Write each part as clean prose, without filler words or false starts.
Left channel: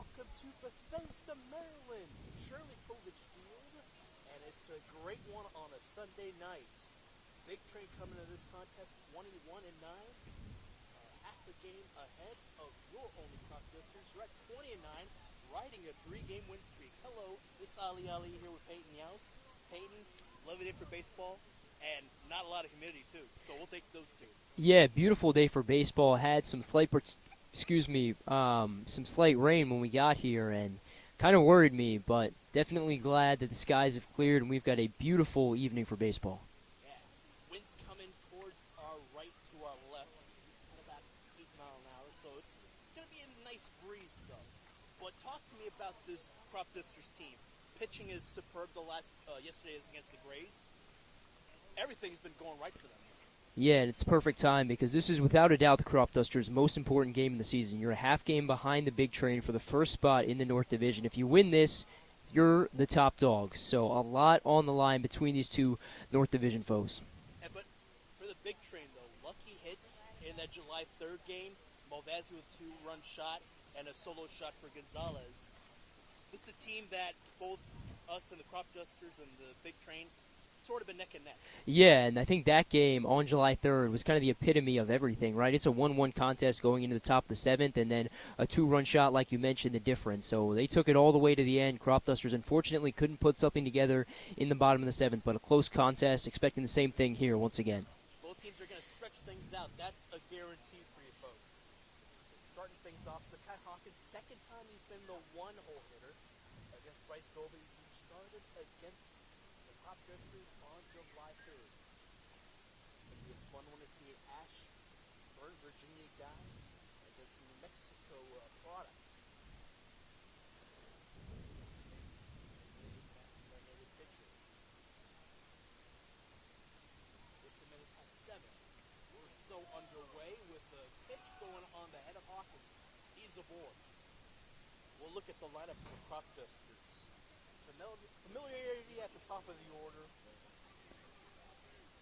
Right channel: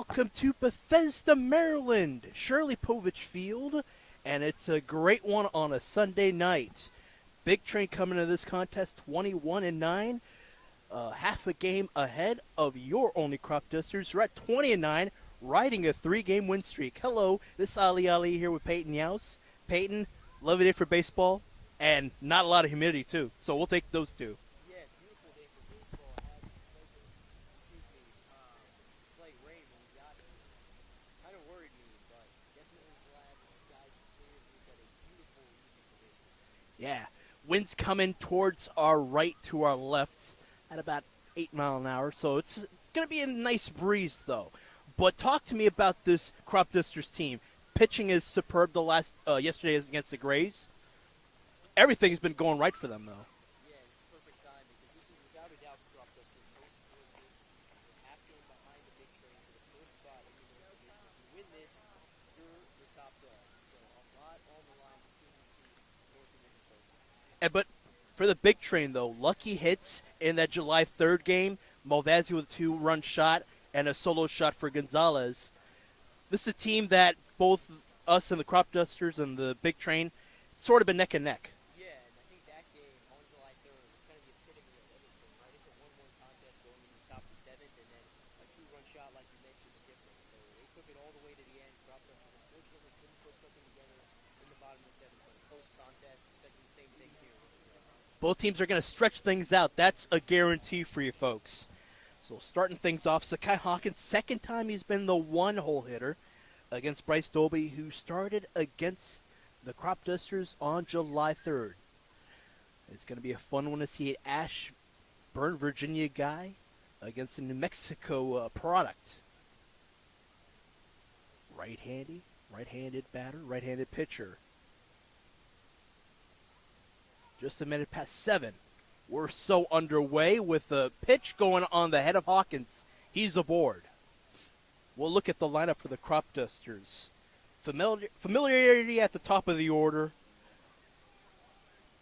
Welcome to Bethesda, Maryland, Shirley Povich Field, and it's a great one on a Sunday night. Big Train coming into this contest 21-9, half a game ahead of your Olney Cropdusters. We're at 20-9, riding a 3-game win streak. Hello, this is Ali here with Peyton Yaus. Peyton, lovely day for baseball, and not a lot of humidity too, so we'll take those two. Yeah, beautiful day for baseball. Had some slight some slight rain when we got here, and kind of worried me, but definitely glad that the skies have cleared and we've got a beautiful evening for baseball. Yeah, winds coming towards our right to our left at about 8 miles an hour, so it's going to be a nice breeze, though. But talk to me about this Cropdusters team. Pitching is superb the last yesterday against the Grays. Everything's been going right for them, though. Yeah, and it's perfect time because this is without a doubt the Cropdusters' most important game in the season. You're a half game behind the Big Train for the first spot in the North Division. If you win this, you're the top dog. So a lot on the line between these two North Division foes. But for the Big Train, though, lucky hits in that July 3rd game, Malvazzi with a 2-run shot and a solo shot for Gonzalez. This is a team that both us and the Cropdusters and the Big Train sort of been neck and neck. Yeah, and I think that game on July 3rd was kind of the epitome of everything, right? It's a 1-1 contest going into the top of the 7th, and then a 2-run shot, like you mentioned, the difference. So they took it all the way to the end. Cropdusters, unfortunately, couldn't put something together in the bottom of the 7th, but a close contest, expecting the same thing here once again. Both teams are going to stretch things out. That's a guarantee for you folks. So starting things off, Sakai Hawkins, second time he's been the one-hole hitter against Bryce Dolby, who started against the Cropdusters on July 3rd. It's going to be a fun one to see an Ashburn, Virginia guy against a New Mexico product. Right-handed batter, right-handed pitcher. Just a minute past 7. We're so underway with the pitch going on the head of Hawkins. He's aboard. We'll look at the lineup for the Cropdusters. Familiarity at the top of the order.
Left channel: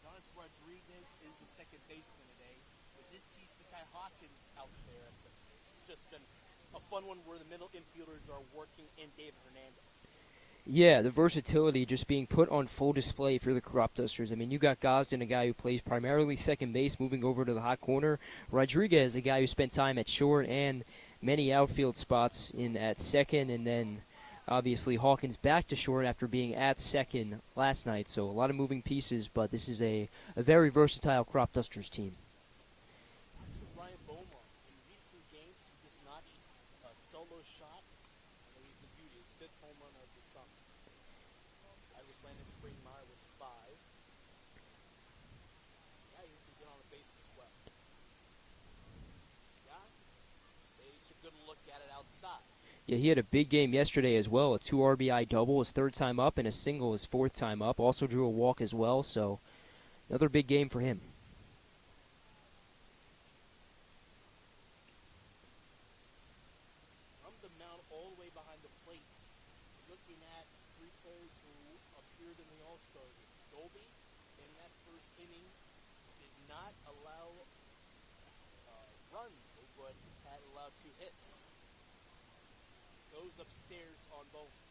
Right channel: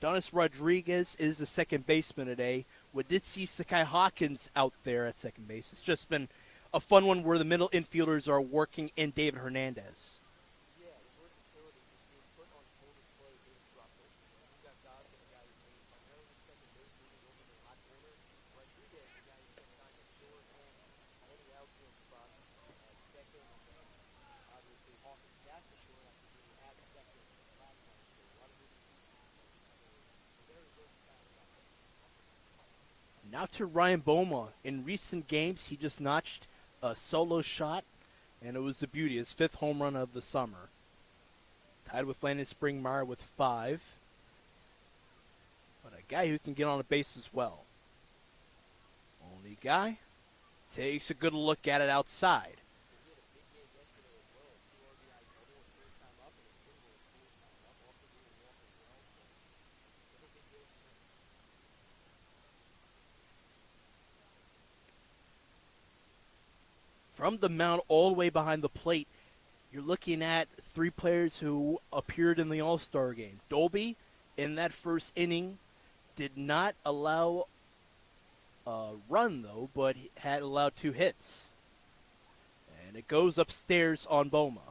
Donis Rodriguez is the second baseman today. We did see Sakai Hawkins out there at second base. It's just been a fun one where the middle infielders are working in David Hernandez. Yeah, the versatility just being put on full display for the Cropdusters. I mean, you got Gosden, a guy who plays primarily second base, moving over to the hot corner. Rodriguez, a guy who spent time at short and many outfield spots in at second, and then obviously Hawkins back to short after being at second last night. So a lot of moving pieces, but this is a very versatile Cropdusters team. Now to Ryan Boma. In recent games, he just notched a solo shot, and it was the beauty, his 5th home run of the summer. Tied with Landon Springmeyer with 5. But a guy who can get on a base as well. Only guy takes a good look at it outside. Yeah, he had a big game yesterday as well. A 2 RBI double, his 3rd time up, and a single, his 4th time up. Also drew a walk as well, so another big game for him. From the mound all the way behind the plate, you're looking at 3 players who appeared in the All-Star game. Dolby, in that first inning, did not allow a run, though, but had allowed 2 hits. And it goes upstairs on Boma.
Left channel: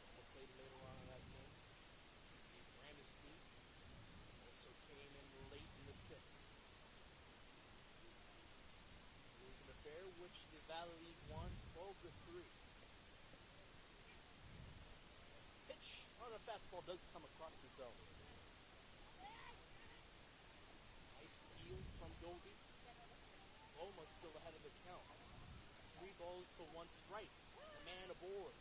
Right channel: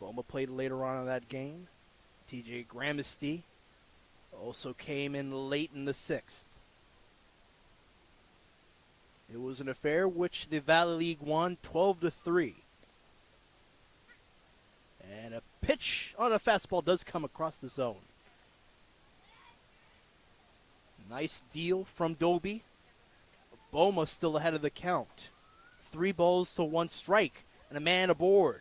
Boma played later on in that game. TJ Gramesty also came in late in the 6th. It was an affair which the Valley League won 12-3. And a pitch on a fastball does come across the zone. Nice deal from Dolby. Boma still ahead of the count. 3 balls to 1 strike and a man aboard.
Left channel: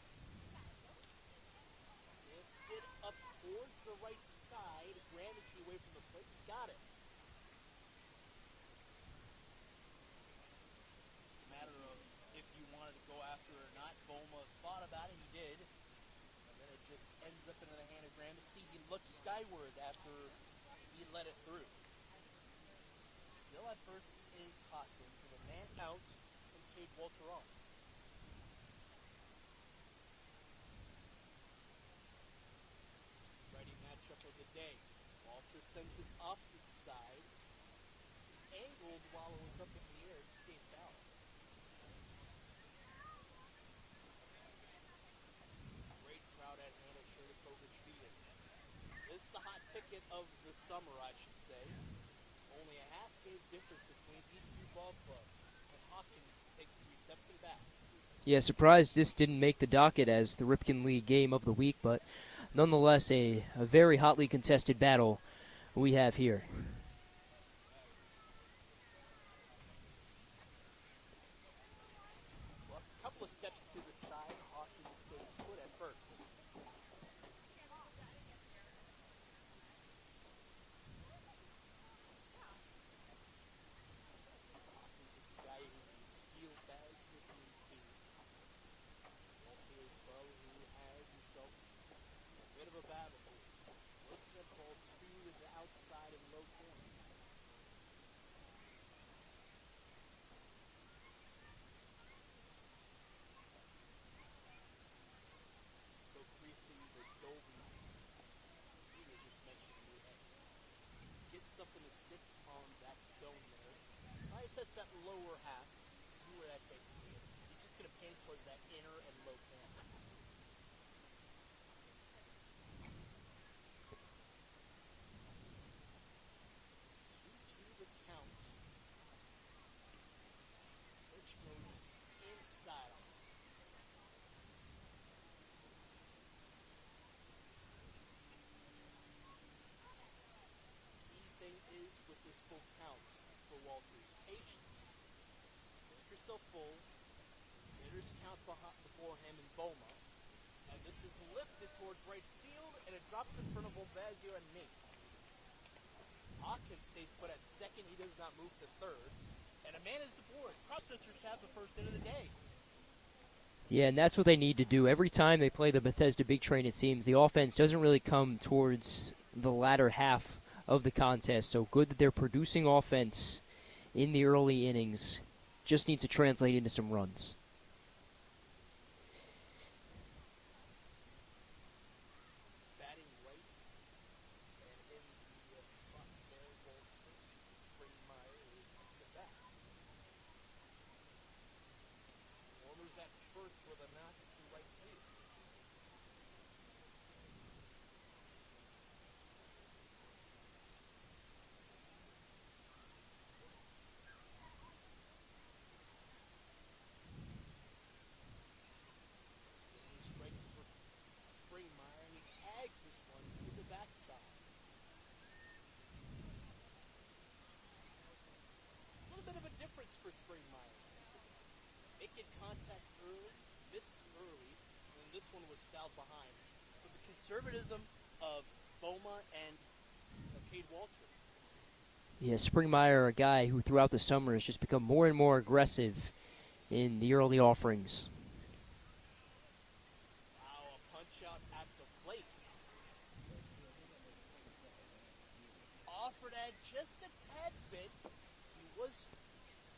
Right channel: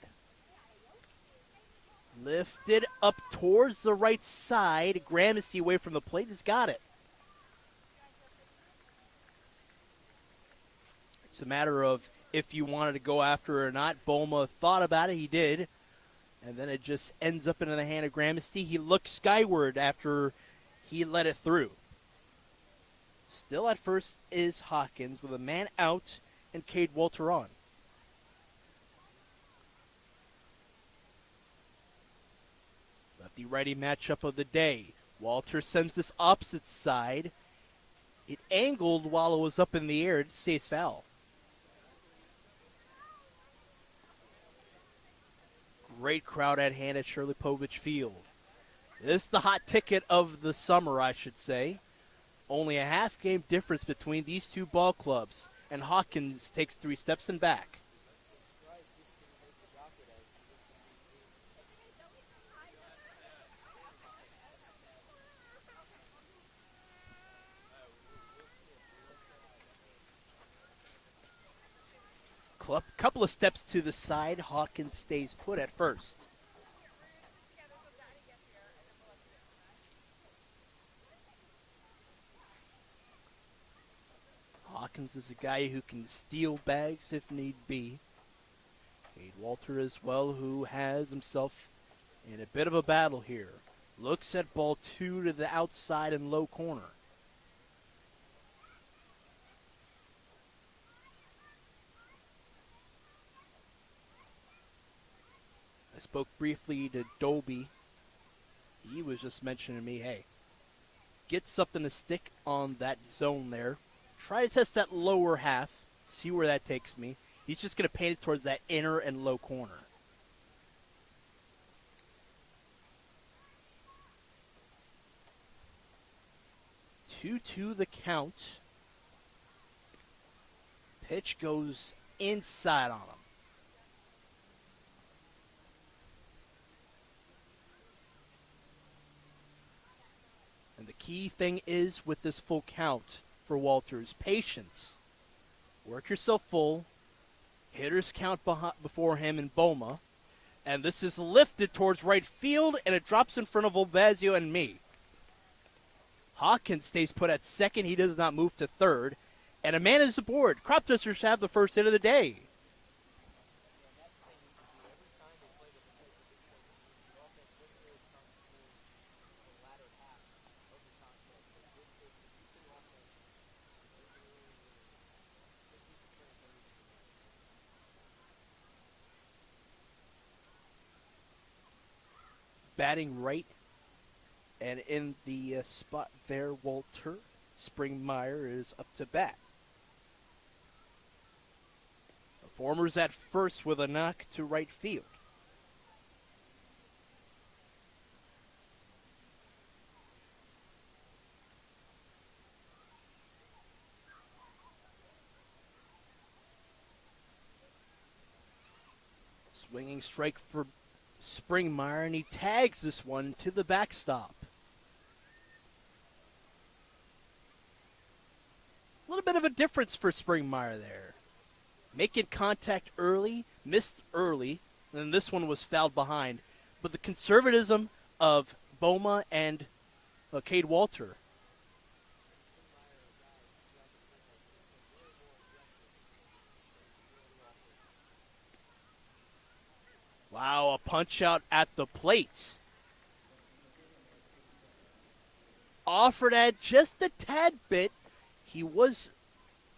Lifted up towards the right side. Gramsci away from the plate has got it. It's a matter of if you wanted to go after it or not. Boma thought about it. He did. And then it just ends up into the hand of Gramsci. He looked skyward after he let it through. Still at first is Hawkins with a man out and Cade Walter on. Lefty-righty matchup of the day. Walter sends this opposite side. It angled while it was up in the air. It stays foul. great crowd at hand at Shirley Povich Field. This is the hot ticket of the summer, I should say. Only a half-game difference between these two ball clubs, and Hawkins takes 3 steps and back. Yeah, surprised this didn't make the docket as the Ripken League game of the week, but nonetheless a very hotly contested battle we have here. Couple of steps to the side, Hawkins stays put at first. Hawkins is a guy who can steal bags if need be. Cade Walter as well, who has himself in a bit of a battle here. Looks at ball 2 to the outside and low corner. I spoke briefly to Dolby. He was just mentioning to me, hey, get something to stick on that zone there. Try to test that lower half, see where that takes me. He's just going to paint it towards that inner and low corner. Two the count. Pitch goes inside on him. And the key thing is with this full count for Walters, patience. Work yourself full. Hitters count before him in Boma. And this is lifted towards right field, and it drops in front of Olvazio and me. Hawkins stays put at second. He does not move to third. And a man is aboard. Cropdusters have the first hit of the day. Yeah, and that's what they need to do. Every time they play the Bethesda Big Train, it seems, the offense doesn't really come towards the latter half of the contest. So good that they're producing offense in the early innings. Just needs to translate into some runs. Batting right and in the spot there, Walter Springmeyer is up to bat. The former's at first with a knock to right field. Swinging strike for Springmeyer, and he tags this one to the backstop. A little bit of a difference for Springmeyer there. Making contact early, missed early, and then this one was fouled behind. But the conservatism of Boma and Cade Walter. Yeah, Springmeyer, a guy who throughout the summer has just become more and more aggressive in the early offerings. Wow, a punch out at the plate. Offered at just a tad bit. He was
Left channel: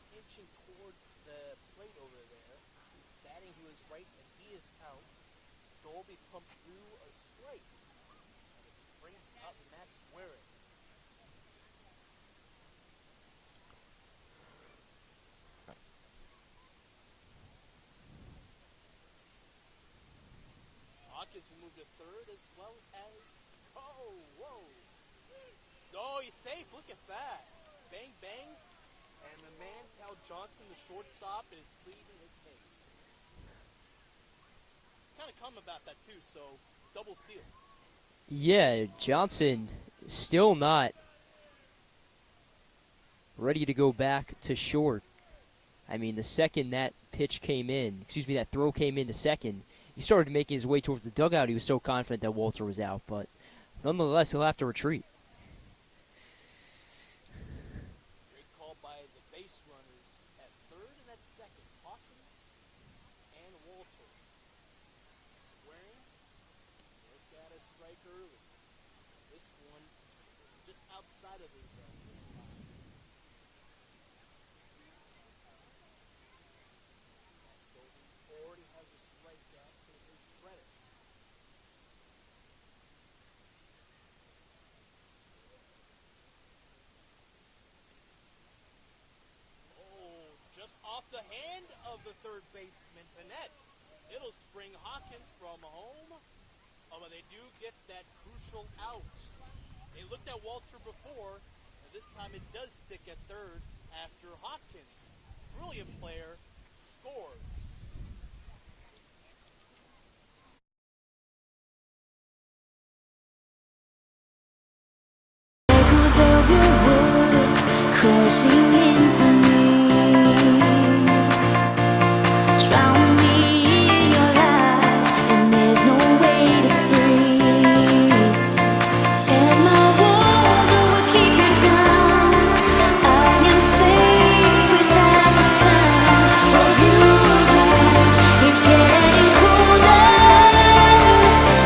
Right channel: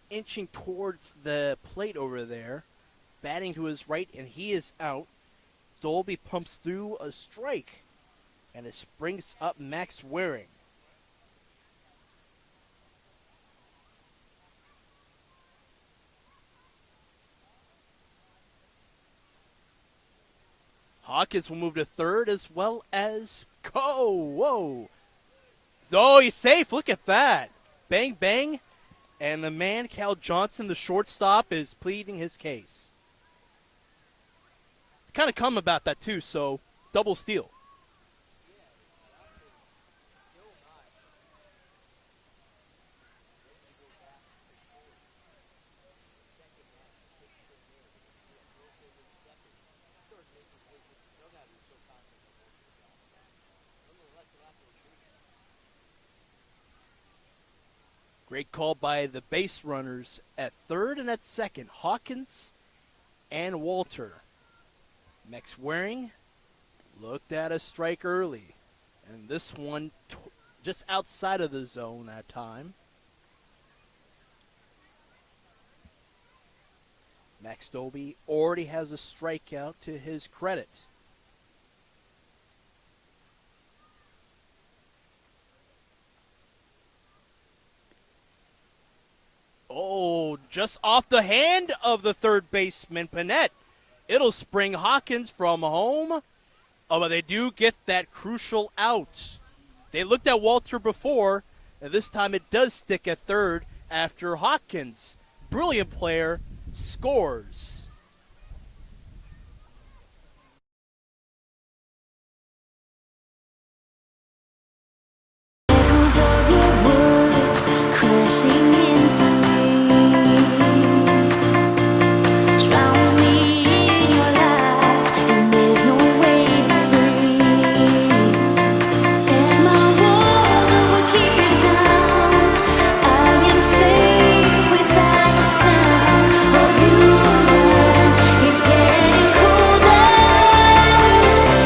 inching towards the plate over there, batting to his right, and he is out. Dolby pumps through a strike, and it brings up Max Waring. Hawkins will move to third as well as whoa. Oh, he's safe. Look at that. Bang, bang. And the man, Cal Johnson, the shortstop, is pleading his case. Kind of come about that, too, so double steal. Yeah, Johnson still not ready to go back to short. I mean, the second that that throw came in to second, he started making his way towards the dugout. He was so confident that Walter was out, but nonetheless, he'll have to retreat. Great call by the base runners at third and at second, Hawkins and Walter. Max Waring looked at a strike early, and this one just outside of the zone that time. Max Dolby already has a strikeout to his credit. Oh, just off the hand of the third baseman, Panette. It'll spring Hawkins from home. Oh, but they do get that crucial out. They looked at Walter before, and this time it does stick at third after Hawkins, brilliant player, scores. Echoes of your words crashing into me, drown me in your lies, and there's no way to breathe. And my walls will keep you down. I am safe without the sound of you around. It's getting colder,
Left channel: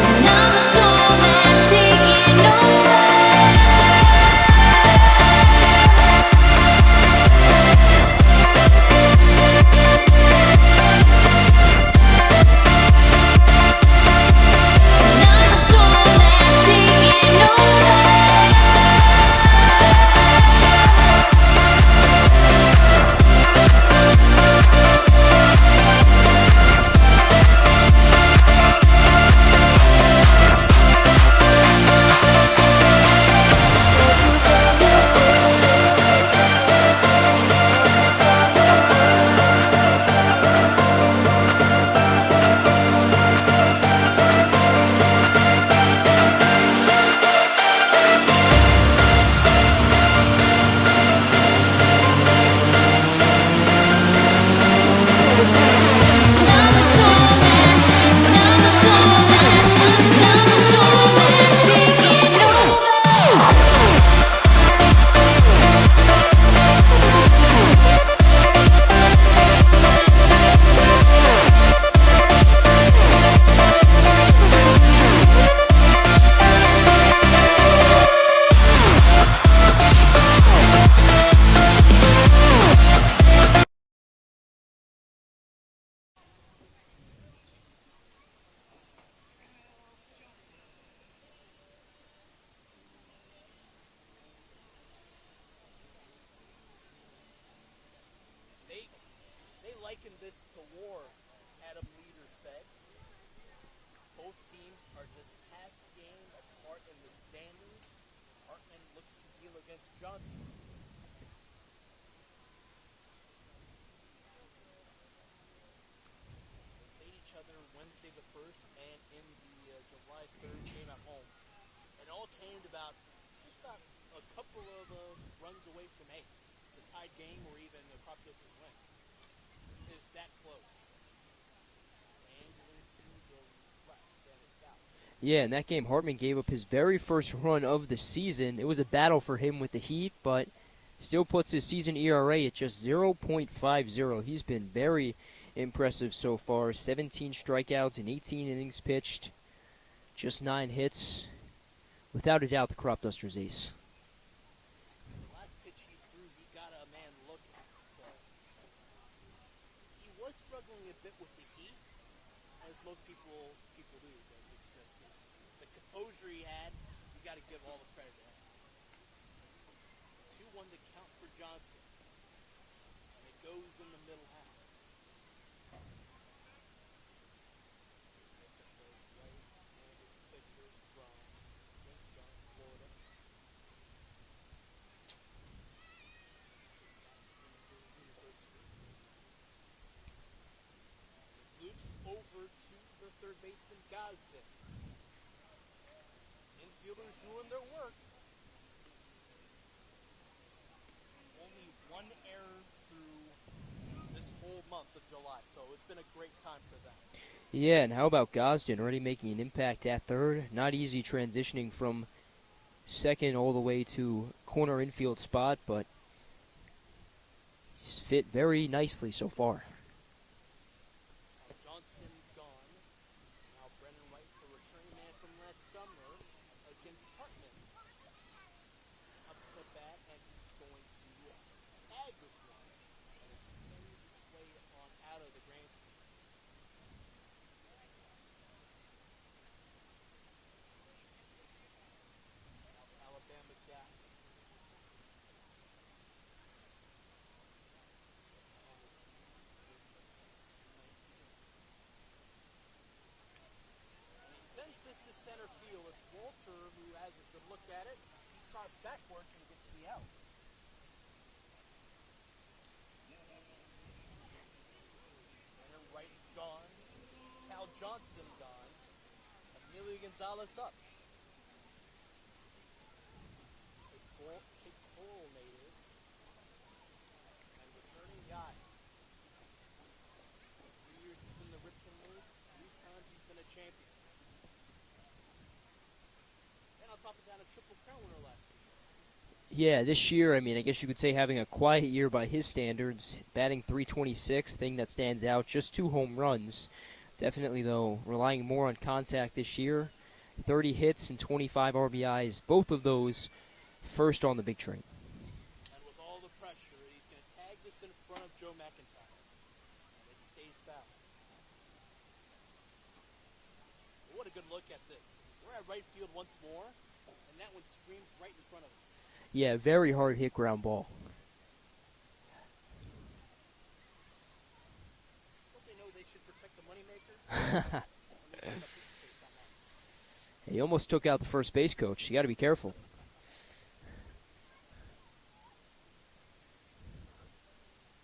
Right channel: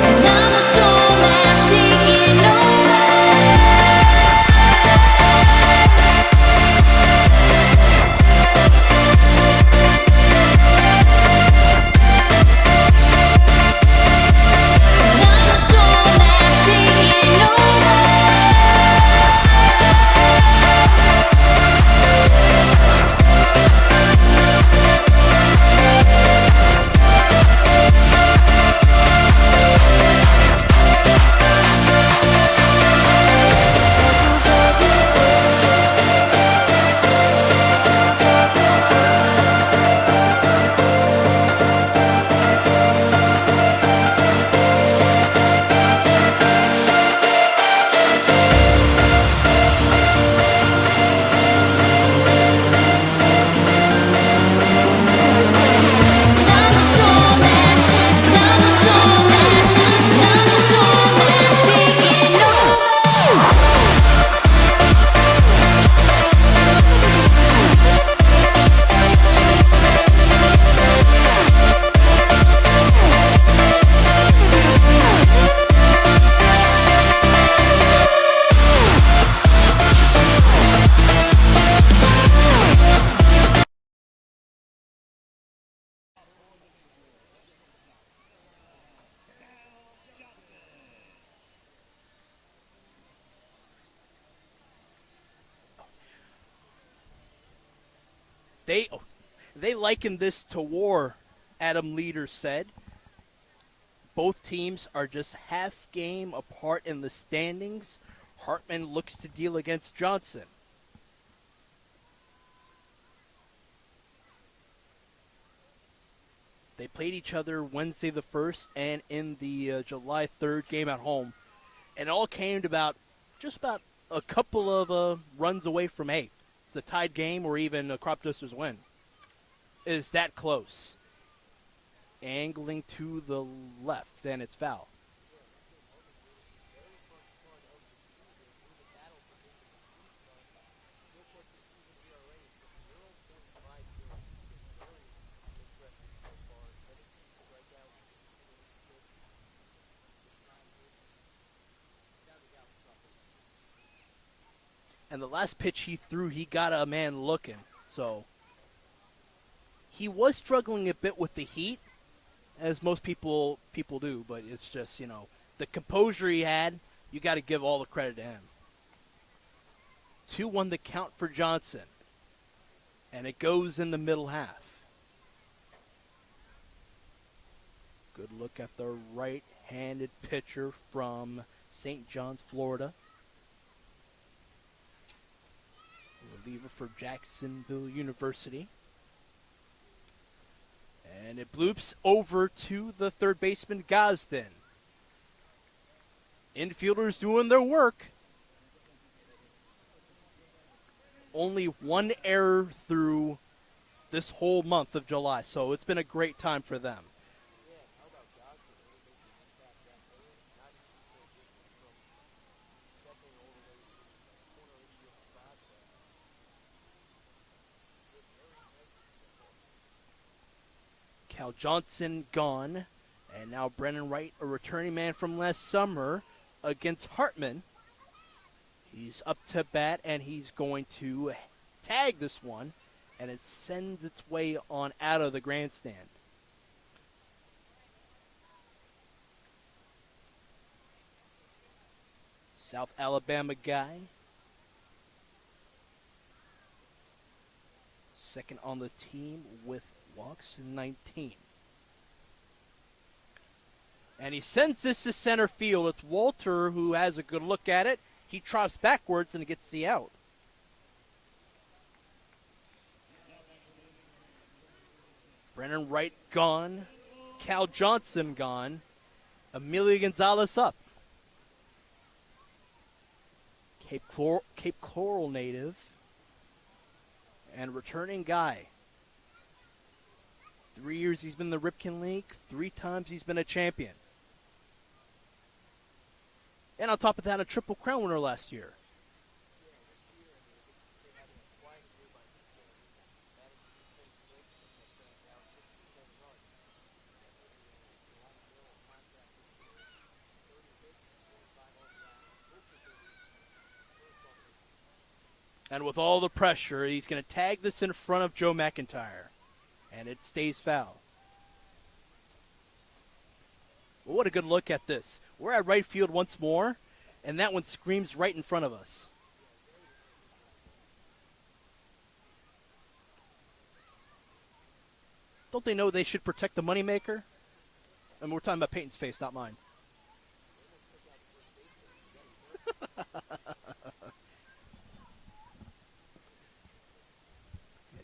and I'm the storm that's taking over. They liken this to war, Adam Leader said. Both teams are just half game apart in the standings. Hartman looks to deal against Johnson. They played each other Wednesday the 1st and in the July 3rd game at home. And it all came to just about a couple of runs away from it's a tied game or even a Cropdusters win. It is that close. Angling to the left, and it's foul. Yeah, in that game, Hartman gave up his very first run of the season. It was a battle for him with the Heat, but still puts his season ERA at just 0.50. He's been very impressive so far. 17 strikeouts in 18 innings pitched, just 9 hits. Without a doubt, the Cropdusters ace. And the last pitch he threw, he got a man looking. So he was struggling a bit with the heat, as most people do, but it's just, the composure he had, you got to give all the credit to him. 2-1 the count for Johnson. And it goes in the middle half. Good look at the right-handed pitcher from St. John's, Florida. Reliever for Jacksonville University. And it bloops over to the third baseman, Gosden. Infielders doing their work. Only one error through this whole month of July, so it's been a great time for them. Yeah, and how about Gosden already making an impact at third? Not easy transitioning from second all the way to corner infield spot, but he's fit very nicely so far. Cal Johnson gone, and now Brennan Wright, a returning man from last summer, against Hartman. He's up to bat, and he's going to tag this one, and it sends its way on out of the grandstand. South Alabama guy. Second on the team with walks, 19. And he sends this to center field. It's Walter who has a good look at it. He trots backwards and gets the out. Brennan Wright gone. Cal Johnson gone. Emilio Gonzalez up. Cape Coral native. And returning guy. 3 years he's been in the Ripken League. 3 times he's been a champion. And on top of that, a Triple Crown winner last year. Yeah, this year, I mean, I guess you could say having a quiet year by his standards. Batting .326, thing that stands out. Just 2 home runs. Definitely, though, relying more on contact this year. 30 hits and 25 RBIs. Both of those first on the big train. And with all the pressure, he's going to tag this in front of Joe McIntyre. And it stays foul. Well, what a good look at this. We're at right field once more, and that one screams right in front of us. Yeah, very hard hit ground ball. Don't they know they should protect the moneymaker? And we're talking about Peyton's face, not mine. He almost took out the first base coach. You got to be careful.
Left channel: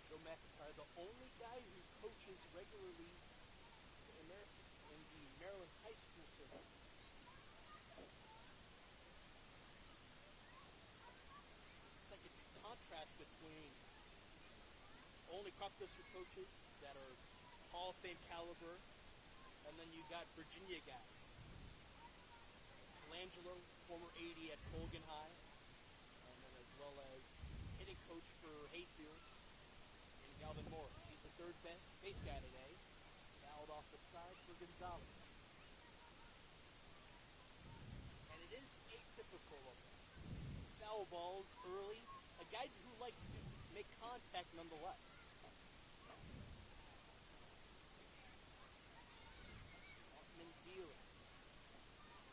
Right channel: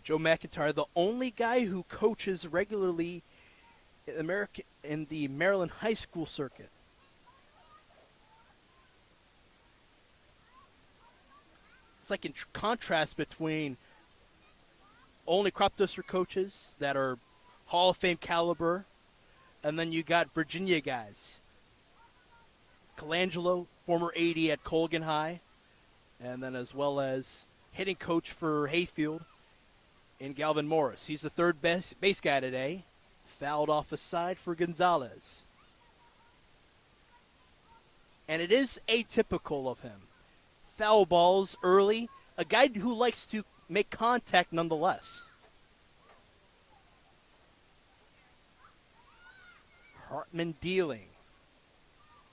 Joe McIntyre, the only guy who coaches regularly in the Maryland high school circuit. It's like in contrast between only Cropduster coaches that are Hall of Fame caliber, and then you got Virginia guys. Colangelo, former AD at Colgan High, and then as well as hitting coach for Hayfield in Galvin Morris. He's the third base guy today. Fouled off a side for Gonzalez. And it is atypical of him. Foul balls early. A guy who likes to make contact nonetheless. Hartman dealing.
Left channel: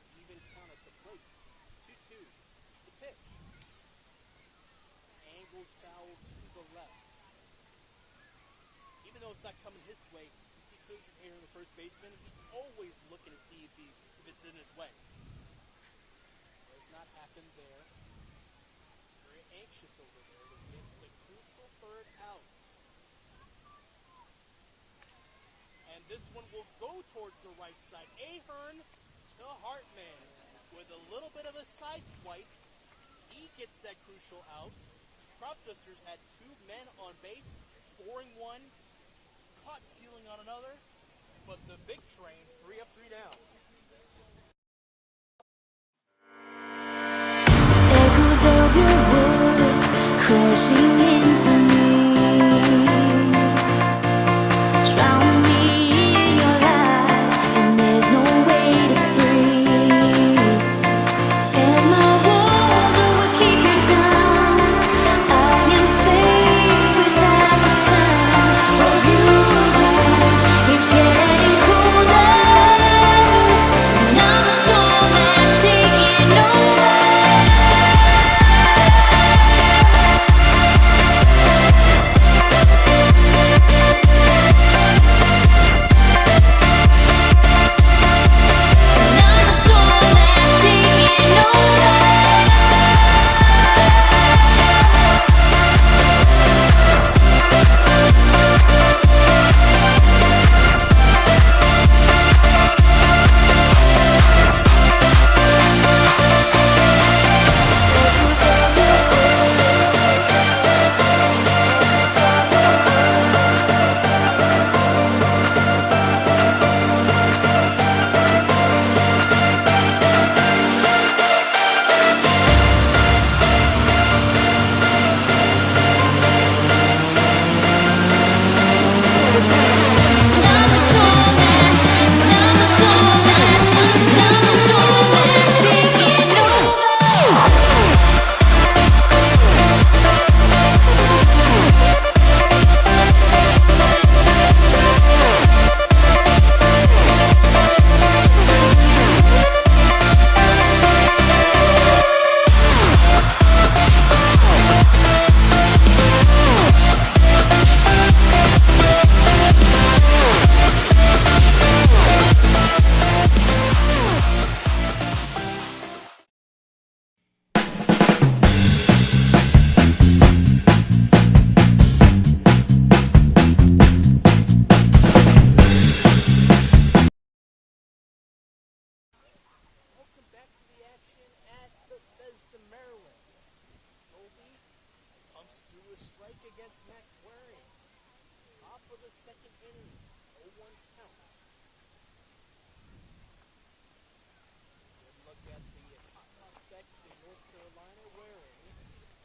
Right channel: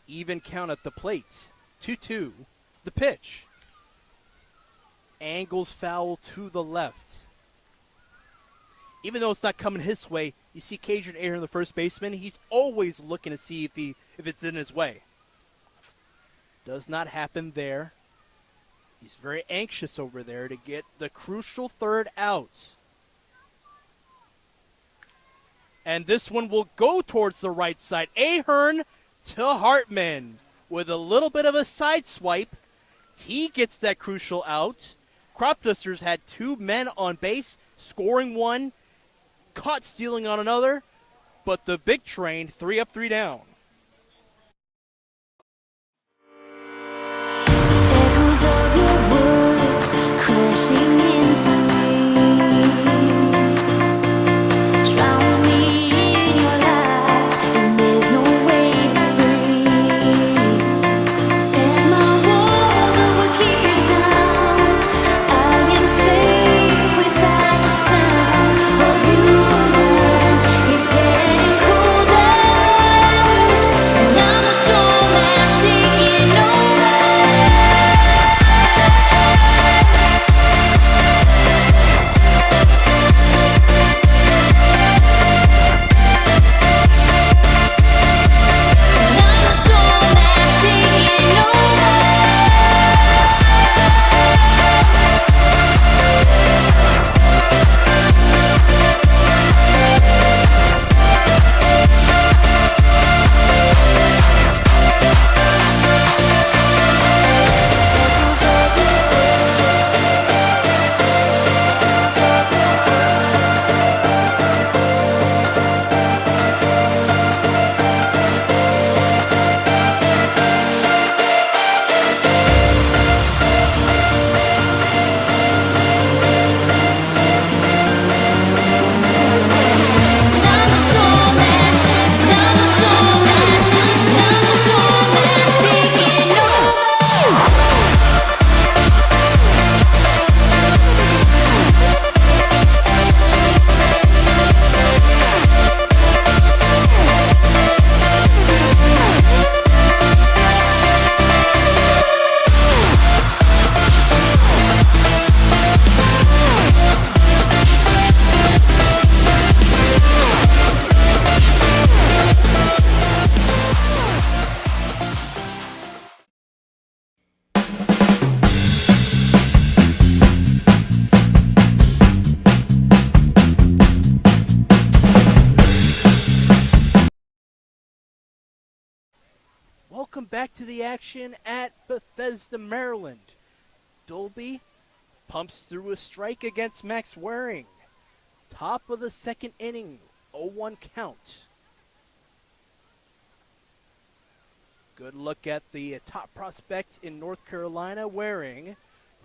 Even count at the plate. 2-2. The pitch. Angles foul to the left. Even though it's not coming his way, you see Cajun Aaron, the first baseman, he's always looking to see if it's in his way. Does not happen there. He's very anxious over there to get the crucial third out. And this one will go towards the right side. Ahern to Hartman with a little bit of a side swipe. He gets that crucial out. Cropdusters had 2 men on base, scoring 1. Caught stealing on another, but the big train 3 up, 3 down. Echoes of your words crashing into me. Drown me in your lies, and there's no way to breathe. And my walls will keep you down. I am safe without the sound of you around. It's getting colder, and I'm a storm that's taking over. back to the action at Bethesda, Maryland. Dolby pumps through a strike against Max Waring. Top of the second inning, 0-1 count. Good look at the top prospect in North Carolina, Waring,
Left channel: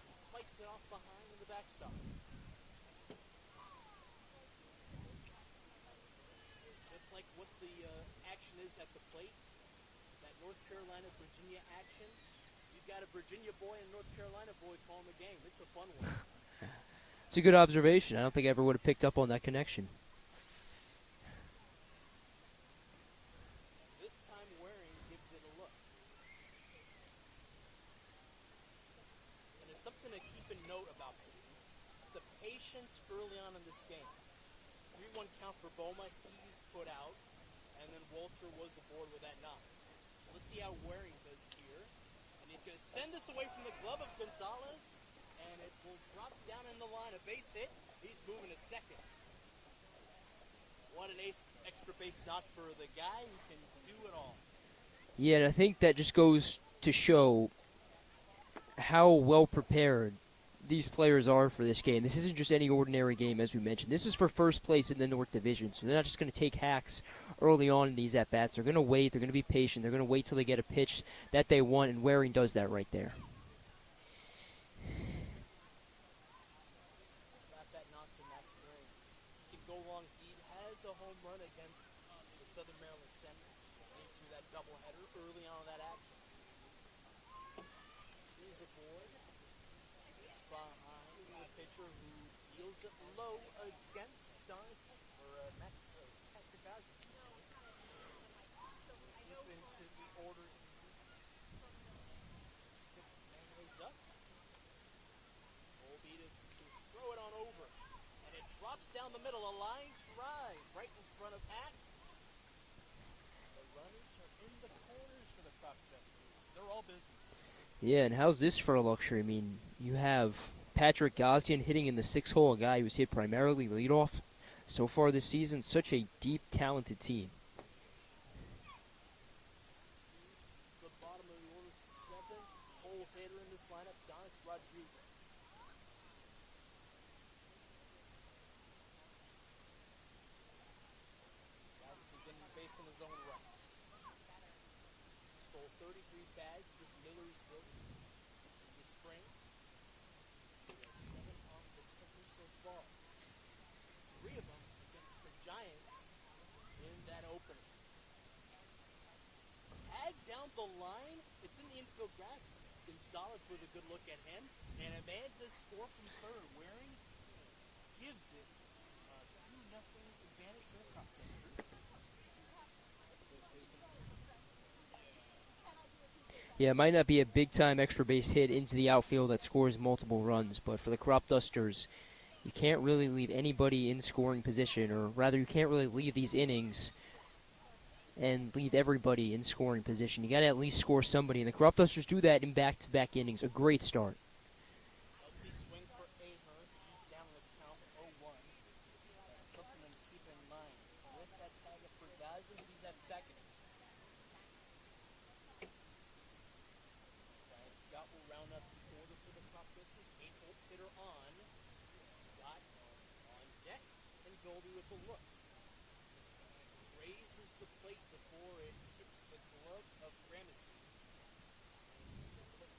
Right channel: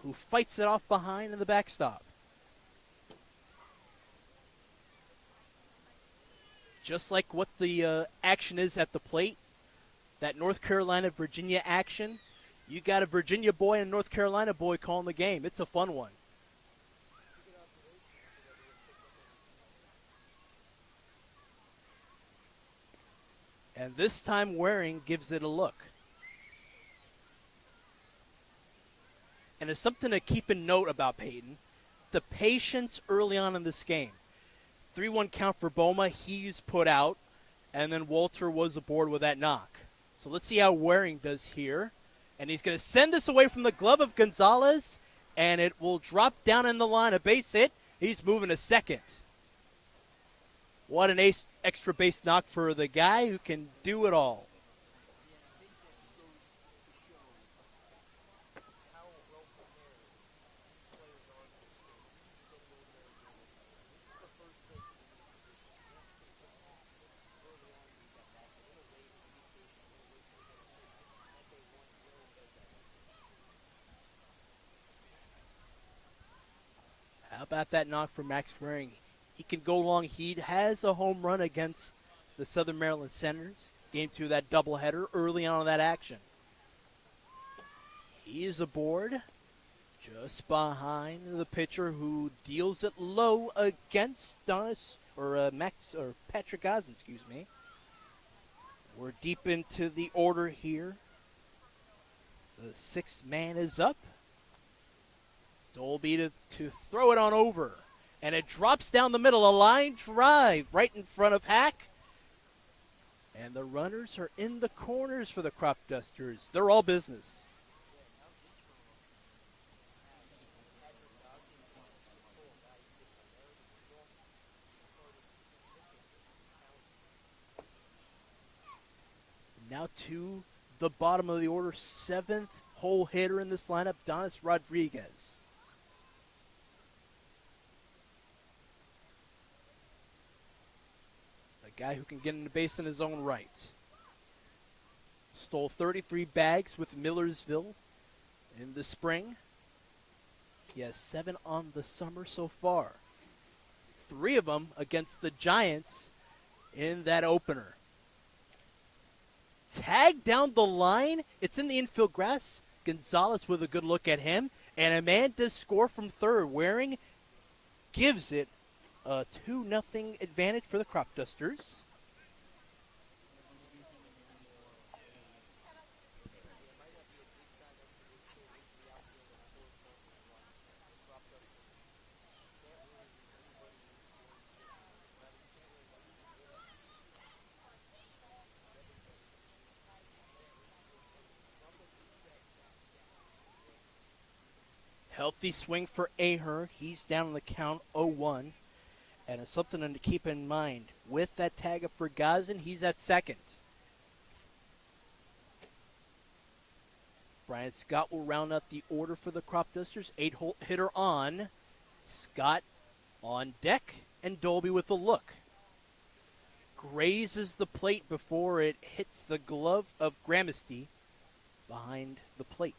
who fights it off behind in the backstop. Just like what the action is at the plate, that North Carolina-Virginia action, you got a Virginia boy and a North Carolina boy calling the game. It's a fun one. It's a good observation. I don't think I ever would have picked up on that connection. And this time Waring gives it a look. And it's something to keep in note about Peyton. The patience early on in this game. 3-1 count for Boma. He's put out. And then Walter was aboard with that knock. So let's see how Waring does here. And he's going to send this away from the glove of Gonzalez. And it will drop down in the line. A base hit. He's moving to second. What an extra base knock for the guy who can do it all. Yeah, and I think that just goes to show how well prepared these players are for this game. This isn't just any ordinary game, as we mentioned. This is for first place in the North Division, so they're not just going to take hacks early on in these at-bats. They're going to wait. They're going to be patient. They're going to wait till they get a pitch that they want, and Waring does that right there. How about that knock from Max Waring? He can go long. He has a home run against the Southern Maryland Senators. Game 2 of that doubleheader early on in that action. He is aboard just behind the pitcher who deals it low against Patrick Gosden, excuse me. We're deep into the order here. The sixth man is up. Dolby to throw it on over. And it drops down the middle, a line drive right in front of Hack. And the runners are in the corners for the Cropdusters. They're all business. Yeah, and how's this for a luxury? I mean, you have Patrick Gosden hitting in the 6 hole, a guy who's hit primarily leadoff so far this season. Such a deep, talented team. Now to the bottom of the order, 7th hole hitter in this lineup, Donis Rodriguez. The guy who can get into base in his own right. Stole 33 bags with Millersville in the spring. He has 7 on the summer so far. 3 of them against the Giants in that opener. Tag down the line. It's in the infield grass. Gonzalez with a good look at him. And a man does score from third. Waring gives it a 2-0 advantage for the Cropdusters. Yeah, it might not be a big-time extra base hit into the outfield that scores multiple runs, but for the Cropdusters, you can't really leave anybody in scoring position, or rather you can't really leave these innings and leave everybody in scoring position. You got to at least score somebody, and the Cropdusters do that in back-to-back innings. A great start. Healthy swing for Ahern. He's down on the count 0-1. And it's something to keep in mind. With that tag up for Gosden, he's at second. Brian Scott will round out the order for the Cropdusters. 8-hole hitter on. Scott on deck, and Dolby with a look. Grazes the plate before it hits the glove of Gramesty behind the plate.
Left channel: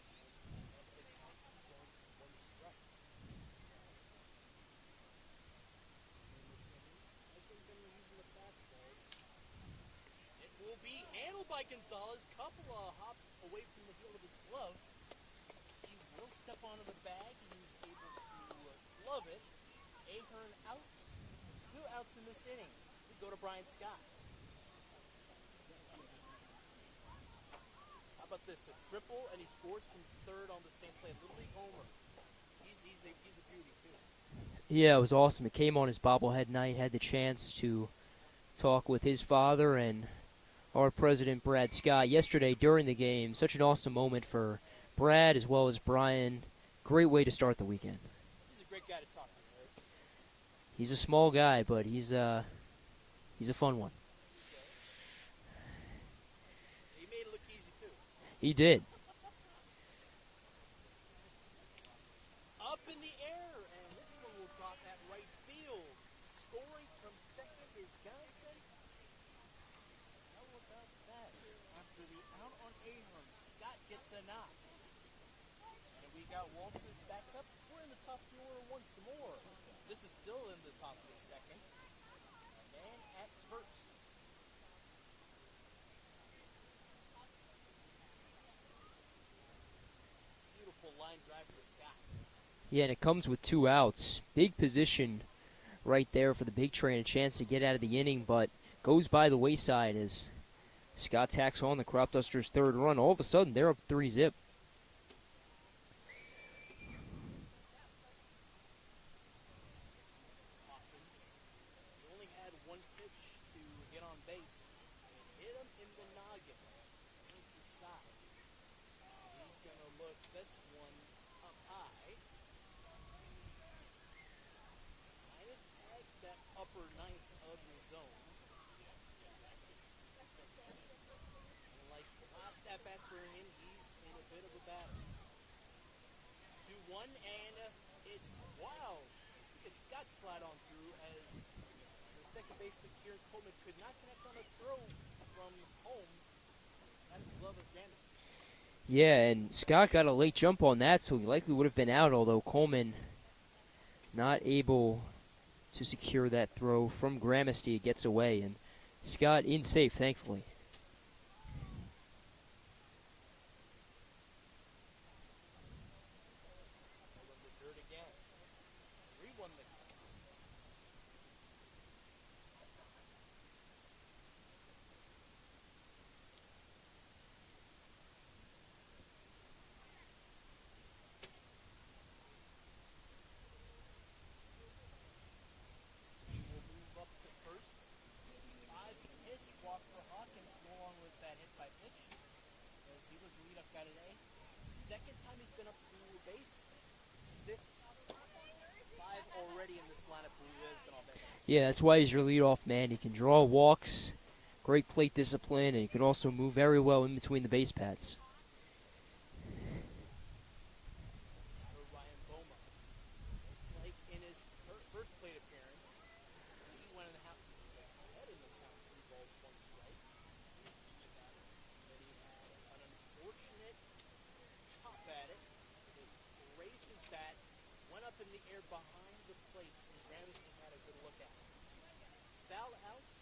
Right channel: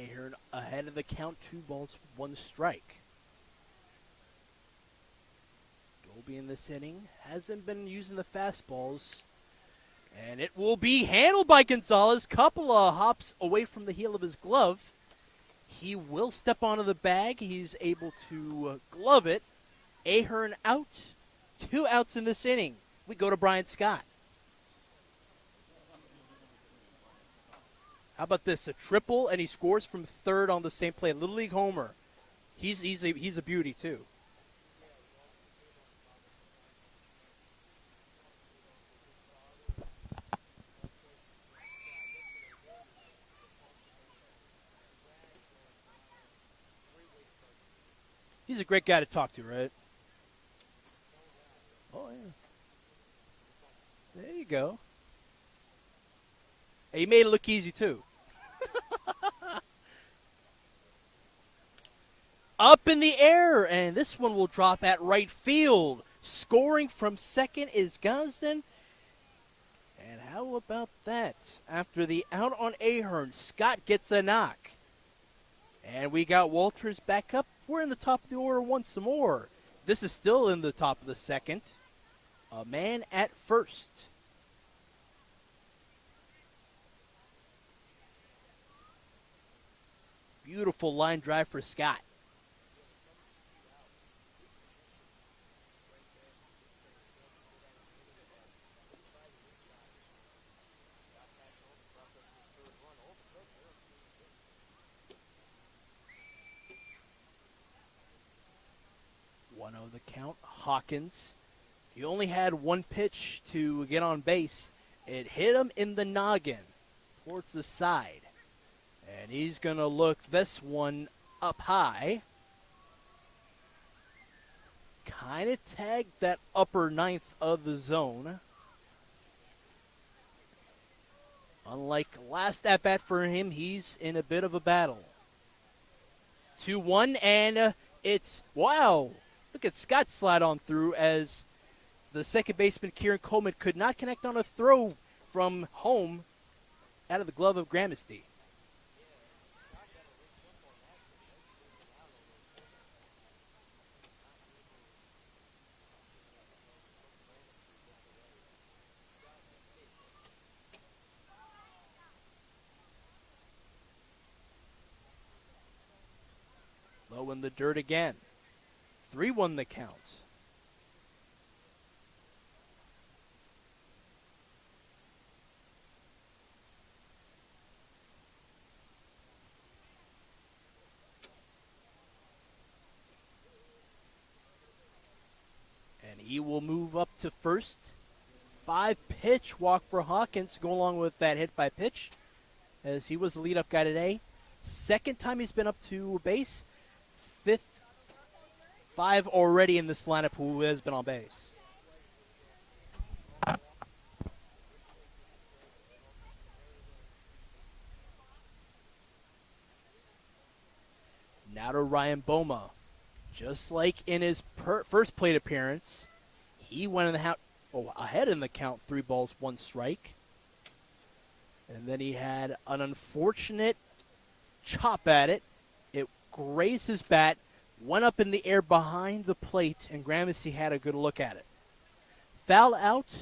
Ahern ahead of the count, 2 balls, 1 strike. Dolby in this inning hasn't been using the fastballs. And it will be handled by Gonzalez. Couple of hops away from the heel of his glove. He will step onto the bag. He's able to glove it. Ahern out. 2 outs in this inning. We go to Brian Scott. How about this? A triple, and he scores from third on the same play. Little League homer. He's a beauty too. Yeah, it was awesome. It came on his bobblehead night. Had the chance to talk with his father and our president, Brad Scott, yesterday during the game. Such an awesome moment for Brad as well as Brian. Great way to start the weekend. He's a great guy to talk to, right? He's a small guy, but he's a fun one. There you go. Hey, he made it look easy too. He did. Up in the air, and this one will drop at right field. Scoring from second is Gosden. And how about that? After the out on Ahern, Scott gets a knock. And we got Walters back up. We're in the top of the order once more. This is still in the top of the second. A man at first. Beautiful line drive for Scott. Yeah, and it comes with 2 outs. Big position right there for the big train. A chance to get out of the inning, but goes by the wayside as Scott tacks on the Cropdusters' 3rd run. All of a sudden, they're up 3-zip. 1-0 the count. Hawkins. He only had 1 pitch to get on base. It hit him in the noggin towards the side. And he's going to look this one up high. Kind of tagged that upper 9th of the zone. Unlike last at-bat for him, he's in a bit of a battle. 2-1, and it's, wow. Look at Scott slide on through as the second baseman, Kieran Coleman, could not connect on a throw from home out of the glove of Gramesty. Yeah, and Scott got a late jump on that, so he likely would have been out, although Coleman not able to secure that throw from Gramesty. It gets away, and Scott in safe, thankfully. Low in the dirt again. 3-1 the count. He will move up to first. 5-pitch walk for Hawkins to go along with that hit by pitch, as he was the leadoff guy today. Second time he's been up to base. 5th, 5 already in this lineup who has been on base. Yeah, that's why he's your leadoff man. He can draw walks, great plate discipline, and he can also move very well in between the base paths. Now to Ryan Boma. Just like in his first plate appearance, he went ahead in the count, 3 balls, 1 strike. And then he had an unfortunate chop at it. It grazed his bat, went up in the air behind the plate, and Gramesty had a good look at it. Foul out.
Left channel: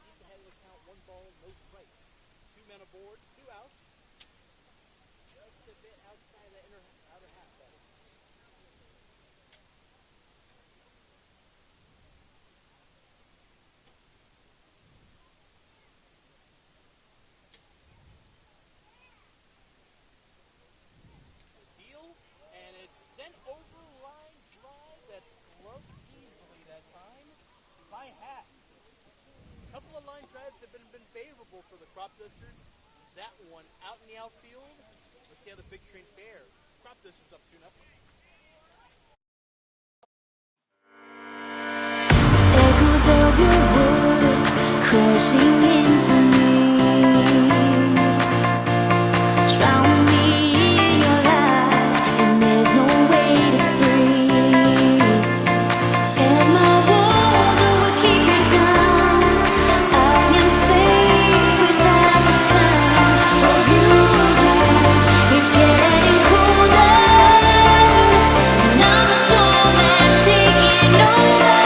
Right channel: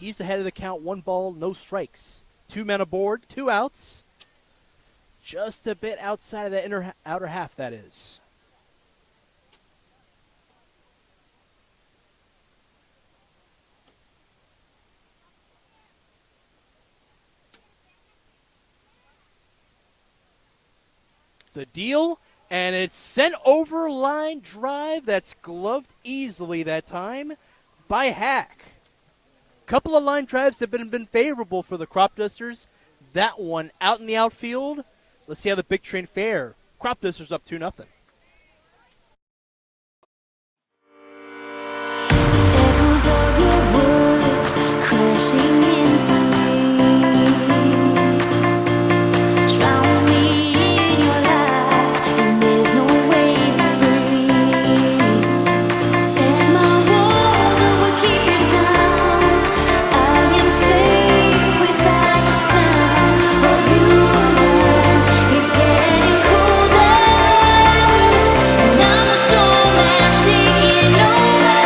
He's ahead of the count, 1 ball, no strikes. 2 men aboard, 2 outs. Just a bit outside of that outer half, that is. The deal, and it's sent over line drive. That's gloved easily that time by Hack. Couple of line drives have been favorable for the Cropdusters. That one out in the outfield. Let's see how the big train fare. Cropdusters up 2-0. Echoes of your words crashing into me. Drown me in your lies, and there's no way to breathe. And my walls will keep you down. I am safe without the sound of you around. It's getting colder, and I'm a storm that's taking over.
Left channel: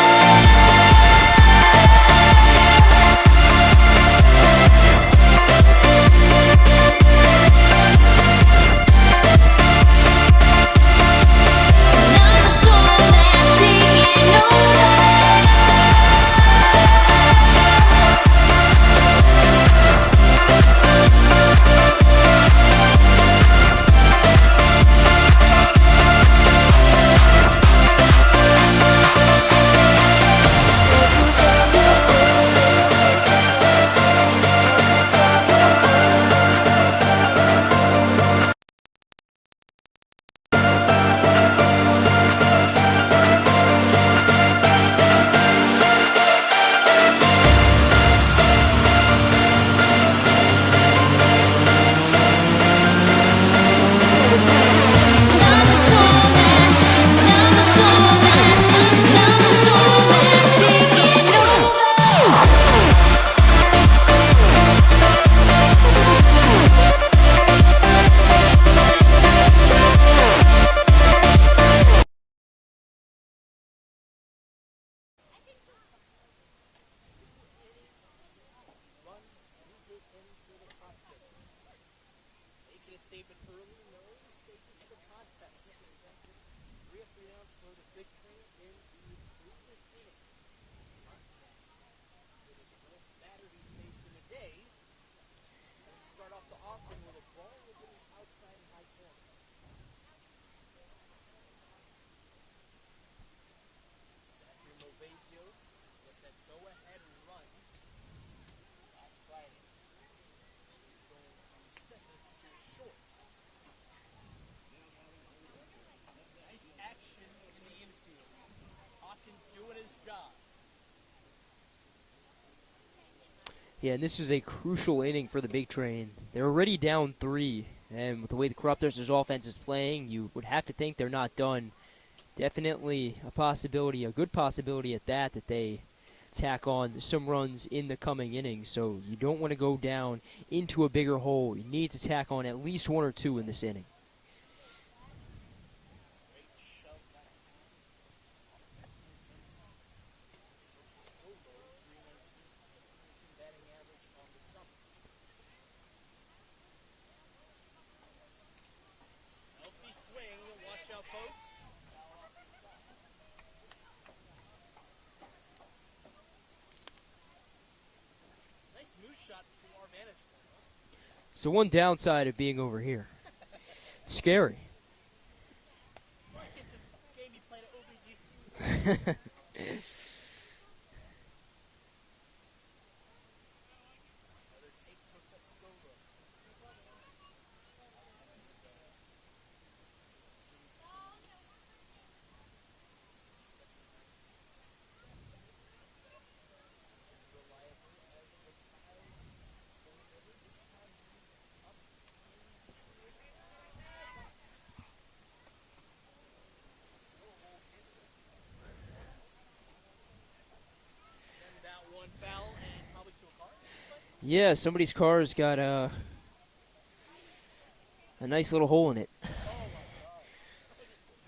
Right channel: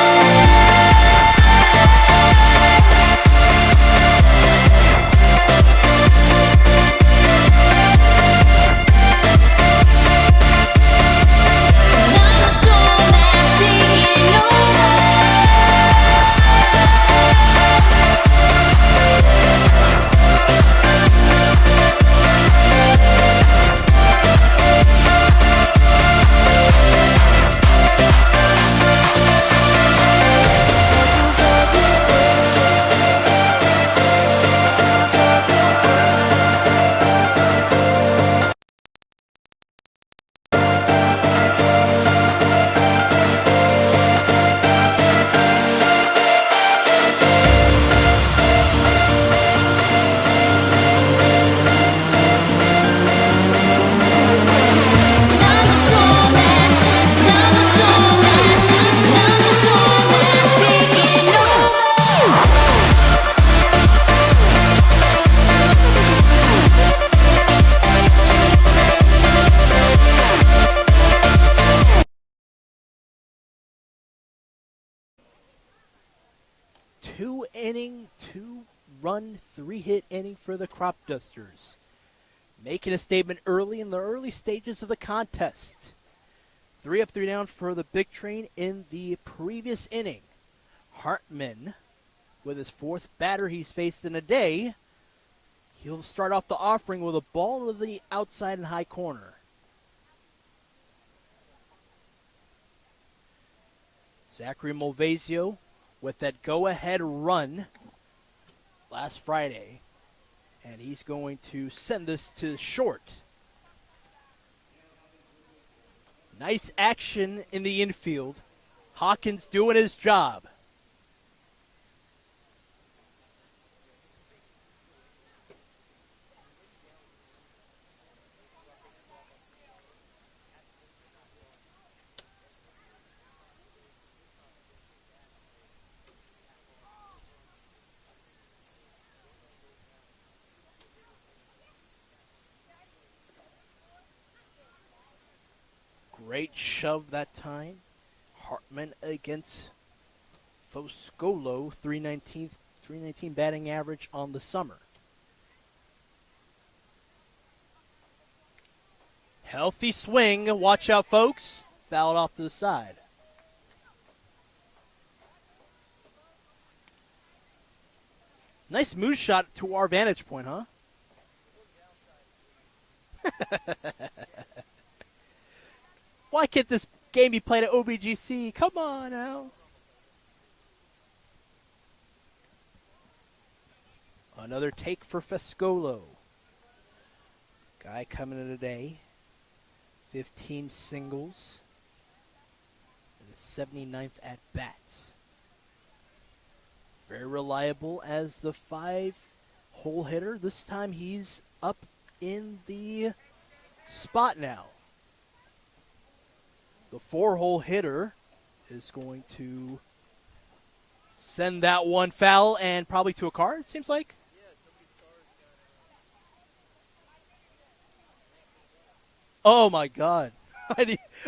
3-run, 3-hit inning for the Cropdusters, making a statement early in the early stages of the contest. 3 up, 3 down for the Big Train in the previous inning. Hartman, with his 4th batter he's faced in a day, he'll start off the offering with a ball to the outside and high corner. Zachary Malvasio with that go-ahead run last Friday, and he's going to send this to short. Nice action in the infield. Hawkins doing his job. Yeah, and this is a crucial inning for the Big Train. They're already down 3, and with the way the Cropdusters' offense is playing, you would have to think they're not done. Definitely a possibility, a good possibility at that they tack on some runs in the coming innings. So you don't want to go down into a bigger hole. You need to tack on at least 1 or 2 in this inning. Great shove that time. Hartman against Foscolo, 319 batting average on the summer. Healthy swing. Watch out, folks. Fouled off to the side. Nice move shot to our vantage point, huh? It's the one downside of being over here. It's scary. Why can't this game be played at OBGC? Come on now. Another take for Foscolo. Guy coming in today. 15 singles. And 79th at bat. Very reliable as the 5-hole hitter. This time he's up in the spot now. The 4-hole hitter is going to send that one foul and probably to a car, it seems like. Yeah, somebody's car has got a nice little hole in it. Oh, my God.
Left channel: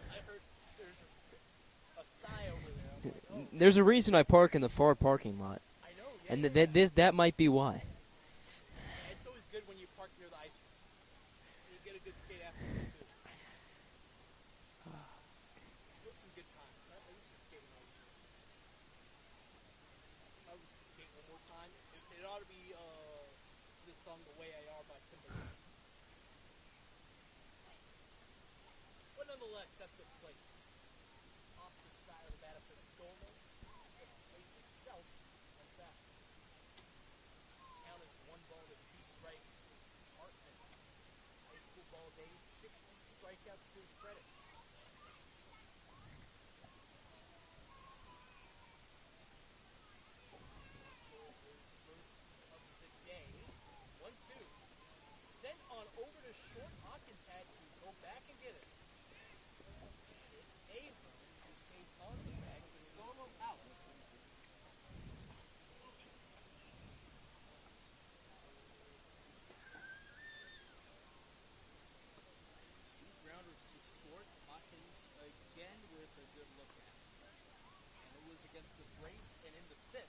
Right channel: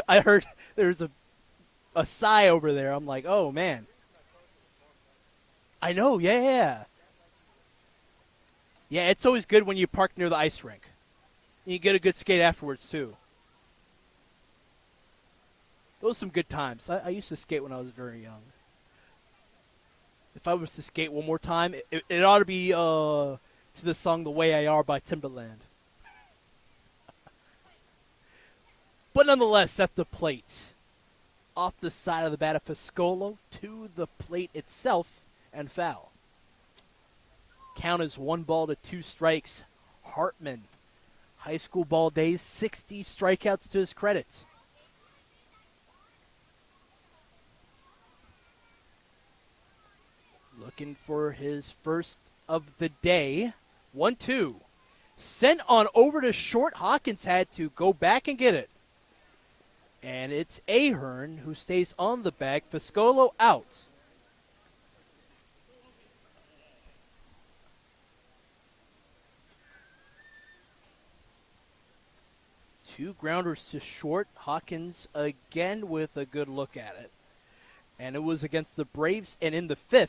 I heard there's a sigh over there. I'm like, oh, man. There's a reason I park in the far parking lot. I know, yeah. That might be why. Yeah, it's always good when you park near the ice rink. You get a good skate afterwards, too. Those were some good times. I used to skate when I was very young. If I was to skate one more time, it ought to be to the song The Way I Are by Timberland. But nonetheless, at the plate, off the side of the bat of Foscolo to the plate itself and foul. Count is 1-2 strikes. Hartman, high school ball days, 60 strikeouts to his credit. Looking for his first of the day. 1-2. Sent on over to short. Hawkins had to go back and get it. And it's Ahern who stays on the bag. Foscolo out. Two grounders to short. Hawkins again with a good look at it. And it was against the Braves and in the 5th.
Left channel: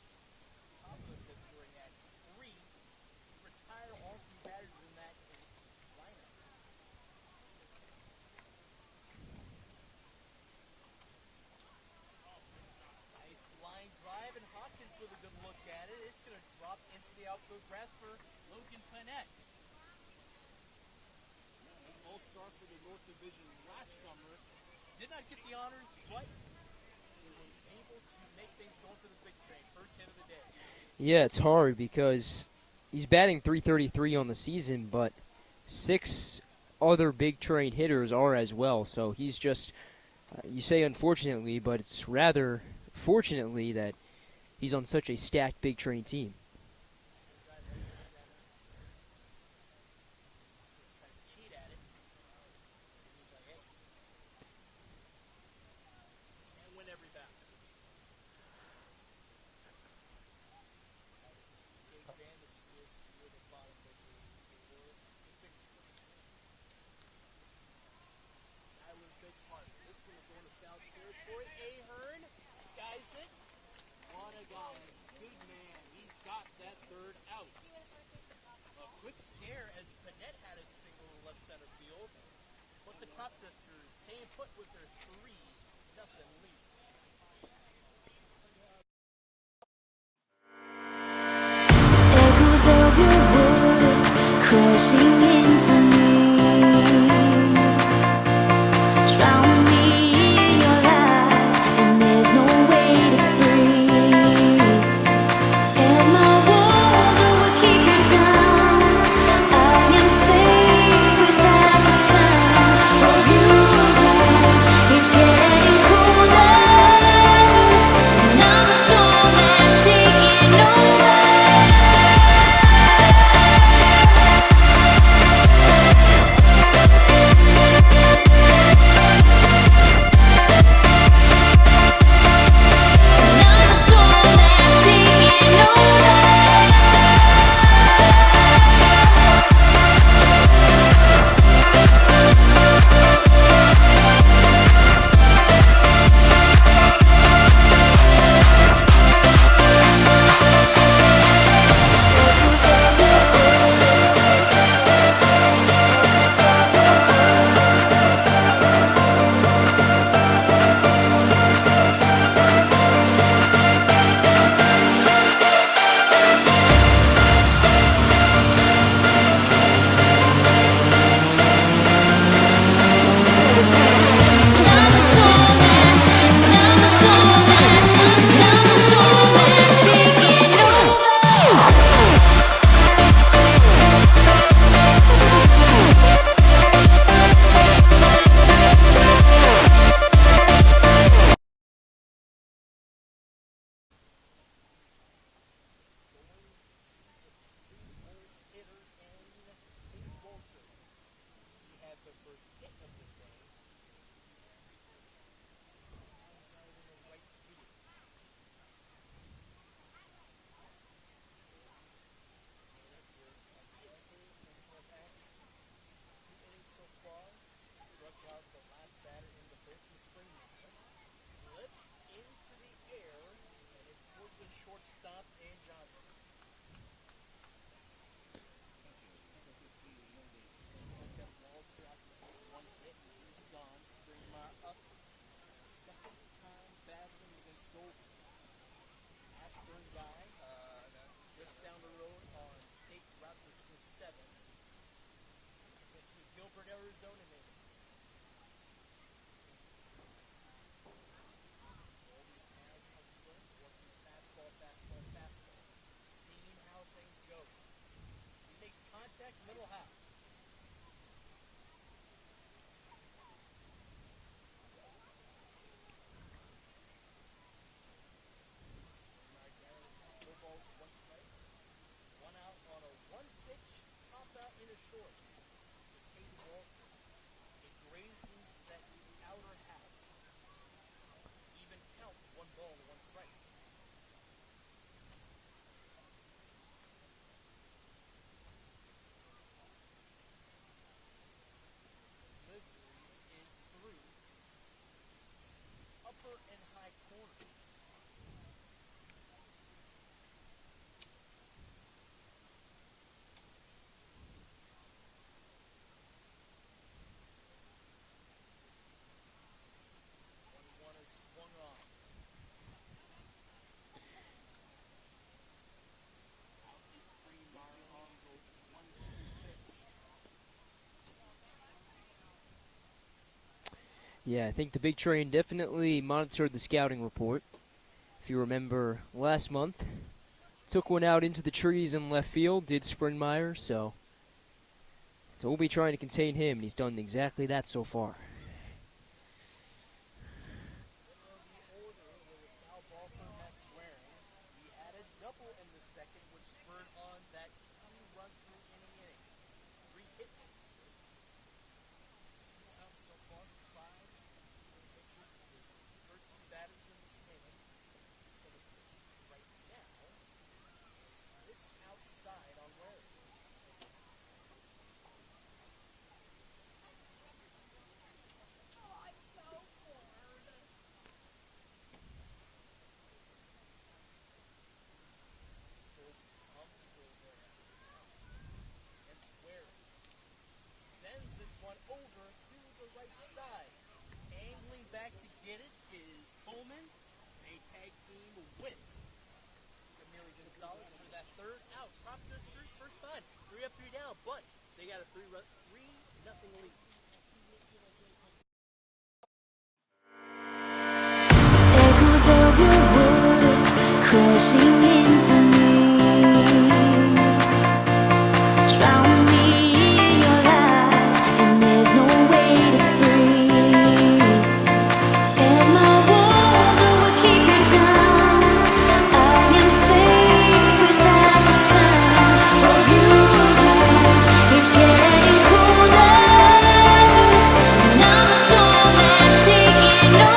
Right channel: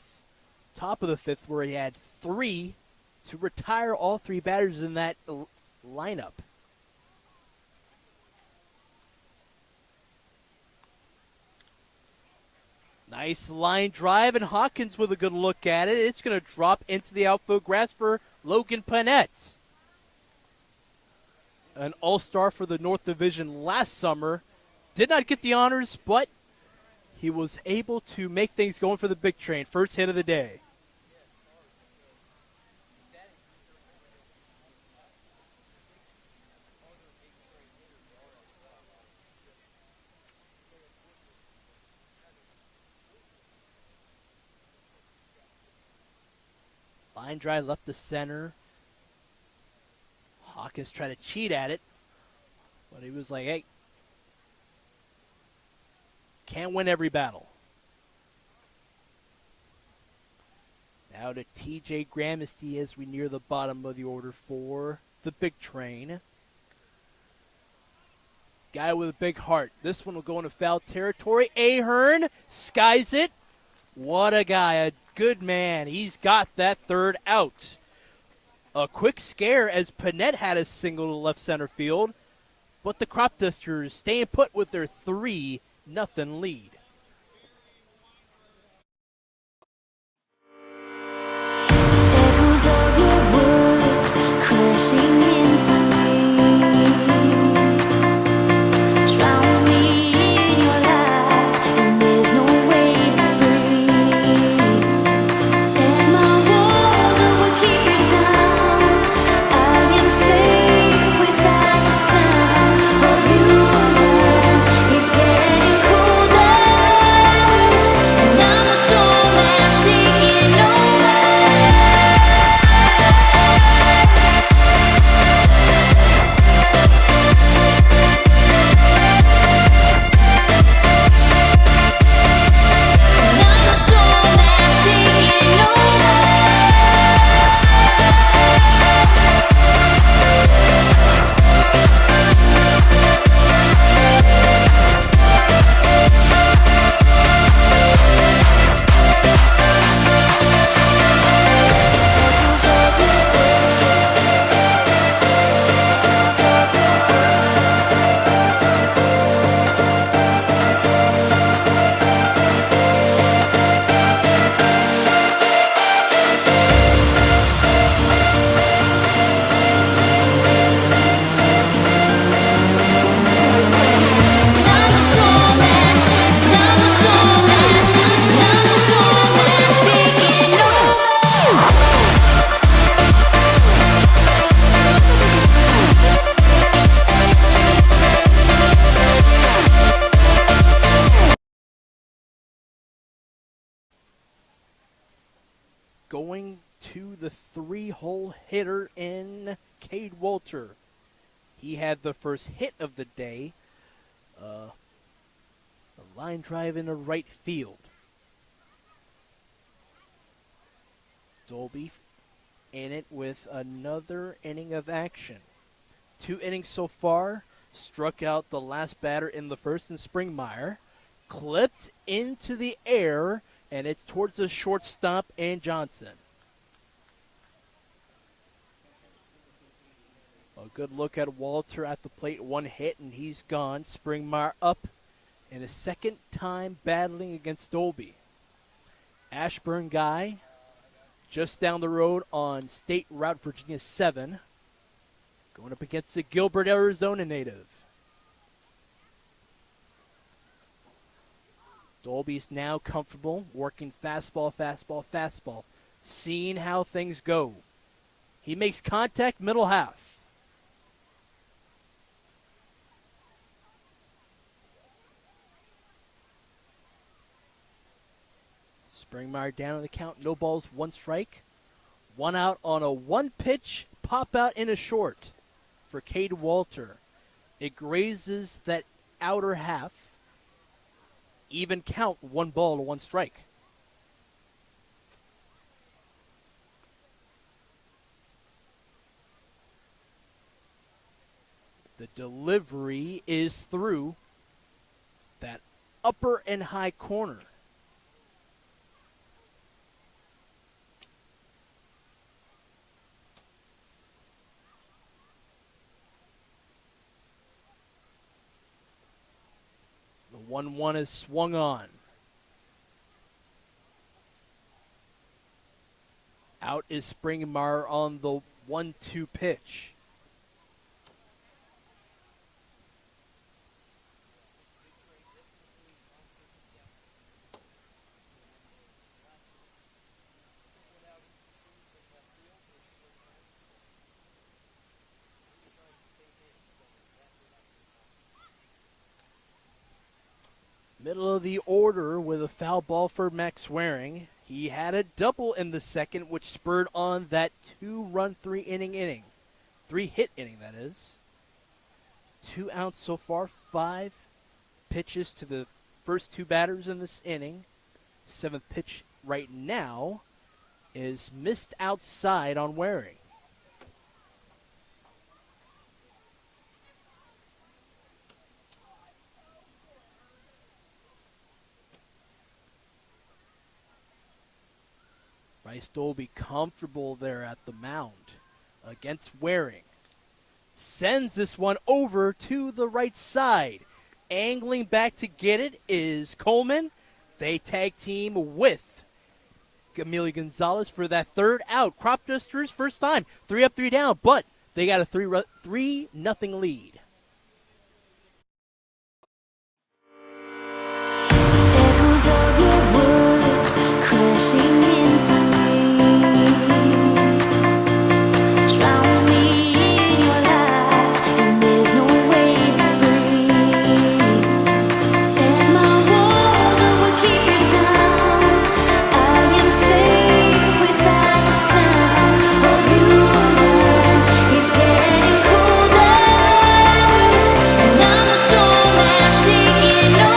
Top of the 5th, where he had 3 to retire all 3 batters in that lineup. Nice line drive, and Hawkins with a good look at it. It's going to drop into the outfield grass for Logan Panette. An all-star for the North Division last summer. Did not get the honors, but he was able to make things going for the Big Train. First hit of the day. Yeah, it's hard because he's batting .333 on the season, but 6 other Big Train hitters are as well. So he's just, you say unfortunately, but it's rather fortunately that he's on such a stacked Big Train team. Line drive left to center. Hawkins tried to cheat at it, but he was like, hey, can't win every battle. Now to TJ Gramercy as we near the bottom of the order for the Big Train. Guy with a big heart. This one will go into foul territory. Ahern skies it. What a guy. A good man. He's got that third out. A quick scare as Panette had a single to left center field, but the Cropdusters staying put with their 3-0 lead. Echoes of your words crashing into me, drown me in your lies, and there's no way to breathe. And my walls will keep you down. I am safe without the sound of you around. It's getting colder, and I'm the storm that's taking over. Going to the 3-hole hitter in Cade Walter. He had the first hit of the day. A line drive into right field. Dolby in it with another inning of action. 2 innings so far. Struck out the last batter in the first in Springmeyer. Clipped into the air, and it's towards the shortstop and Johnson. A good look at Walter at the plate. 1 hit, and he's gone. Springmeyer up, and a second time battling against Dolby. Ashburn guy just down the road on State Route Virginia 7. Going up against the Gilbert, Arizona native. Dolby's now comfortable, working fastball, fastball, fastball, seeing how things go. He makes contact middle half. Springmeyer down on the count, no balls, 1 strike. 1 out on a 1-pitch pop out in a short for Cade Walter. It grazes that outer half. Even count, 1 ball to 1 strike. The delivery is through that upper and high corner. The 1-1 is swung on. Out is Springmeyer on the 1-2 pitch. Yeah, I think the big train definitely monitored the scouting report. If you remember last month, took one out into the trees in left field, did Springmeyer, so we'll be trying to contain him, and he's done exactly that so far. Middle of the order with a foul ball for Max Swearing. He had a double in the second, which spurred on that 2-run, 3-inning. 3-hit inning, that is. 2 outs so far, 5 pitches to the first 2 batters in this inning. 7th pitch right now is missed outside on Waring. Nice Dolby comfortable there at the mound against Waring. Sends this one over to the right side. Angling back to get it is Coleman. They tag team with Emilio Gonzalez for that third out. Cropdusters first time, 3 up, 3 down, but they got a 3-0 lead. Echoes of your words crashing into me, drown me in your lies, and there's no way to breathe. And my walls will keep you down. I am safe without the sound of you around. It's getting colder, and I'm the storm that's taking over.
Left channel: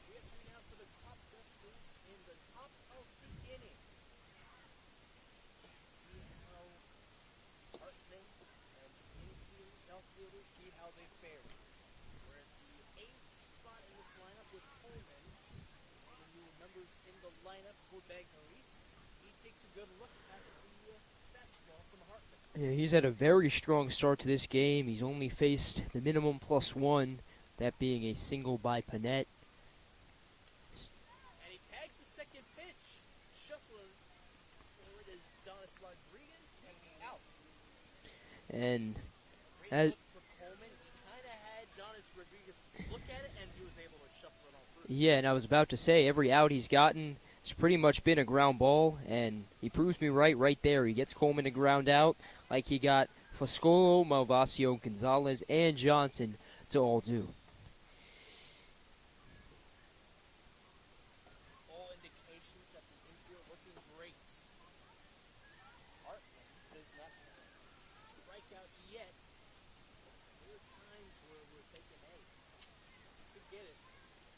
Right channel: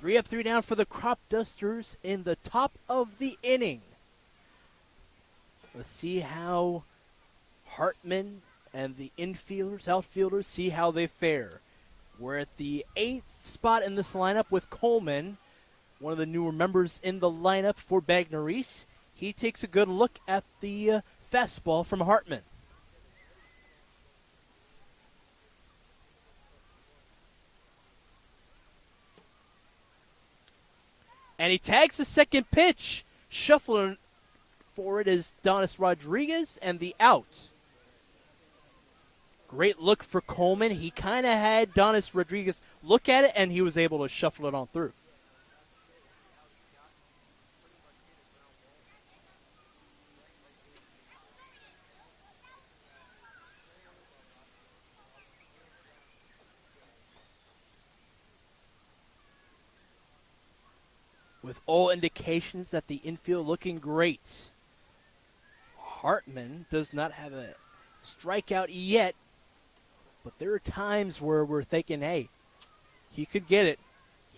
Three up, 3 down for the Cropdusters in the top of the inning. Let's see how Hartman and the infielders, outfielders, see how they fare. We're at the 8th spot in this lineup with Coleman, one of the newer members in the lineup for Bagneris. He takes a good look at the fastball from Hartman. Yeah, he's had a very strong start to this game. He's only faced the minimum +1, that being a single by Panette. And he tags the second pitch. Shuffling for it is Donis Rodriguez, and the out. And great look for Coleman. He kind of had Donis Rodriguez look at it, and he was able to shuffle it on through. Yeah, and I was about to say, every out he's gotten, it's pretty much been a ground ball, and he proves me right there. He gets Coleman to ground out like he got Foscolo, Malvasio, Gonzalez, and Johnson to all do. With all indications that the infield looking great. Hartman does not have a strikeout yet, but there are times where we're thinking, hey, he could get it.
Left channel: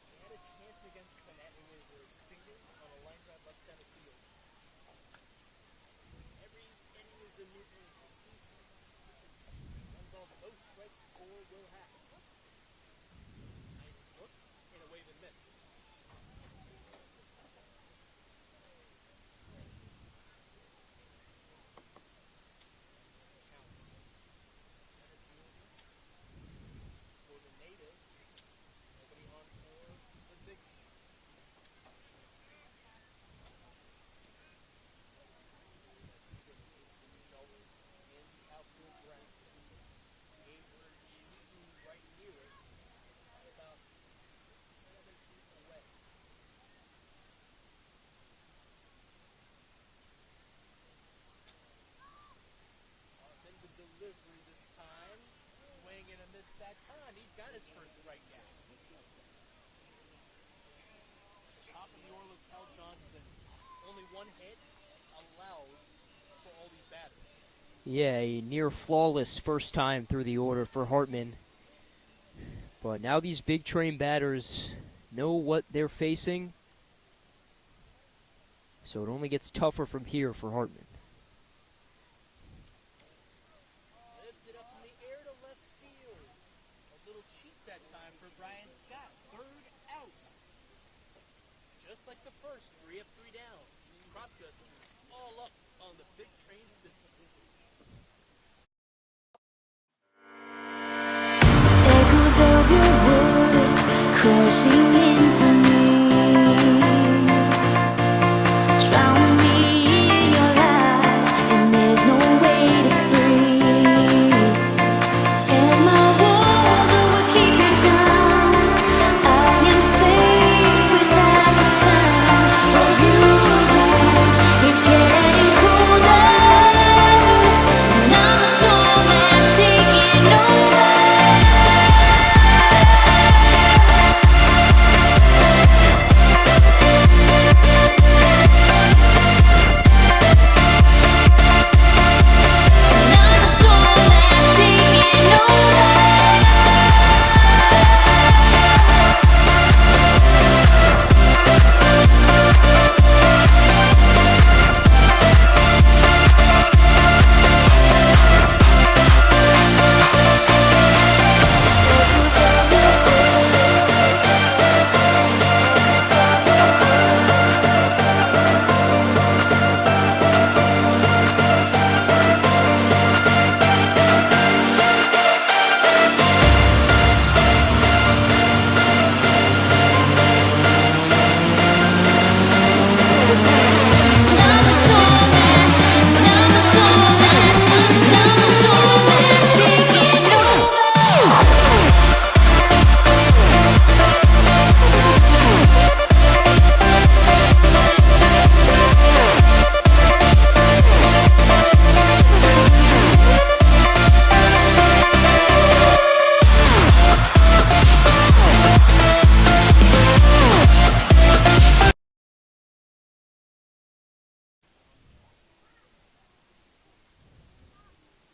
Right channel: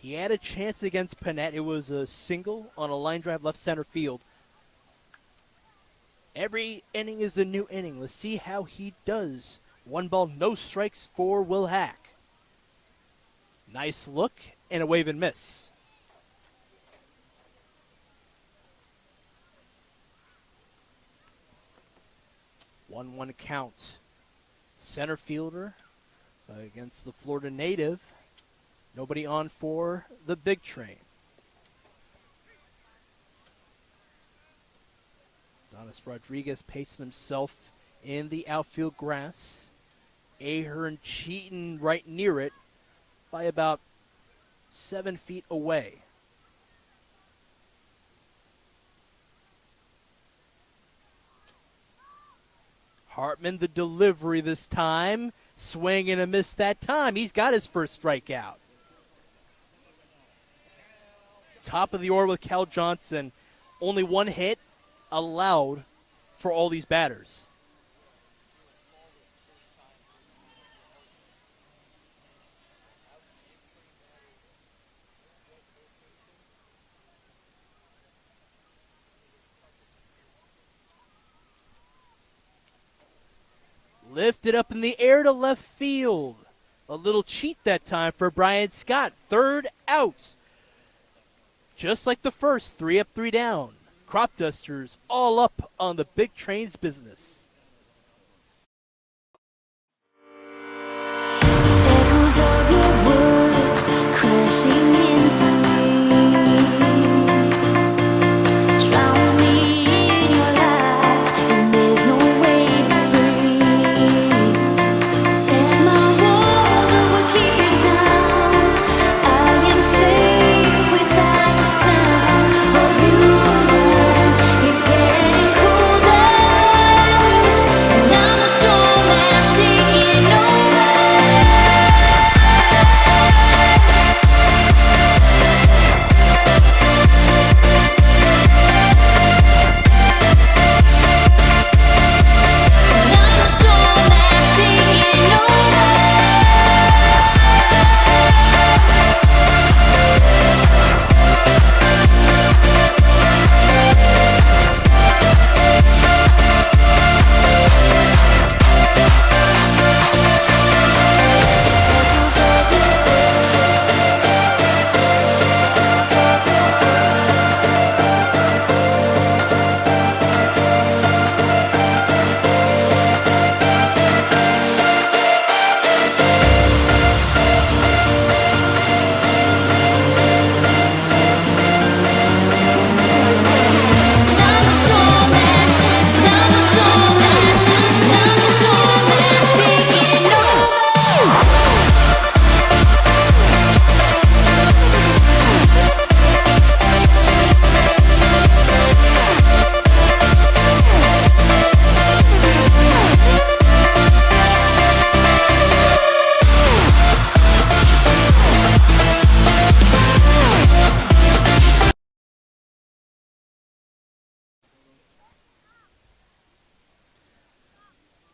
He had a chance against Panette. It was a single on a line drive left center field. Every inning is a new inning. Let's see how he does. 1 ball, no strikes for Will Hack. Nice look and a wave and miss. 1-1 count. Center fielder against the Florida native. Nobody on for the big train. Donis Rodriguez pacing himself in the outfield grass. Ahern cheating right near it by about 7 feet away. Hartman, the delivery this time. Swing and a miss that time. He's got his first strikeout. Top of the order with Cal Johnson. Only 1 hit allowed for all these batters. Yeah, a near flawless first time through the order for Hartman. But now these big train batters know what they're facing. So it only gets tougher from here for Hartman. Lifted up in the air to left field. A little cheat that time for Brian Scott. 3rd out. Just like the first, 3 up, 3 down. Cropdusters all up on the big trains business. Echoes of your words crashing into me. Drown me in your lies, and there's no way to breathe. And my walls will keep you down. I am safe without the sound of you around. It's getting colder, and I'm the storm that's taking over.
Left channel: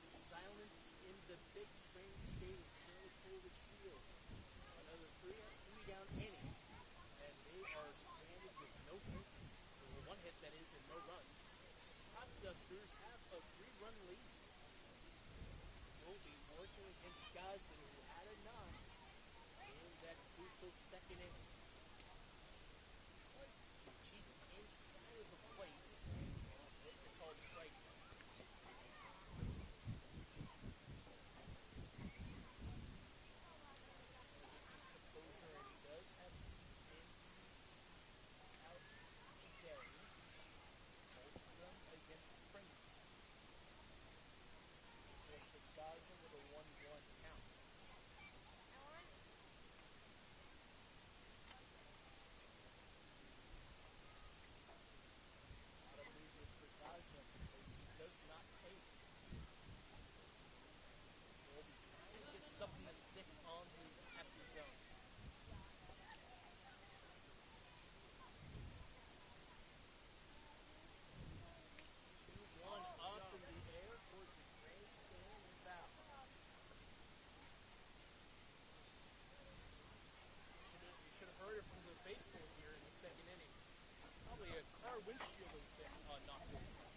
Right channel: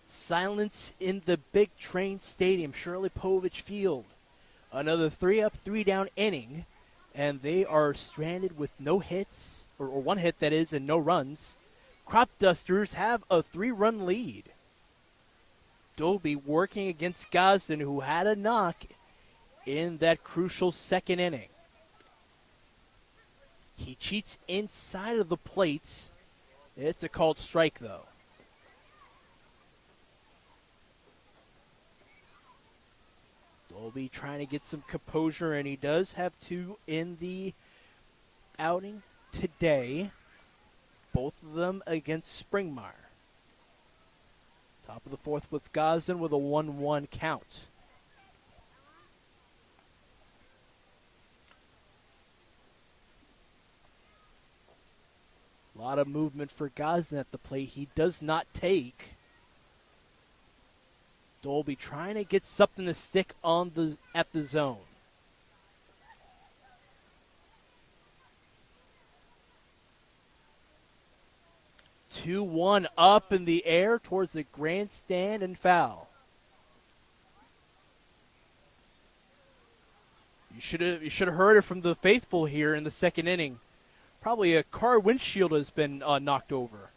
Silence in the big train stadium, Shirley Povich Field. Another 3-up, 3-down inning, and they are stranded with no hits, or one hit that is, and no runs. Cropdusters have a 3-run lead. Dolby working against Gosden, who had a knock in that crucial second inning. He cheats inside of the plate. It's a called strike, though. Dolby trying to get some composure, and he does have 2 in the outing today. Both of them against Springmire. Top of the 4th with Gosden with a 1-1 count. A lot of movement for Gosden at the plate. He does not take. Dolby trying to get something to stick on at the zone. Two, 2-1 up in the air towards the grandstand and foul. You should have heard it from the faithful here in the second inning. Probably a car windshield has been knocked over.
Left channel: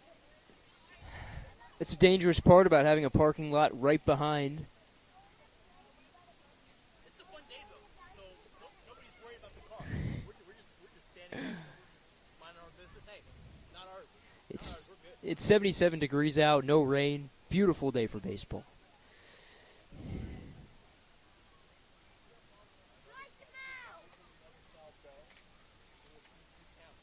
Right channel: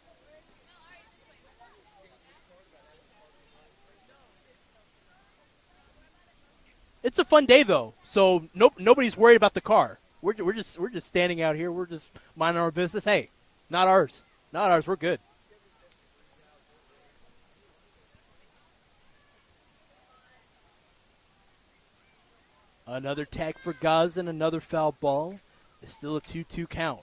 It's the dangerous part about having a parking lot right behind. It's a fun day though, so nobody's worried about the car. We're just standing out here. We're just minding our business. Hey, not ours. Not ours. We're good. It's 77 degrees out, no rain. Beautiful day for baseball. Another tag for Gosden, another foul ball. It's still a 2-2 count.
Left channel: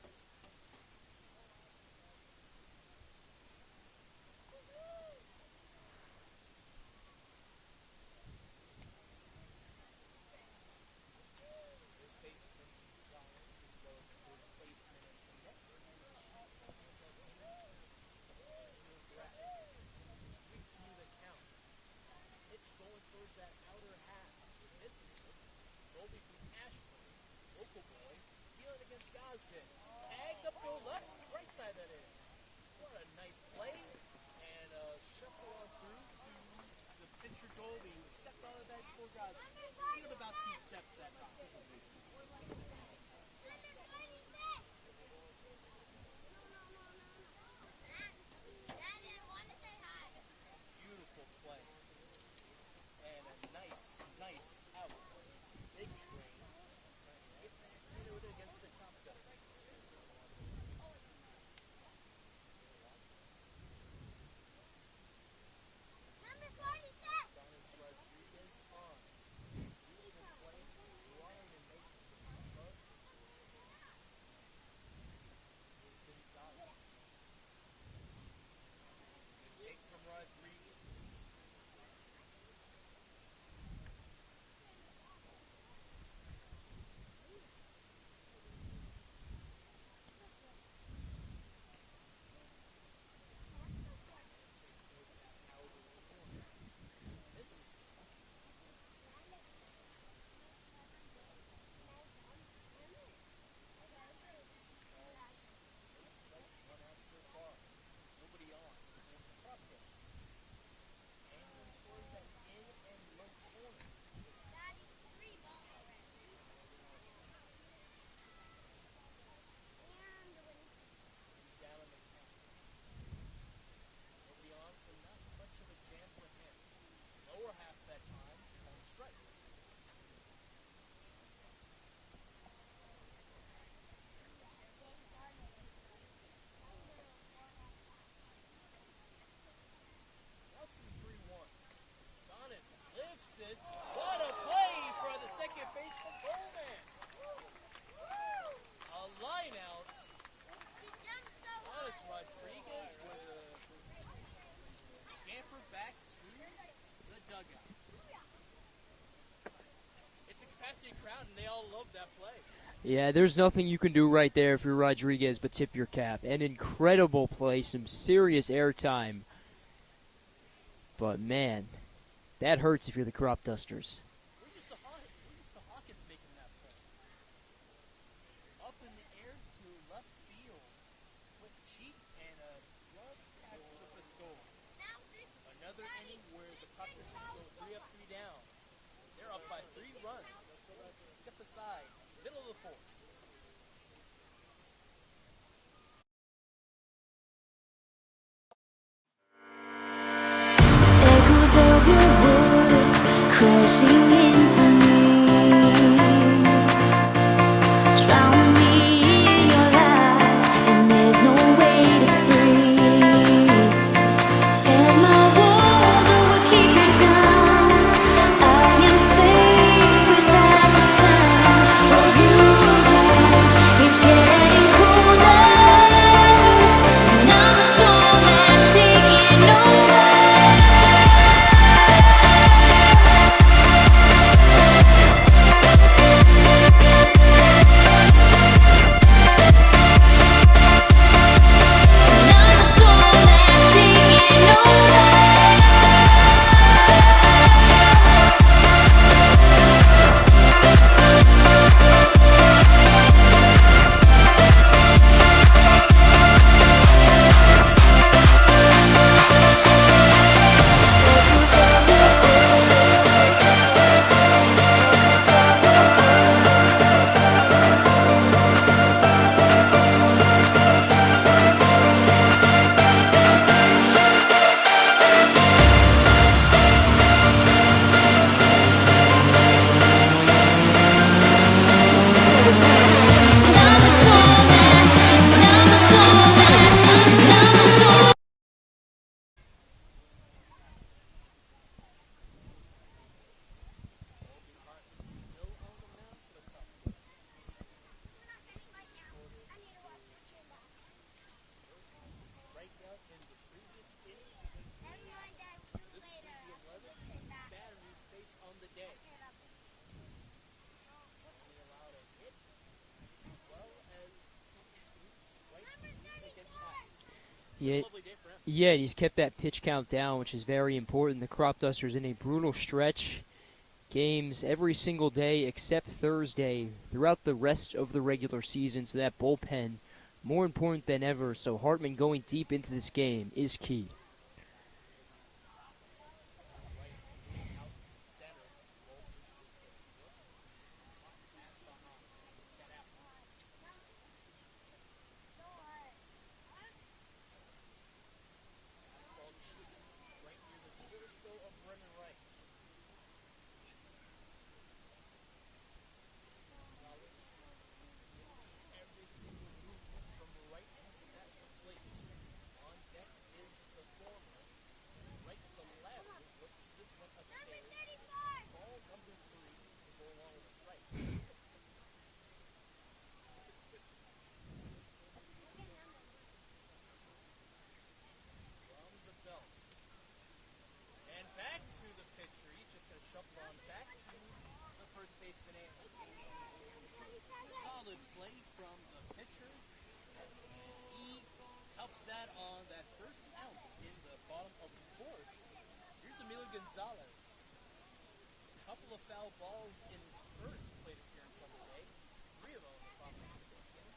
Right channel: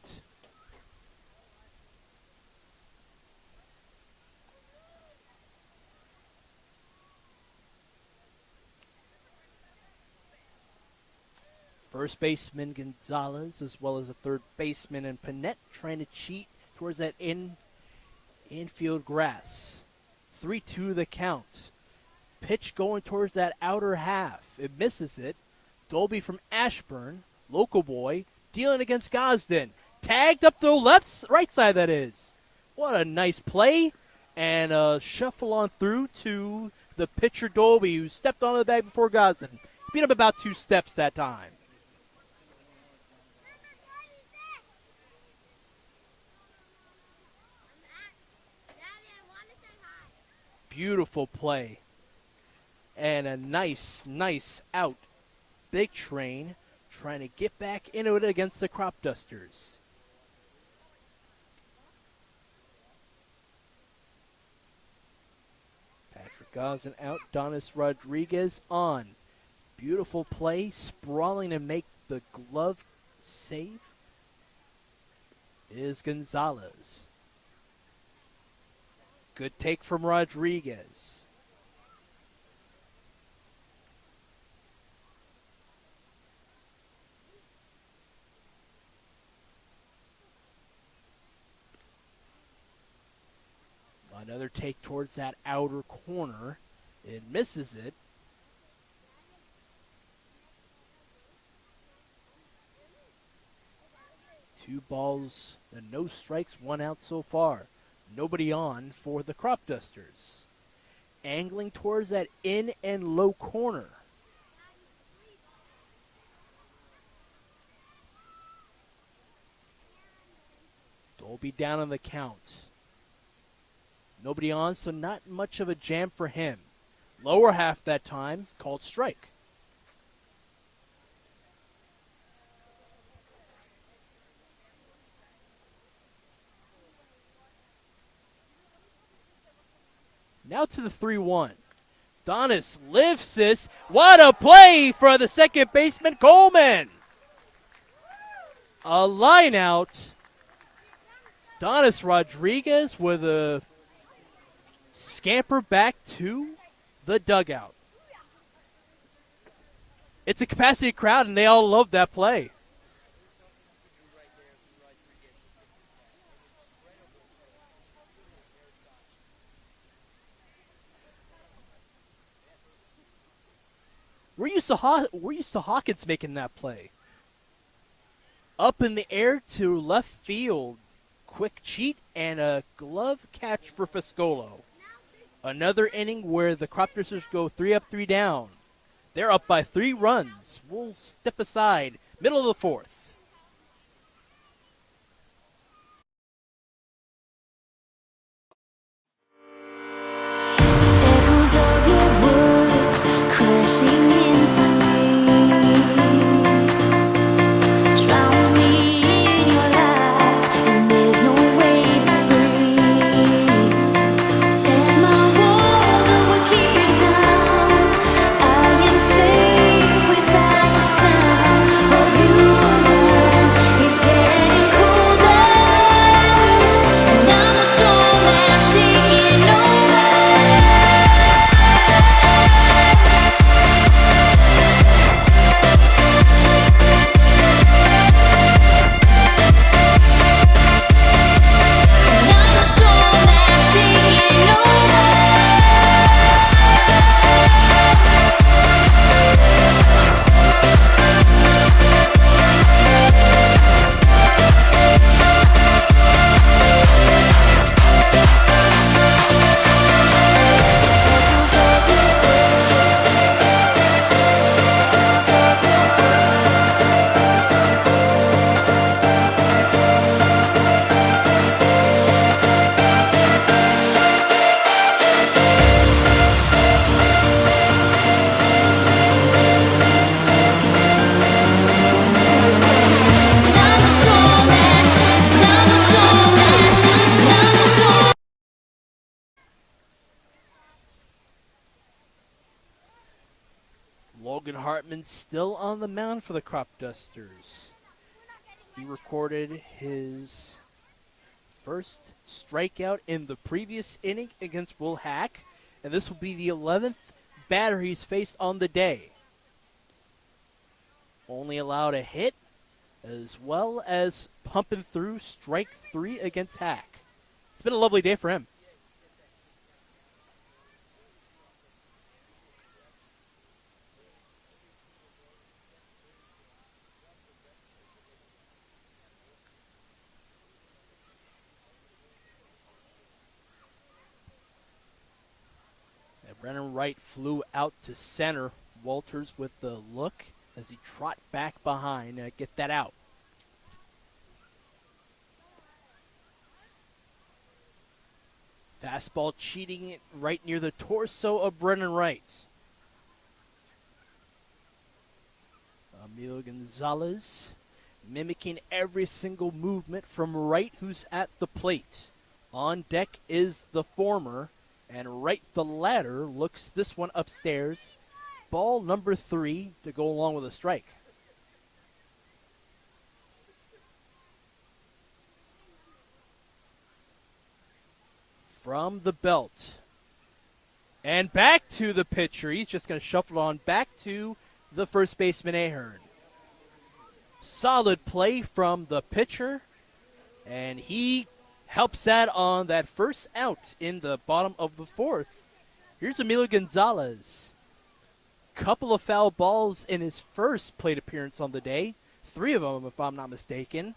First baseman Gonzalez, as well as a third baseman and Panette trying to cheat towards that infield grass. 3-2 the count. Pitch going towards that outer half. It misses it. Dolby from Ashburn, local boy, dealing against Gosden. Tagged up the right side, that is. What a nice play. And a shuffle on through to the pitcher Dolby, who stepped onto the bag before Gosden. Beat him about 2 steps that time. Beautiful play. And a nice out. Big Train trying to get back into it against the Cropdusters. Gazin out. Donis Rodriguez on. Beautiful play. Sprawling to make the glove save is Gonzalez. Good take from Rodriguez. Another take towards that outer corner. It misses it. Two balls and no strikes, one out so far. Nobody on for the Cropdusters. Angling towards that in and low corner. Dolby down on the count. Nobody on, so not much of a jam for him. Lower half that time, called strike. Now to the 3-1. Donis lifts this. What a play for the second baseman, Coleman. A line out. Donis Rodriguez with a scamper back to the dugout. It's a capacity crowd, and they all love that play. Yeah, there's nothing you can do right there if you're Rodriguez but tip your cap. An incredible play, some serious airtime. But, man, that hurts if you're the Cropdusters. We're used to Hawkins making that play. Up in the air to left field. Quick cheat and a glove catch for Fiscolo. Another inning where the Cropdusters go 3 up, 3 down. They're up by 3 runs. We'll step aside. Middle of the 4th. Echoes of your words crashing into me. Drown me in your lies, and there's no way to breathe. And my walls will keep you down. I am safe without the sound of you around. It's getting colder, and I'm the storm that's taking over. Logan Hartman still on the mound for the Cropdusters. He recorded his first strikeout in the previous inning against Will Hack, and this will be the 11th batter he's faced on the day. Only allowed a hit, as well as pumping through strike 3 against Hack. It's been a lovely day for him. Yeah, he's kept that pitch count down, which is very important. The Cropdusters in a brutal stretch. Games every single day except Thursday throughout the rest of the regular season, so that bullpen more important than ever. So Hartman going deep into this game is key. And Brennan Wright flew out to center. Walters with the look as he trot back behind. Get that out. Fastball cheating it right near the torso of Brennan Wright. Emilio Gonzalez mimicking every single movement from Wright, who's at the plate. On deck is the former And right the ladder looks this one upstairs. Ball number 3 to go along with a strike. From the belt. And back to the pitcher. He's just going to shuffle it on back to the first baseman, Ahern. Solid play from the pitcher. And he helps that on that first out in the bottom of the 4th. Here's Emilio Gonzalez. Couple of foul balls in his first plate appearance on the day. 3 of them, if I'm not mistaken.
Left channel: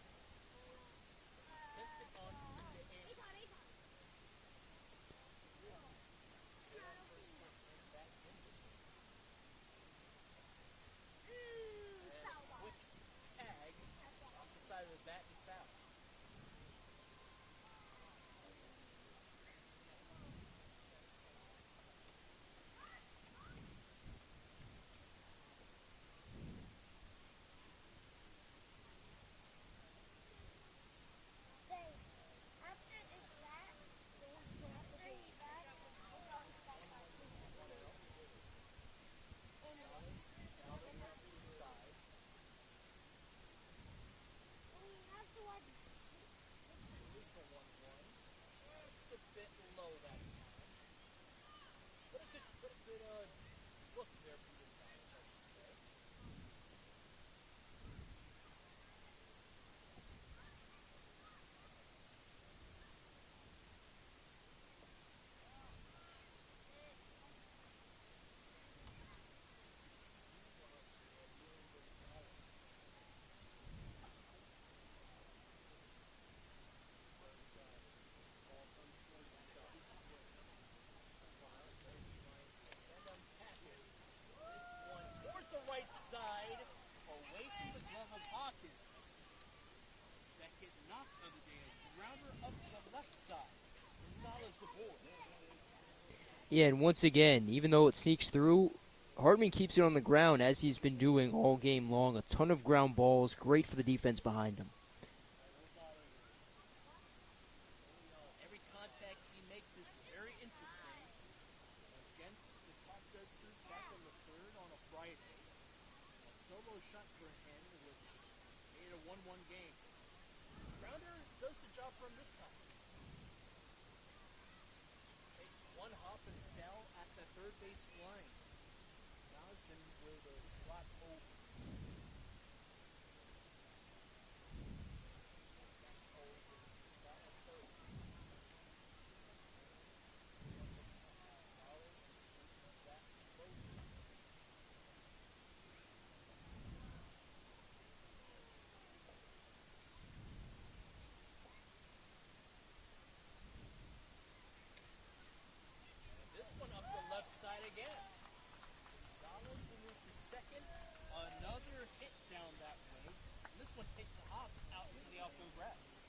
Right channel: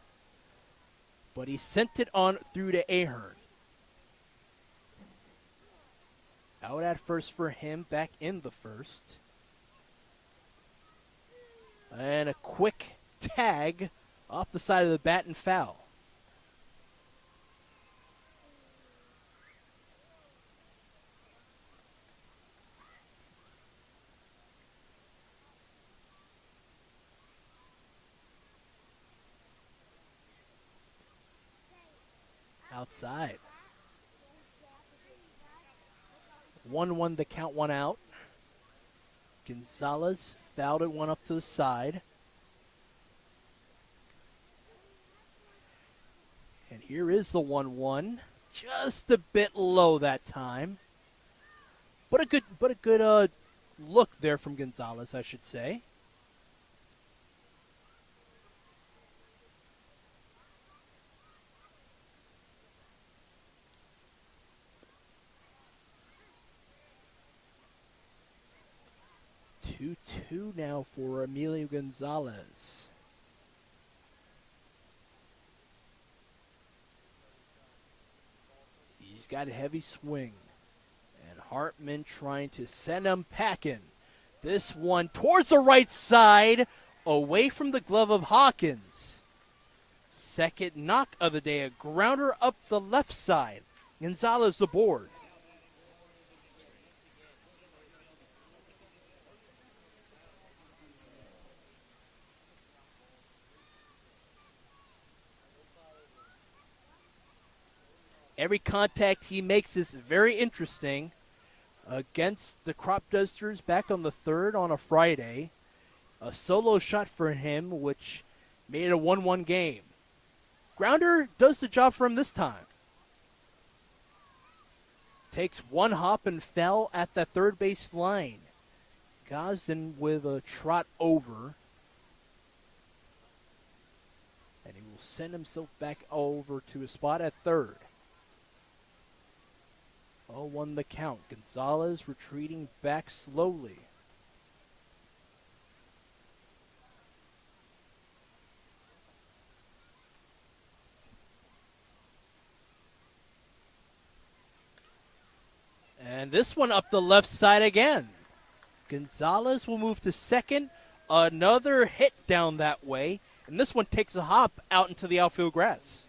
But he sent it on through to Ahern. Out at first for him, back in the first. And a quick tag off the side of the bat and foul. Outside. 1-1 the count, 1 out. Gonzalez fouled it, one up to the side. And here is the 1-1. Just a bit low that time. But a good look there from Gonzalez, I should say. Two now for Emilio Gonzalez. He's got a heavy swing. And Hartman trying to send him packing. This one towards the right side, away from the glove of Hawkins. Second knock of the day, a grounder up the left side. Gonzalez aboard. Yeah, and once again, even though it sneaks through, Hartman keeps it on the ground as he's been doing all game long. A ton of ground balls, great for the defense behind him. Every contact he makes is very interesting. Against the Cropdusters back on the 3rd on a Friday. A solo shot for him, which made it a 1-1 game. Grounder does the job for him this time. Takes one hop and fell at the third base line. Gosden with a trot over. And he will send himself back over to a spot at third. 0-1 the count. Gonzalez retreating back slowly. And this one up the left side again. Gonzalez will move to second. Another hit down that way. And this one takes a hop out into the outfield grass.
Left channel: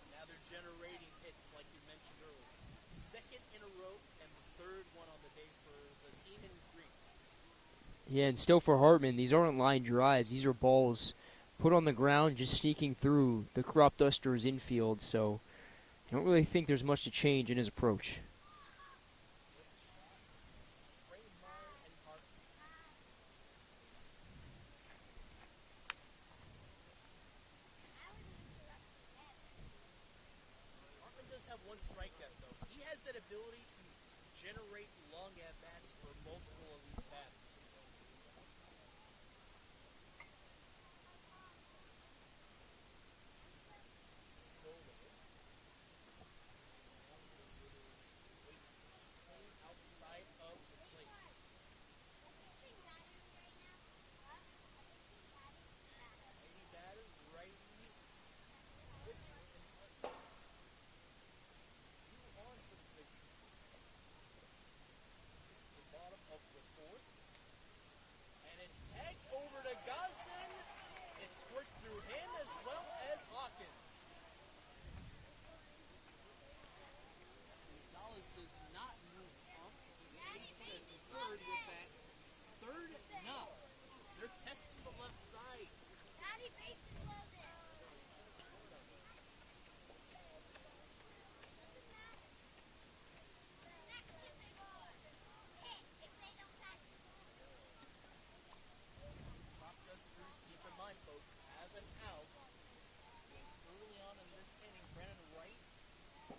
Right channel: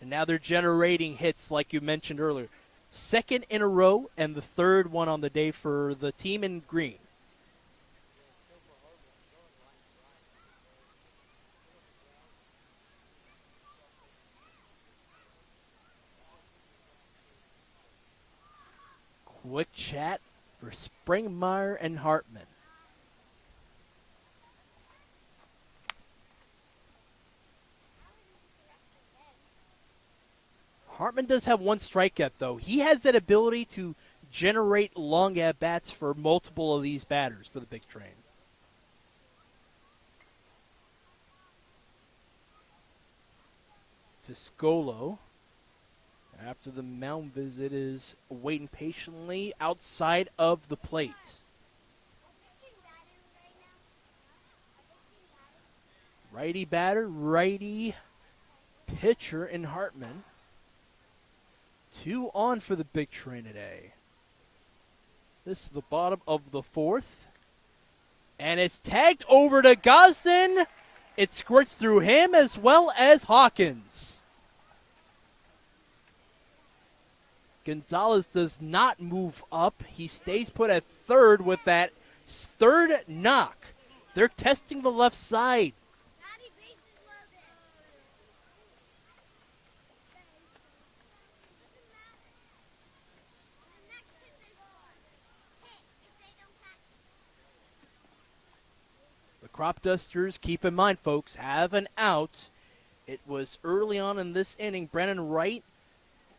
And now they're generating hits like you mentioned earlier. Second in a row and the third one on the day for the team in green. Yeah, and still for Hartman, these aren't line drives. These are balls put on the ground, just sneaking through the Cropdusters infield. So I don't really think there's much to change in his approach. Quick chat for Springmeyer and Hartman. Hartman does have one strikeout, though. He has that ability to generate long at-bats for multiple of these batters for the big train. Fiscolo, after the mound visit, is waiting patiently outside of the plate. Righty batter, righty pitcher in Hartman. 2 on for the big train today. This is the bottom of the 4th. And it's tagged over to Gosden. It squirts through him as well as Hawkins. Gonzalez does not move up. He stays put at third with that third knock. They're testing the left side. Cropdusters, keep in mind, folks, have an out. It was early on in this inning. Brennan Wright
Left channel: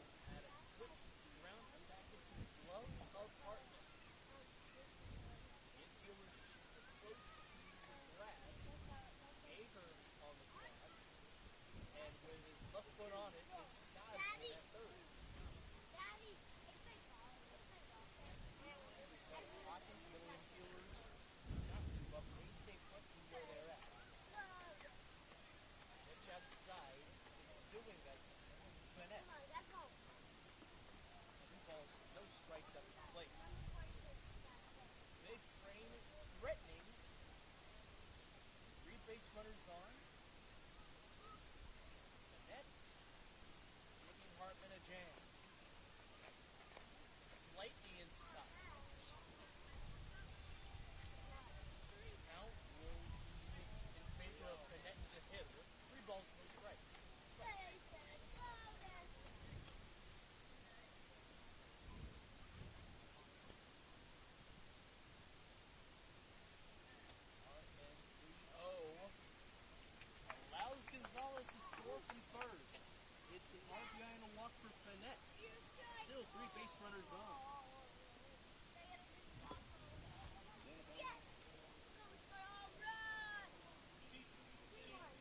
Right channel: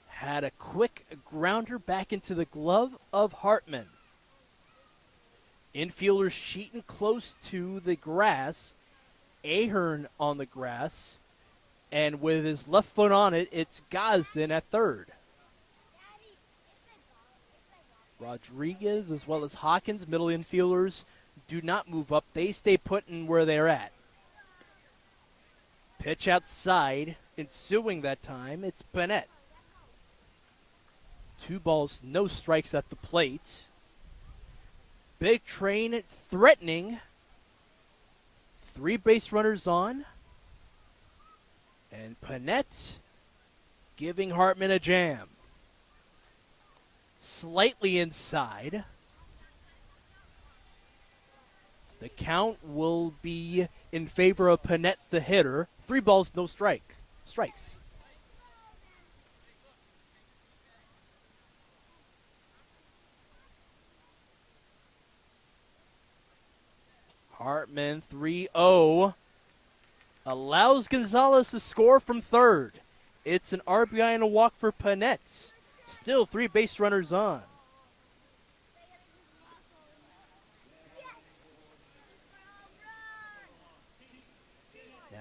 had a quick grounder back into the glove of Hartman. Infielders sheeting close to the grass. Ahern on the grass. And with his left foot on it, it's Gosden at third. Rodriguez as well as Hawkins, middle infielders, do not move up. They stay put in where they're at. Pitch outside, ensuing that time, it's Bennett. 2 balls, no strikes at the plate. Big Train threatening. 3 base runners on. And Panette giving Hartman a jam. Slightly inside. The count will be in favor of Panette, the hitter. 3 balls, no strikes. Hartman 3-0 allows Gonzalez to score from third. It's an RBI and a walk for Panette. Still 3 base runners on.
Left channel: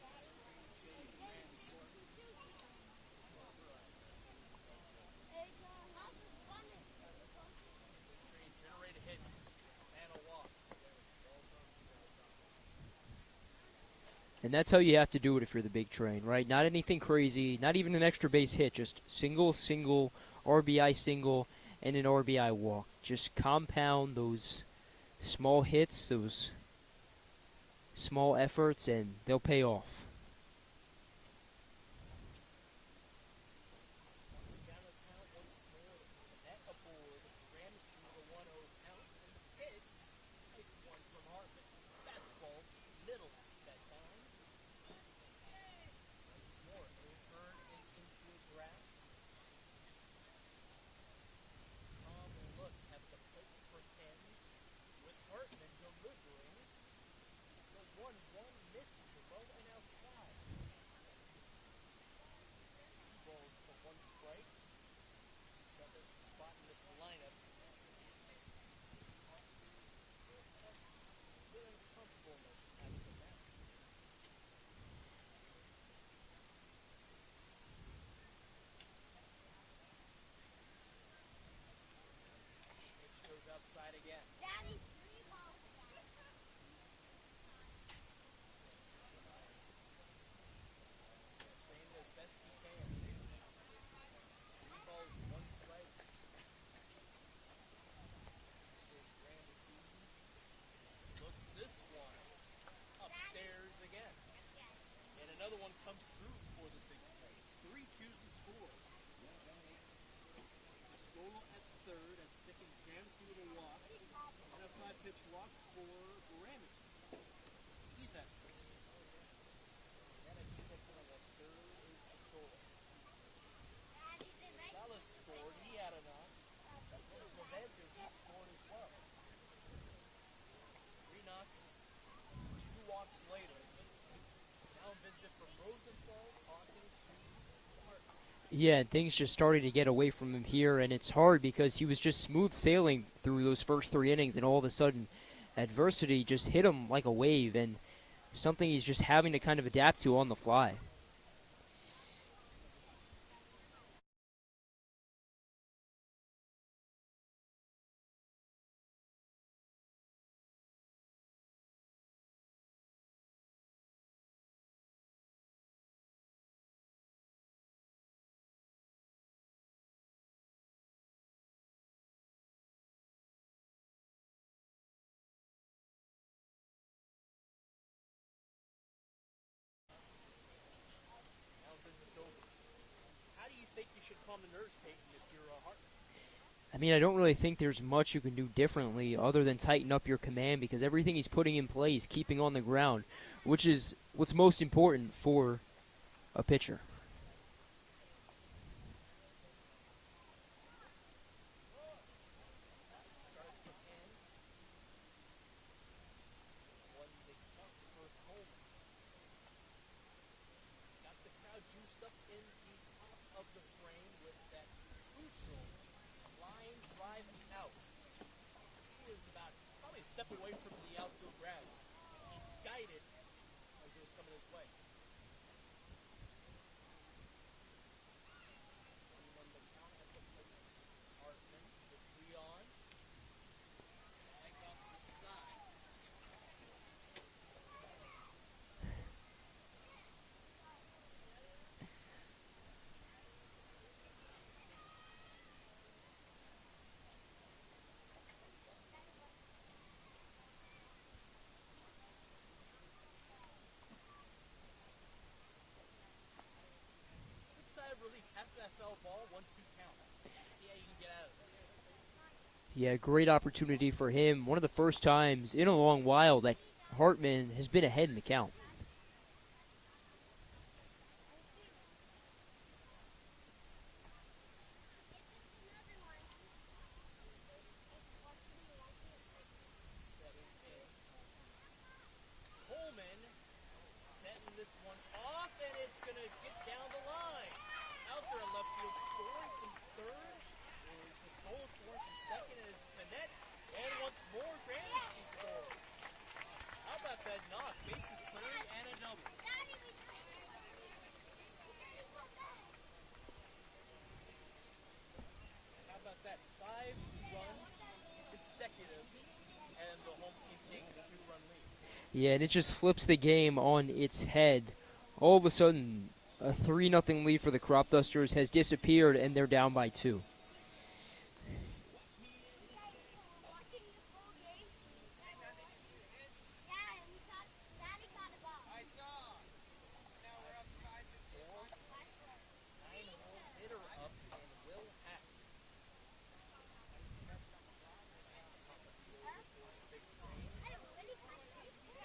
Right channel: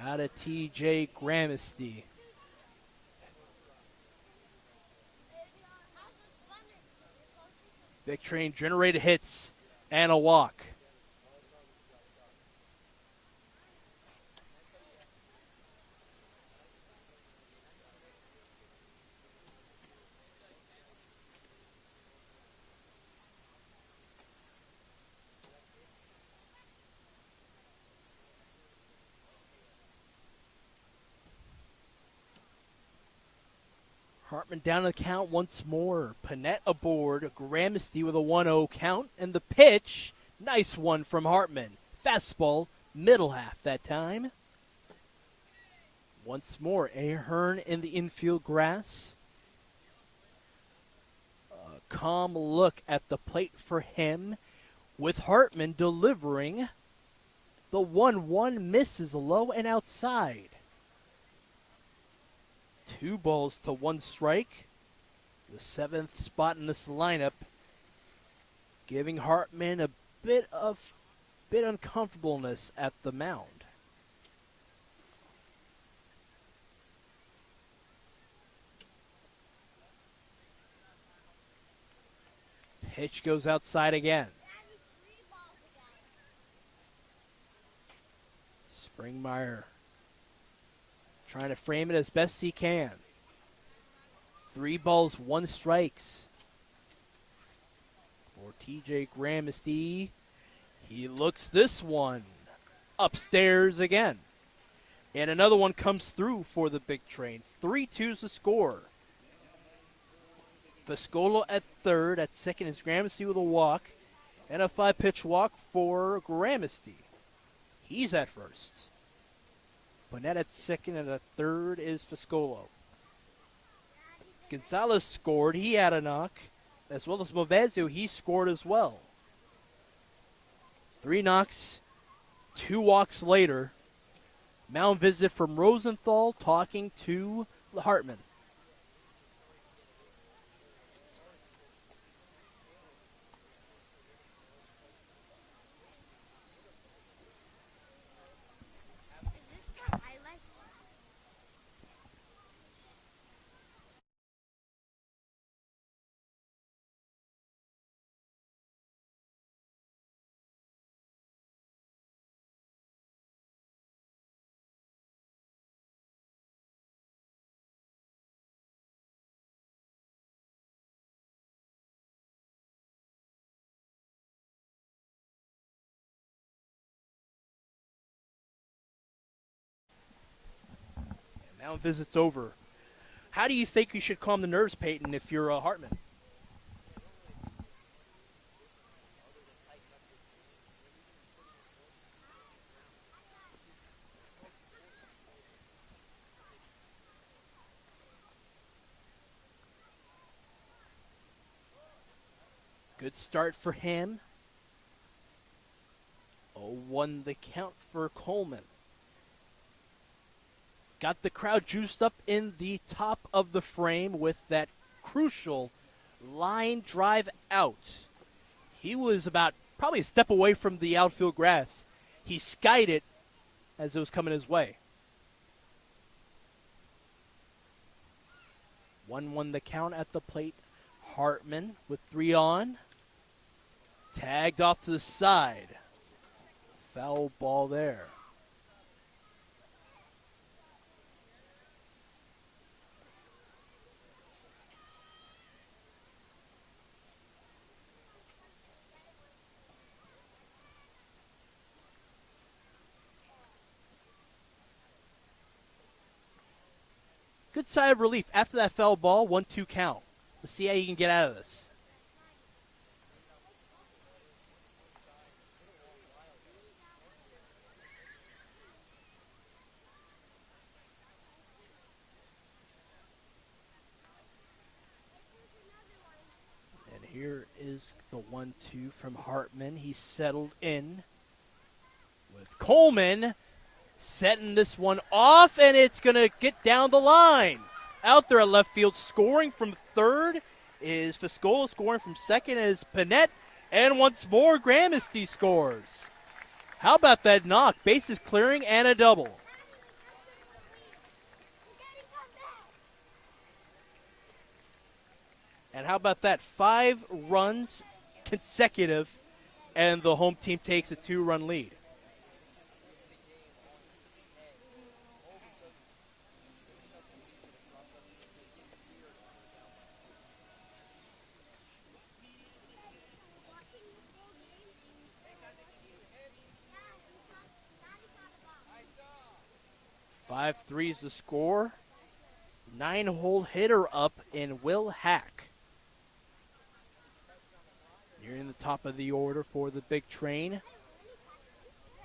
Now to TJ Gramesty. Big Train generated hits and a walk. And that's how you have to do it if you're the Big Train, right? Not anything crazy, not even an extra base hit, just single, RBI single, and an RBI walk. Just compound those small hits, those small efforts, and they'll pay off. Hartman down to the count once more. Panette aboard. Gramesty with a 1-0 count. And the pitch, nice one from Hartman. Fastball, middle half that time. Once more, Ahern in the infield grass. A calm look at the plate for him, with Hartman delivering. The 1-1 misses low and outside. 2 balls to 1 strike. The 7th spot in this lineup, giving Hartman a bit uncomfortableness at the mound. Pitch goes outside again. Springmeyer trying to frame it as best he can. 3 balls, 1 strikes. For TJ Gramesty, he looks this one upstairs again. And another one comes through for the Big Train. 3-2's the score. Viscola at third. At second is Gramesty with a walk. And a 5-pitch walk for Gramesty. He's at first. Bonnet at second, and at third is Viscolo. Gonzalez scored. He had a knock. As well as Movezio, he scored as well. 3 knocks, 2 walks later. Mound visit from Rosenthal talking to Hartman. Yeah, and things just started to get away from him here, and it's hard because he was just smooth sailing through those first 3 innings, and all of a sudden adversity just hit him like a wave, and something he's just having to kind of adapt to on the fly. Mound visit's over. How do you think you should calm the nerves, Peyton, if you're Hartman? I mean, I don't really think there's much you can do differently other than tighten up your command, because everything he's putting in play is keeping on the ground, which is what's most important for a pitcher. Good start for him. 0-1 the count for Coleman. Got the crowd juiced up in the top of the frame with that crucial line drive out. He was about probably a step away from the outfield grass. He skied it as it was coming his way. 1-1 the count at the plate. Hartman with 3 on. Tagged off to the side. Foul ball there. Good sigh of relief after that foul ball. 1-2 count. Let's see how you can get out of this. Yeah, great opportunity for him. One of the first times in a long while that Hartman has been ahead in the count. And here is the 1-2 from Hartman. He's settled in with Coleman setting this one off, and it's going to get down the line. Out there at left field, scoring from third is Fiscola, scoring from second is Panette, and once more Gramesty scores. How about that knock? Bases clearing and a double. And how about that? 5 runs consecutive, and the home team takes a 2-run lead. Yeah, and it just flips the game on its head. All of a sudden, a 3-0 lead for the Cropdusters has disappeared, and they're down by 2. 5-3 is the score. 9-hole hitter up in Will Hack. Nearing the top of the order for the big train.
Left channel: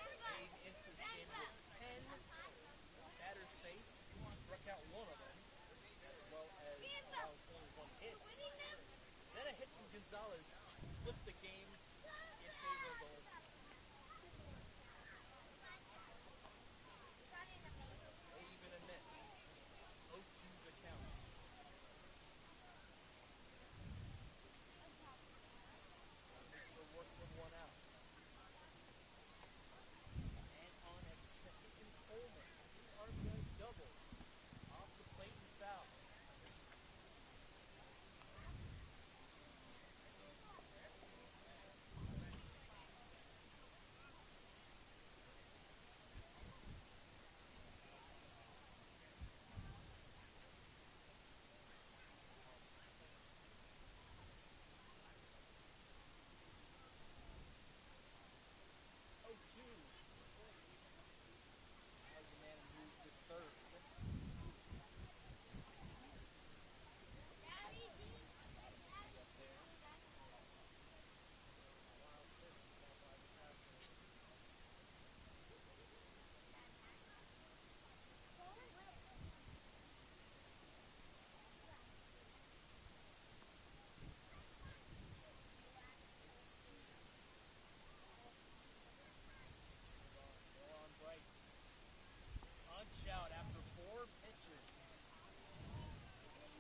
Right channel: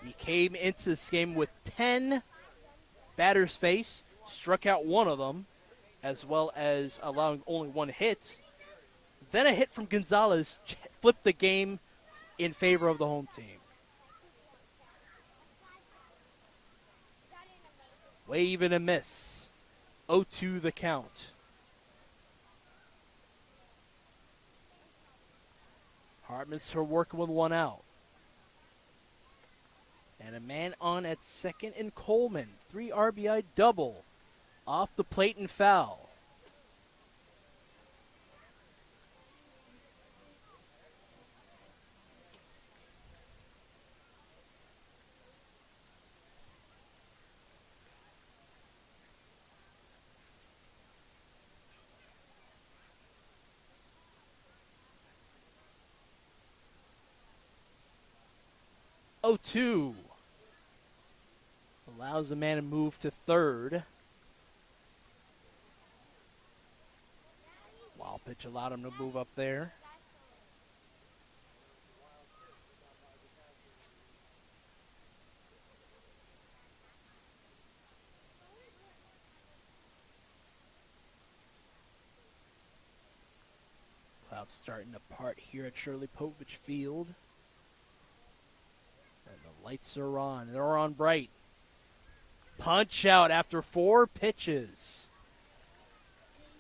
He came into this game with 10 batters faced, struck out 1 of them, as well as allowing only 1 hit. Then a hit from Gonzalez flipped the game in favor of the home team. Wave and a miss. 0-2 the count. Hartman's still working with 1 out. And a man on at second in Coleman. 3 RBI double. Off the plate and foul. Oh, 2. Allows the man to move to third. Wild pitch allowed him to move up there. Clouds starting to part here at Shirley Povich Field. Lights are on. They're on bright. Punch out after 4 pitches.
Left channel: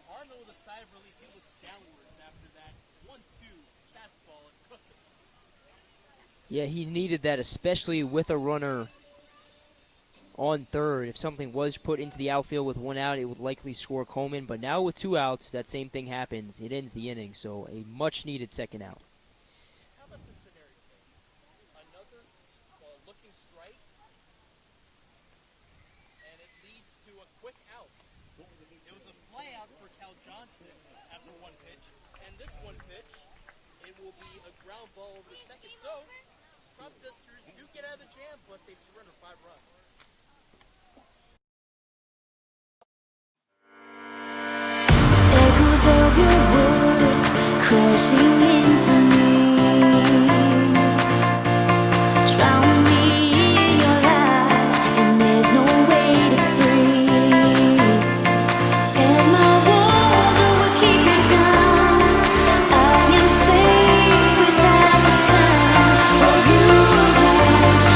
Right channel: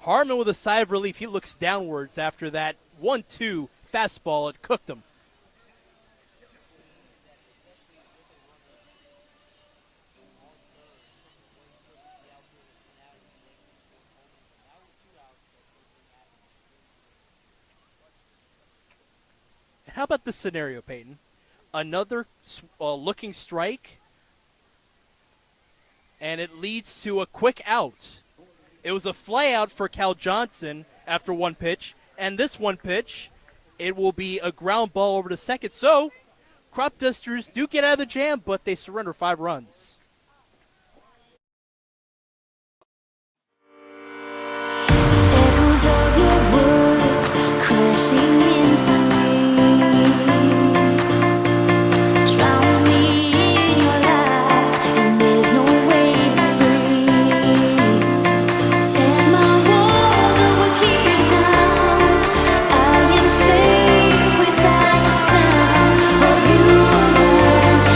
Hartman with a sigh of relief. He looks downwards after that 1-2 fastball. It cooked him. Yeah, he needed that, especially with a runner on third. If something was put into the outfield with 1 out, it would likely score Coleman. But now with 2 outs, that same thing happens. It ends the inning, so a much-needed second out. How about this scenario, Peyton? Another looking strike, and it leads to a quick out. It was a fly out for Cal Johnson after 1 pitch, and this 1 pitch, it will be a ground ball over to second. So, Cropdusters do get out of the jam, but they surrender 5 runs. Echoes of your words crashing into me. Drown me in your lies, and there's no way to breathe. And my walls will keep you down. I am safe without the sound of you around.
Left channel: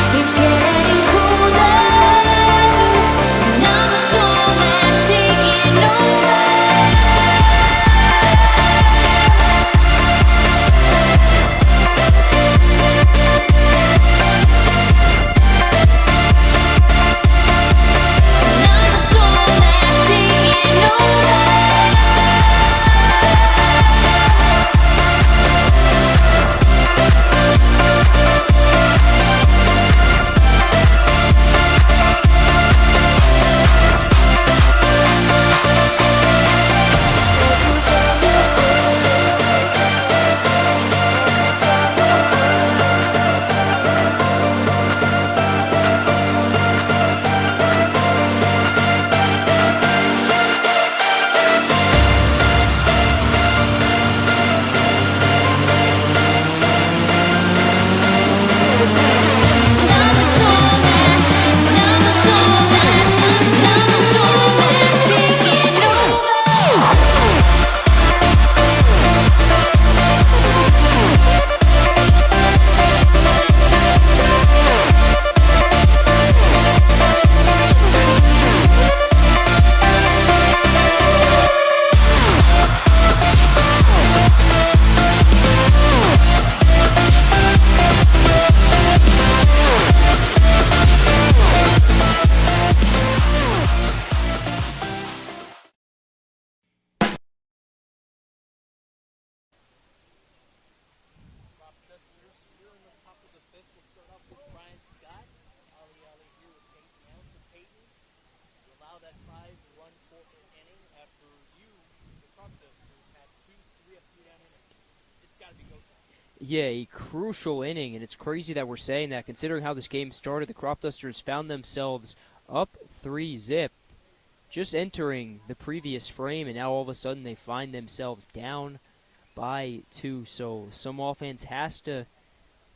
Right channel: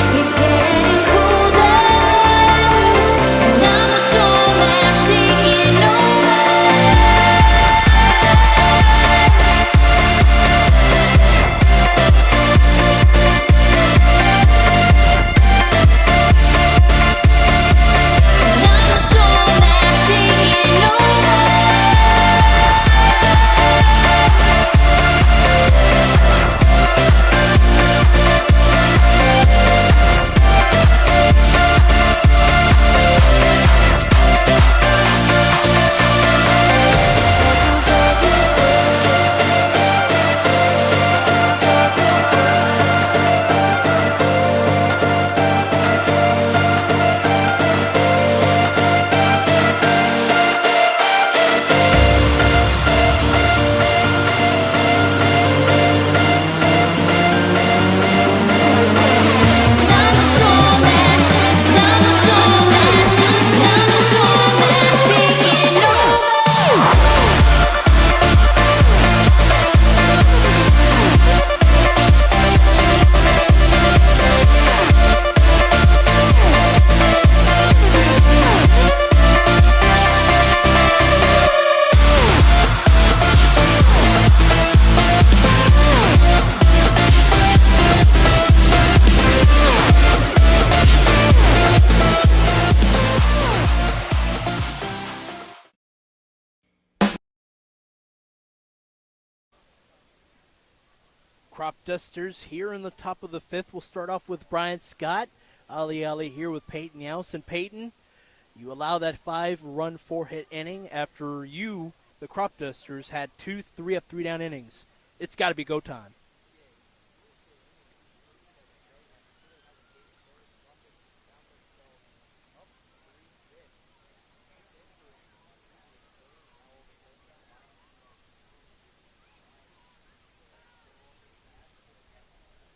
Cropdusters here in the top of the fifth. We'll start off with Brian Scott. Ali here with Peyton Youse. And Peyton, you allow that 5-run, 4-hit inning after you, the Cropdusters, had 2 3-up, 3-down innings. It's got to be go time. Yeah, a crucial inning, and it's crazy that we're saying that considering how this game started. The Cropdusters found themselves up 3-zip, just entering the previous frame, and now all of a sudden they find themselves down by 2. So some offense has to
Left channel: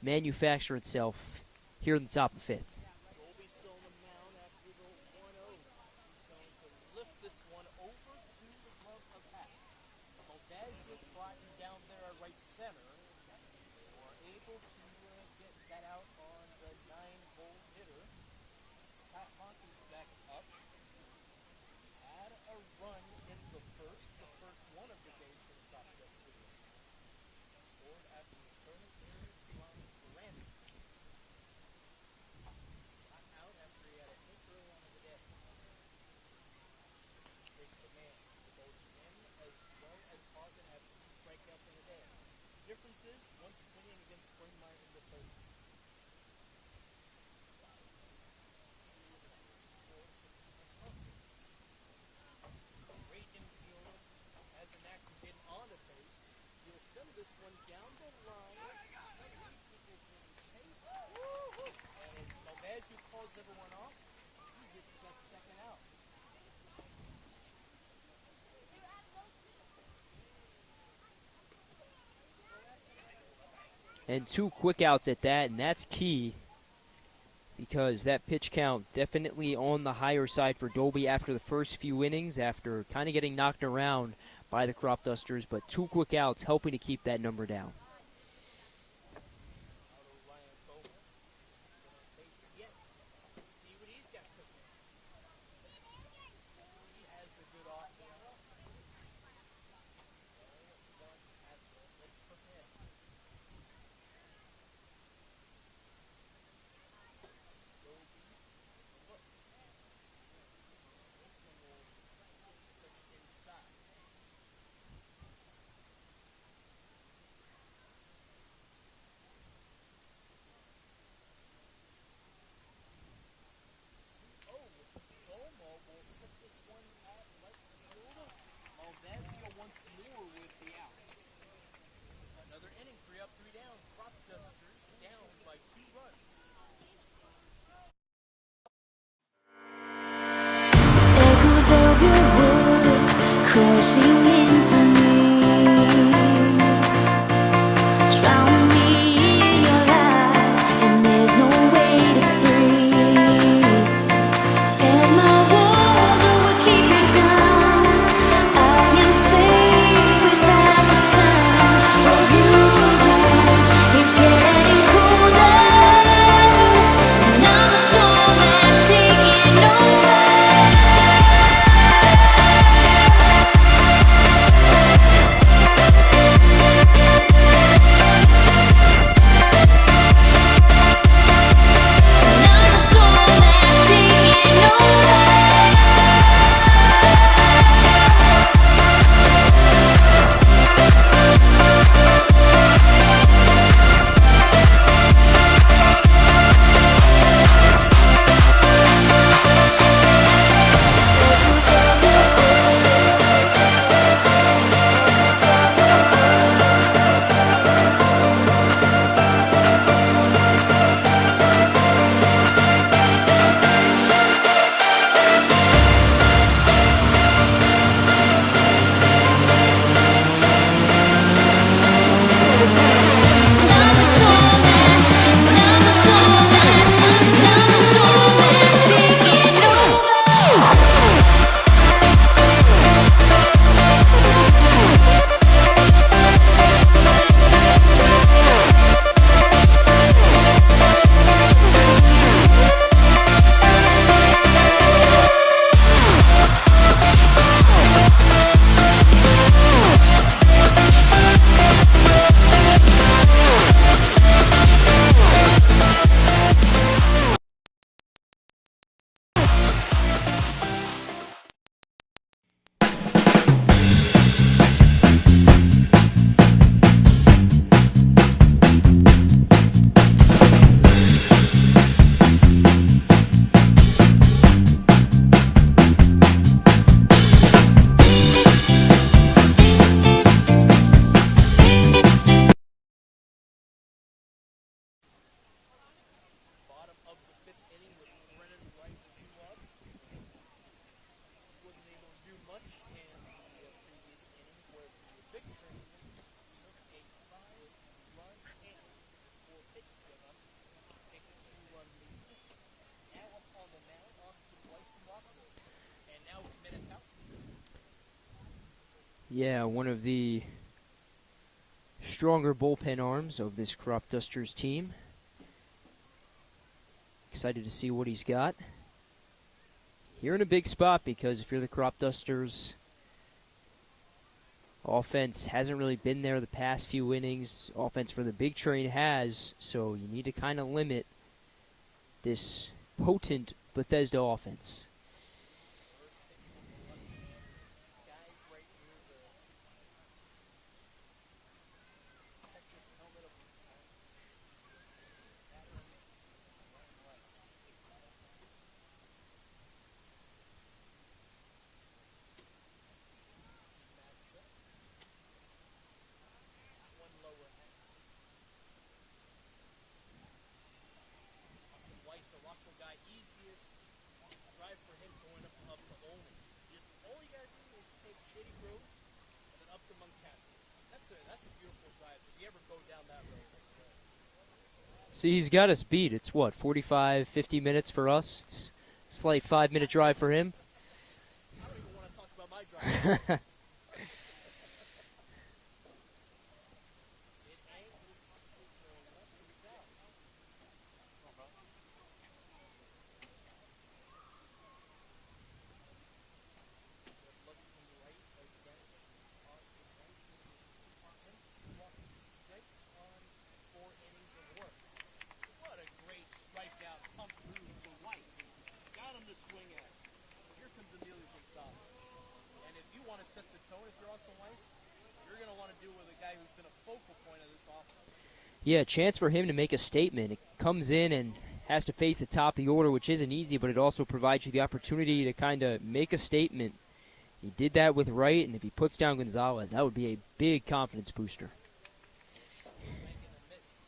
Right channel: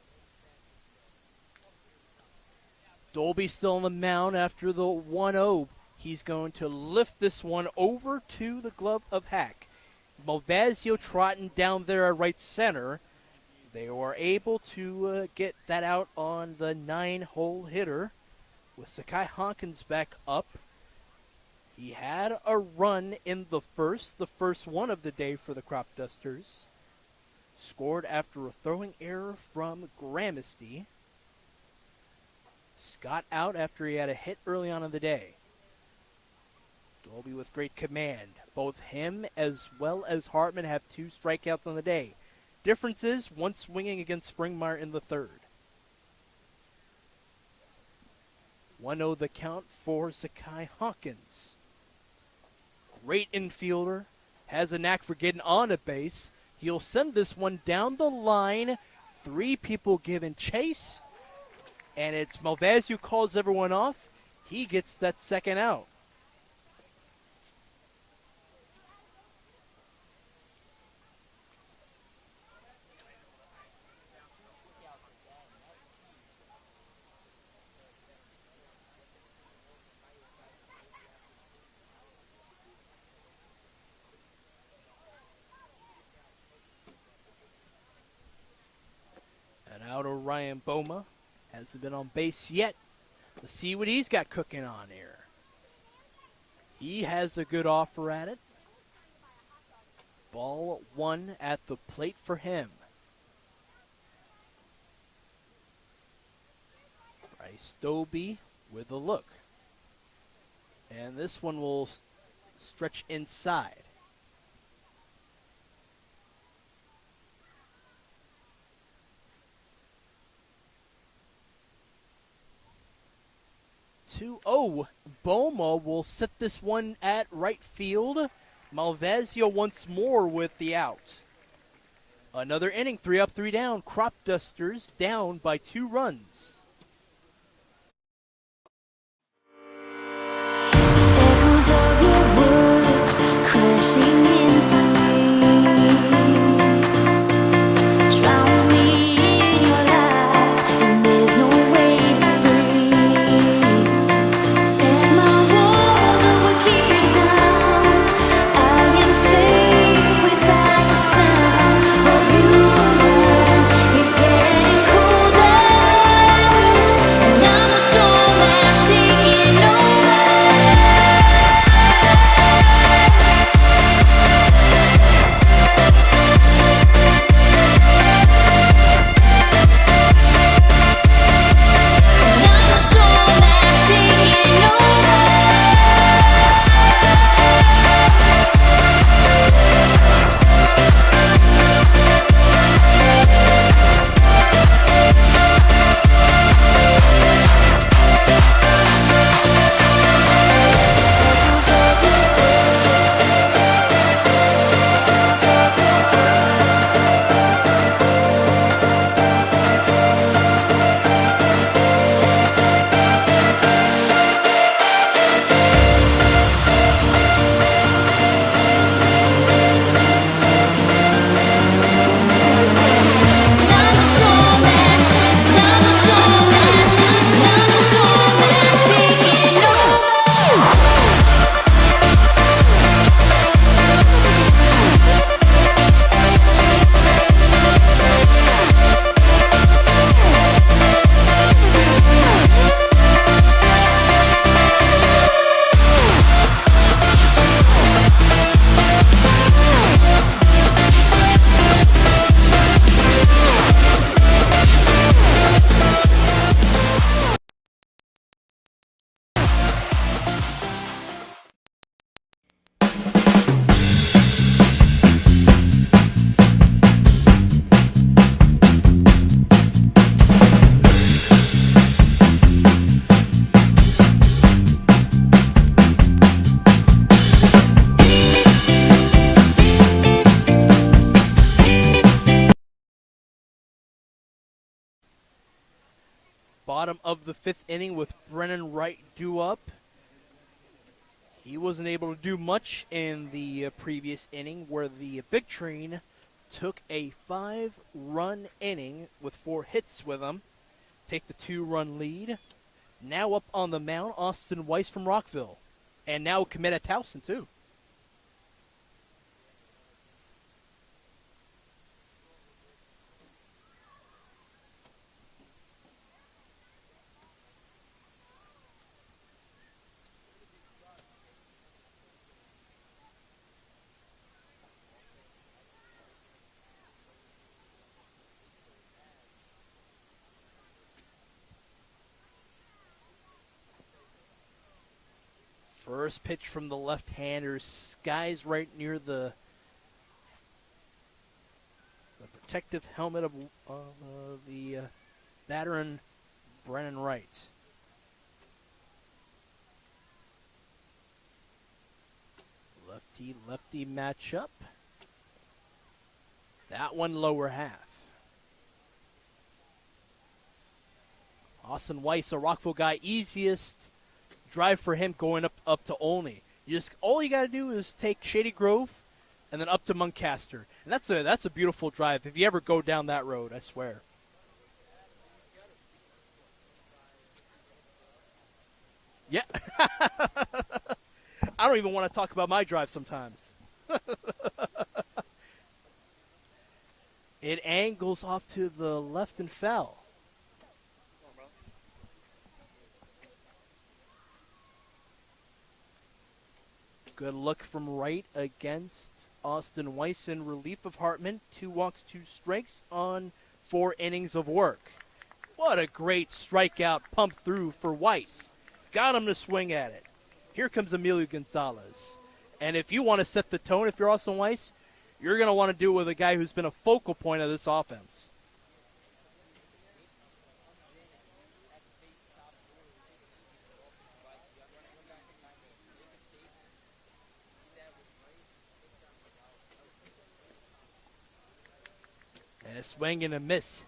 manufacture itself here in the top of the fifth. Dolby still on the mound after the 1-0. He's going to lift this one over to the glove of Hack. Malvasio trotting down there at right center. They were able to get that out on the 9-hole hitter with Sakai Hawkins back up. He had a run in the first one of the day for the Cropdusters. Scored after a throwing error from Gramesty. Scott out after he had a hit early on in the day. Dolby with great command. Both him as well as Hartman have 2 strikeouts on the day. Difference is one swinging against Springmeyer in the third. 1-0 the count for Sakai Hawkins. Great infielder. Has a knack for getting on a base. He'll send this one down the line. 3 people giving chase. And it's Malvasio who calls everyone off. He gets that second out. And 2 quick outs at that, and that's key because that pitch count definitely on the higher side for Dolby after the first few innings, after kind of getting knocked around by the Cropdusters, but 2 quick outs helping to keep that number down. And out of Ryan Boma. Hasn't been on base yet. Let's see what he's got cooking on here. He has a good offer at it. Ball 1 at the plate for him. Bryce Dolby with a look. And this one will stretch inside. Boma will set this one at right field. Malvasio once more with the out. Another inning, 3 up, 3 down. Cropdusters down by 2 runs. Echoes of your words crashing into me. Drown me in your lies, and there's no way to breathe. And my walls will keep you down. I am safe without the sound of you around. It's getting colder, and I'm the storm that's taking over. Bottom of the 5th inning with Brennan Wright due up. He wasn't able to do much in the previous inning where the Big Train took a 5-run inning with 4 hits with him. Take the 2-run lead. Now up on the mound, Austin Weiss from Rockville. And now Kemeta Towson, too. Yeah, one of the stronger bullpen arms of this Cropdusters team. Excited to see what he's got. You're in a big spot because if you're the Cropdusters, offense hasn't really been there the past few innings. Offense for the Big Train has, so you need to kind of limit this potent Bethesda offense. First pitch from the left-hander, skies right near the protective helmet of the veteran Brennan Wright. Lefty matchup. That one lower half. Austin Weiss, a Rockville guy, easiest drive for him going up to Olney. All you got to do is take Shady Grove and then up to Muncaster. And that's a beautiful drive if you ever go down that road, I swear. See, he's got us beat. It's what, 45, 50 minutes for us? It's a slight 5-minute drive for him. I don't even want to talk about my drive sometimes. It angles off to the left and foul. Good look from Wright against Austin Weiss in relief of Hartman. 2 walks, 2 strikes on 4 innings of work. What a great strikeout pump through for Weiss. Got him to swing at it. Here comes Emilio Gonzalez. And if you want to set the tone, if you're Austin Weiss, you're going to want to do it with a guy who's been a focal point of this offense. Yeah, a chance for him to make a statement. It comes in and has to face the top of the order, which isn't easy, but it also provides you the opportunity to kind of make a statement. He did that with Wright, and if he puts down Gonzalez, that would be a big confidence booster. And a swing and a miss.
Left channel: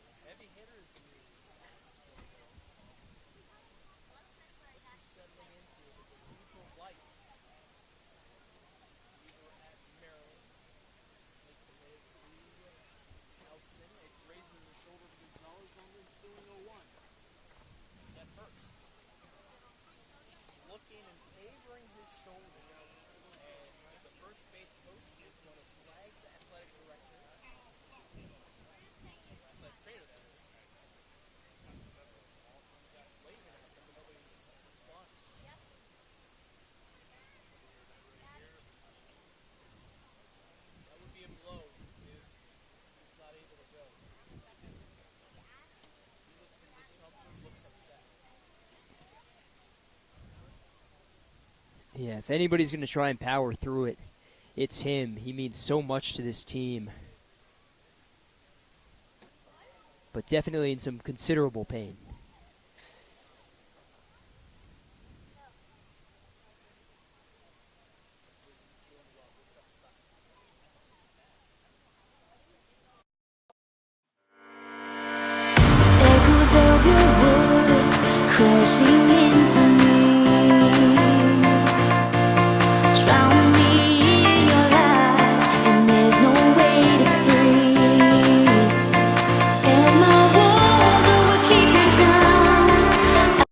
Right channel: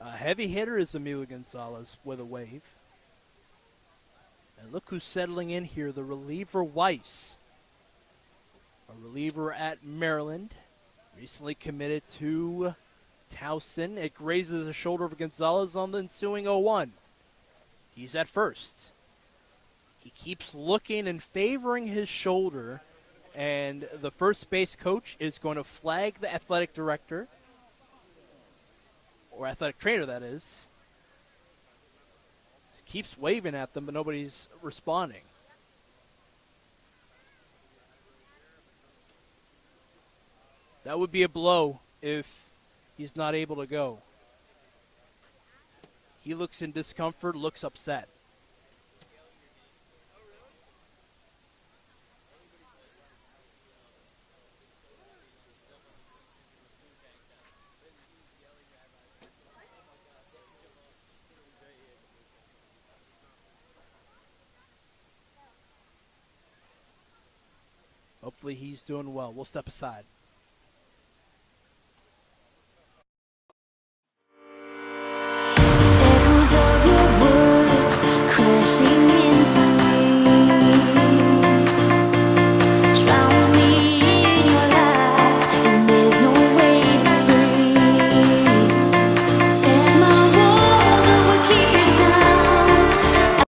A heavy hitter is Emilio Gonzalez with a wave. And look who's settling in here, the reliever Weiss. A reliever at Maryland. Recently committed to Towson. It grazes a shoulder of Gonzalez on the ensuing 0-1. He's at first. He keeps looking and favoring his shoulder, and the first base coach is going to flag the athletic director, or athletic trainer, that is. Keeps waving at them, but nobody's responding. That would be a blow if he's not able to go. He looks in discomfort, looks upset. Yeah, if anybody's going to try and power through it, it's him. He means so much to this team. But definitely in some considerable pain. Hopefully he's doing well. We'll step aside. Echoes of your words crashing into me. Drown me in your lies, and there's no way to breathe. And my walls will keep you down.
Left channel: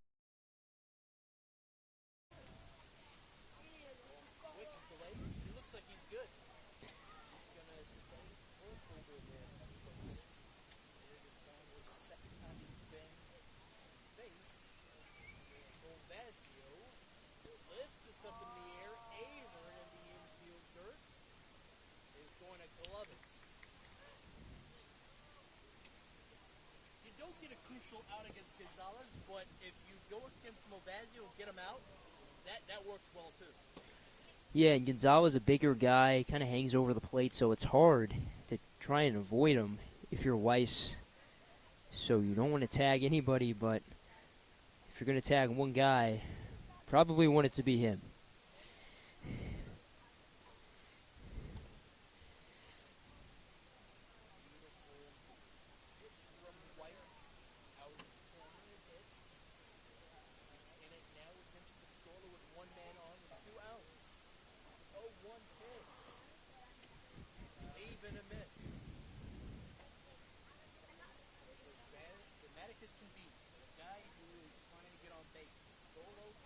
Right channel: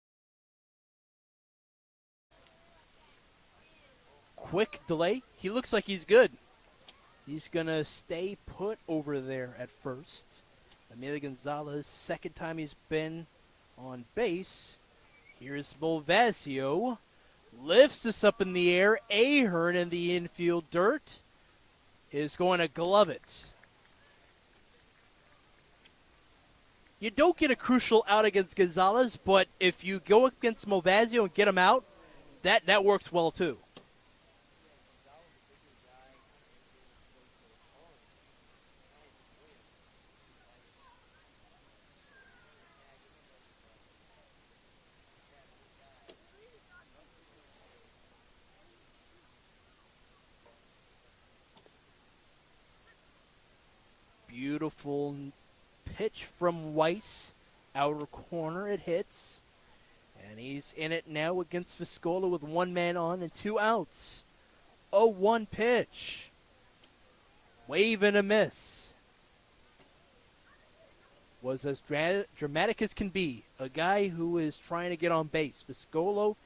Quick delay. He looks like he's good. He's going to stay put over there at first. Emilio Gonzalez, second time he's been on base. Here's Bolvasio. Lifts this up in the air. Ahern in the infield dirt is going to glove it. You don't get a crucial out against Gonzalez, but if you go against Movazio and get him out, that works well too. Yeah, and Gonzalez, a bigger guy, kind of hangs over the plate, so it's hard to try and avoid him if you're Weiss. So you don't want to tag anybody, but if you're going to tag one guy, probably want it to be him. Beautiful pitch from Weiss. outer corner. It hits. And he's in it now against Viscola with 1 man on and 2 outs. 0-1 pitch. Wave and a miss. Was as dramatic as can be. A guy who is trying to get on base. Viscolo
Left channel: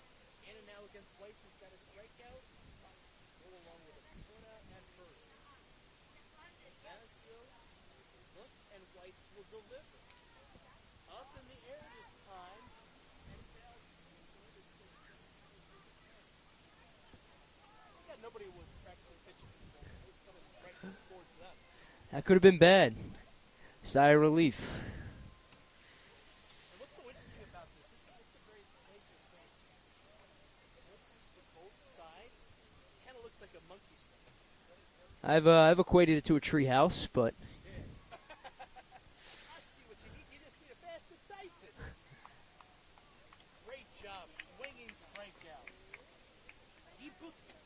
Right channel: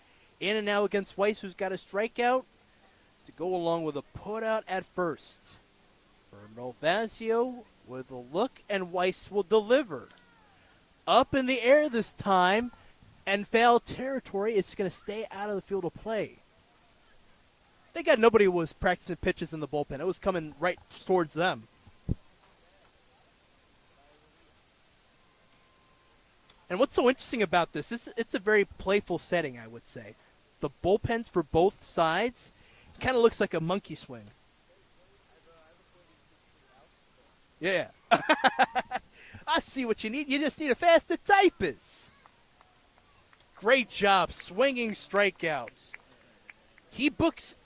in and out against Weiss, who's got a strikeout to go along with a putout at first. Malvasio with a look, and Weiss will deliver. Up in the air this time, and foul territory. It's going to stay out of the field of play. They got nobody who was practicing pitches in the bullpen. It was coming right towards them. That could have been bad. Sigh of relief. And what's so interesting about this, it's a very playful setting, I would say. The bullpens for both sides kind of looks like a monkey swing. I've equated it to a tree house, but... Yeah. I see what you need. You just need a faster typist. Great job, swinging strikeouts. He bookends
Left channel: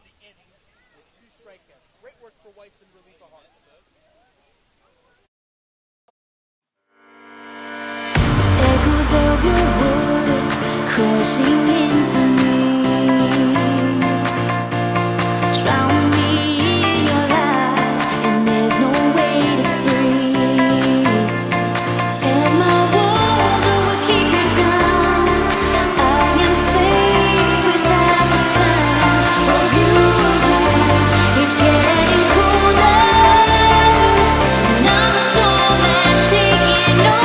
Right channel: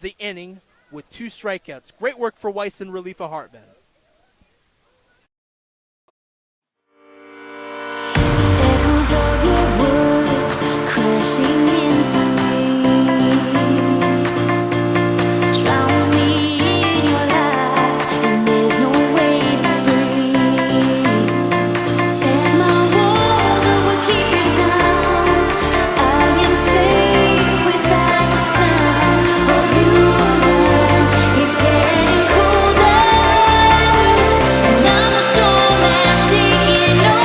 the inning with 2 strikeouts. Great work for Weiss in relief of Hartman. Echoes of your words crashing into me. Drown me in your lies, and there's no way to breathe. And my walls will keep you down. I am safe without the sound of you around. It's getting colder, and I'm the storm that's taking over.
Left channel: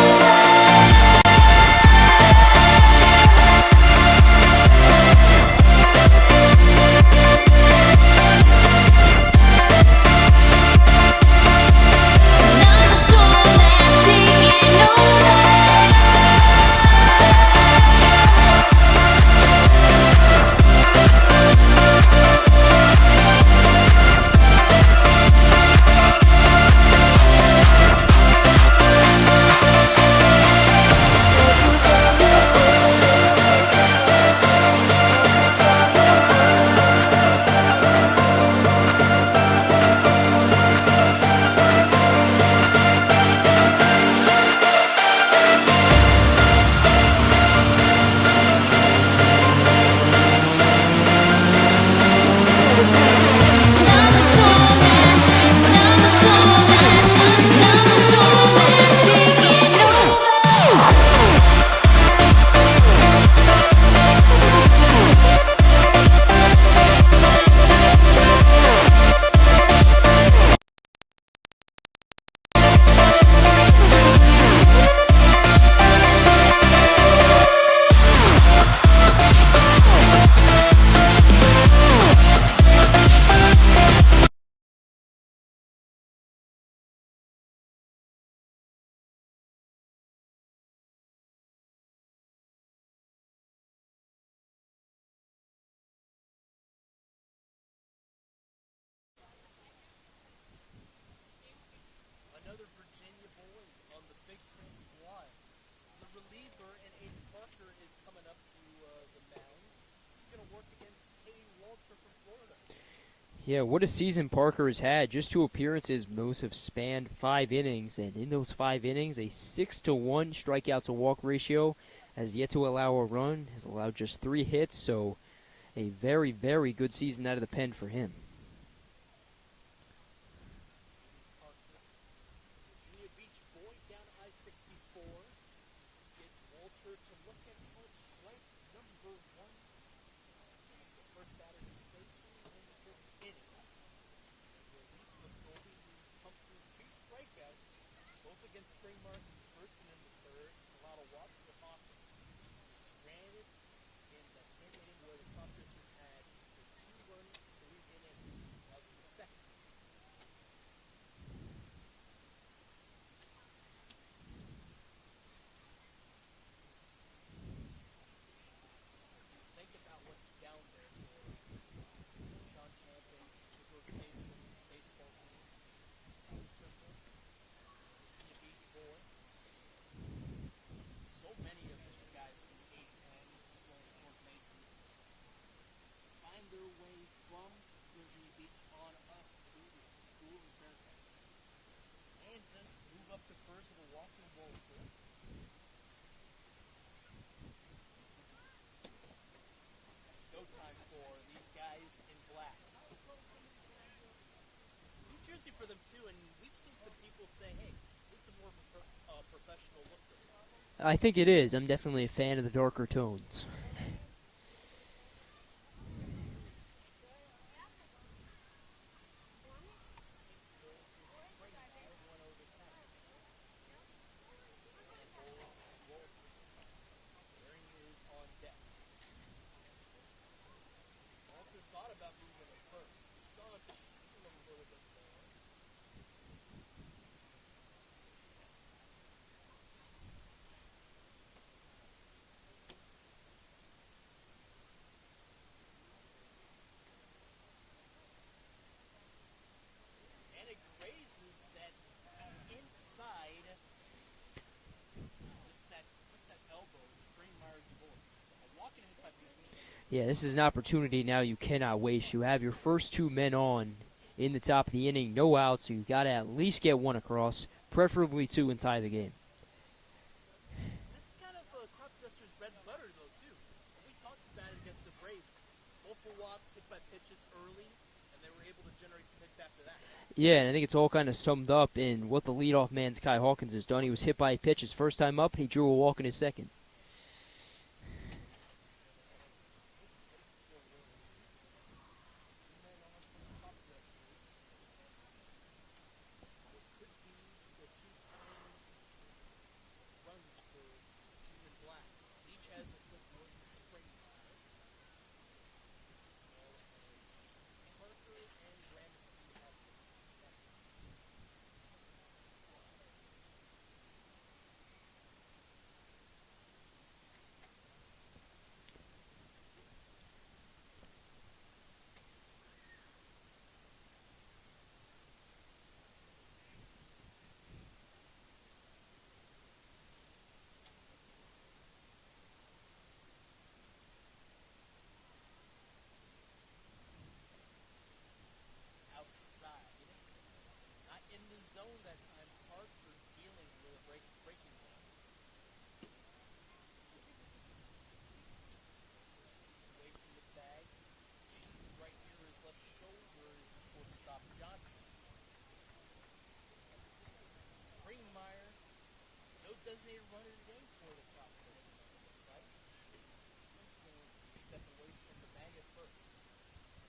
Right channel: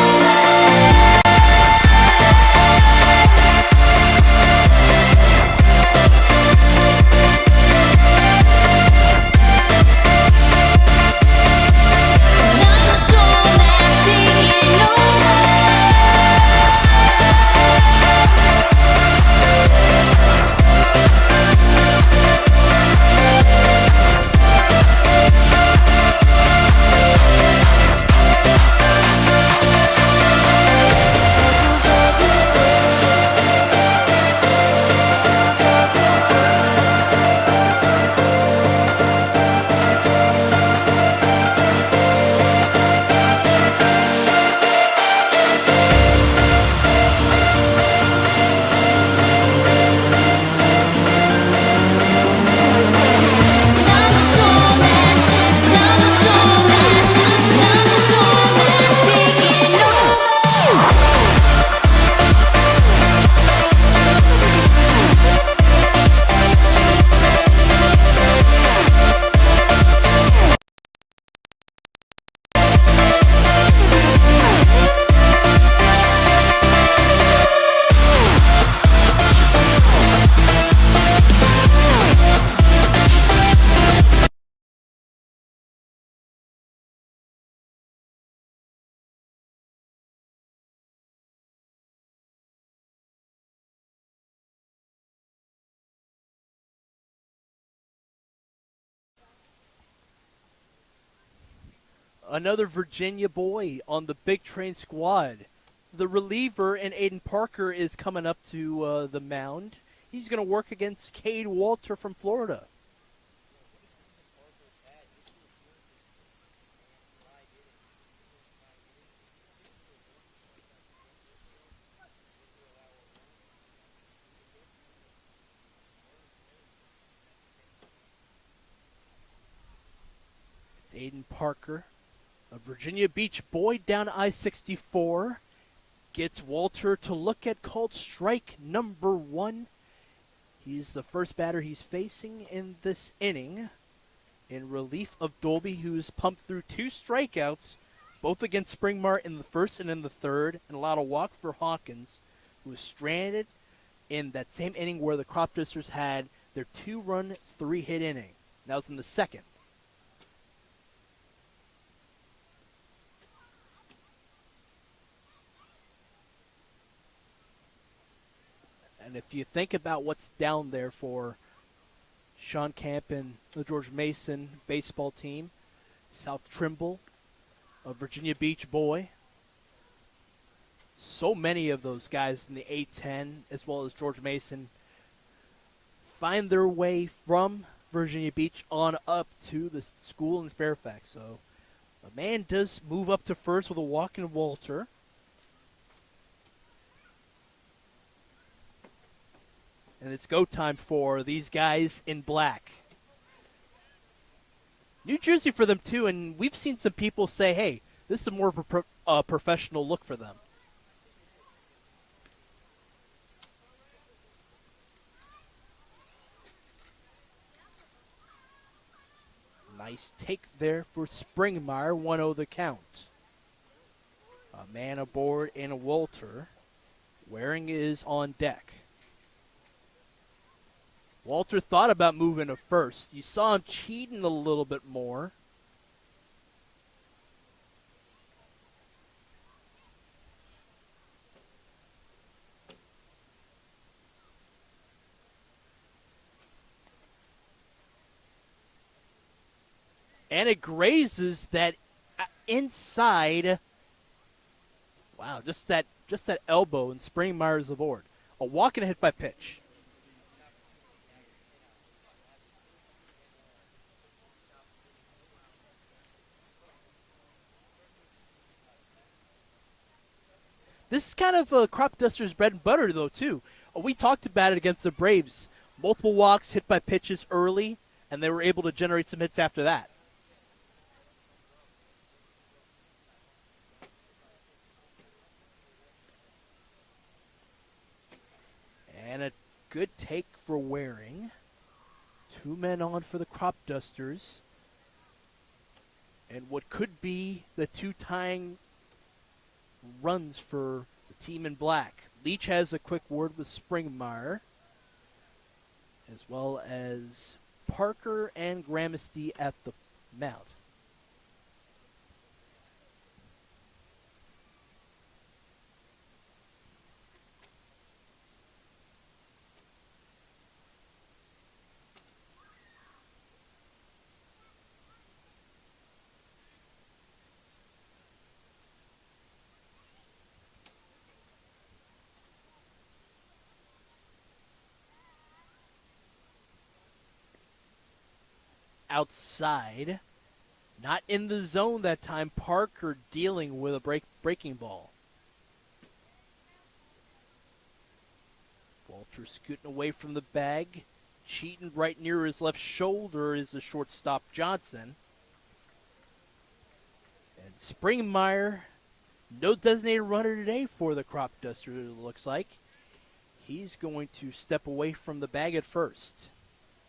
Another Virginia boy on the big train squad. The reliever in Aiden Parker is coming up to the mound. He's going to work against Cade Walter from Florida. Yeah, what a season Parker has had. Just 2 appearances. Those have spanned 5 innings. And in those 5 innings, a 6-to-1 strikeout to walk ratio. Has yet to allow a run. Has allowed just 3 hits. So a very, very good season out of the pen for him. It's Aiden Parker, a Virginia Beach boy down I-64. Gets Walter to look at called strike number 1. He's the first batter he's facing in this inning in relief of Dolby, who's pumped through 2 strikeouts, both against Springmart in the first and in the third, and allowed a walk for Hawkins, who was stranded in that same inning where the Cropdusters had their 2-run, 3-hit inning. That was in the second. And if you think about what's down there for Sean Camp and the George Mason baseball team, South Trimble, a Virginia Beach boy, so many of those guys in the A-10 as well as George Mason find their way from Virginia Beach on up to the school in Fairfax. So The man does move up to first with a walk in Walter. And it's go time for these guys in black. New jersey for them too, and we've seen some people say, hey, this is more of a professional look for them. I think it is. I'm definitely a fan of the darker tones. Nice take there for Springmeyer, 1-0 the count. A man aboard and Walter. Waring is on deck. Walter thought about moving to first. You saw him cheating a little bit more. And it grazes that inside. Wow, just that elbow, and Springmeyer's aboard. A walk and a hit by pitch. Yeah, this is an opportunity now you cannot waste. You have your first 2 men on in the top of the inning, no outs, so you got to at least get 1 across, preferably 2, and tie the game. This is kind of Cropdusters' bread and butter, though, too. We talked about it against the Braves. Multiple walks, hit by pitches early, and they were able to generate some hits after that. Yeah, and I think it's all kind of summed up in what the leadoff man, Kai Hawkins, has done. He was hit by a pitch his first time up, and he drew a walk in his second. And a good take for Waring. 2 men on for the Cropdusters. And what could be the 2 tying runs for the team in black. Leach has a quick word with Springmeyer, as well as Parker and Gramercy at the mound. Outside, not in the zone that time. Parker dealing with a breaking ball. Walter scooting away from the bag. Cheating right near his left shoulder is the shortstop Johnson. And Springmeyer, no designated runner today for the Cropdusters, it looks like. He's going to step away from the bag at first.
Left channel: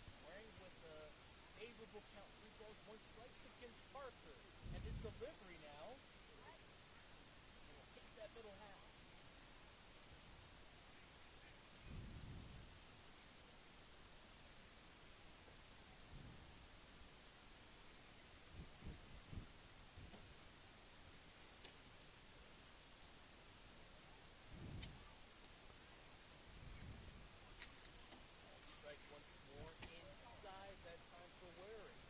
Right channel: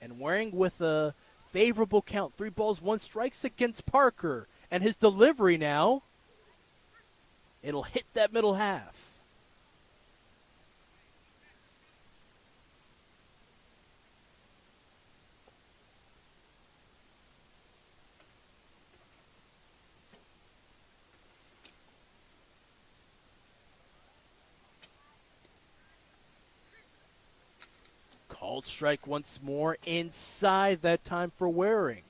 And Waring with a favorable count, 3 balls, 1 strikes against Parker. And his delivery now, it'll hit that middle half. Called strike once more, inside that time for Waring.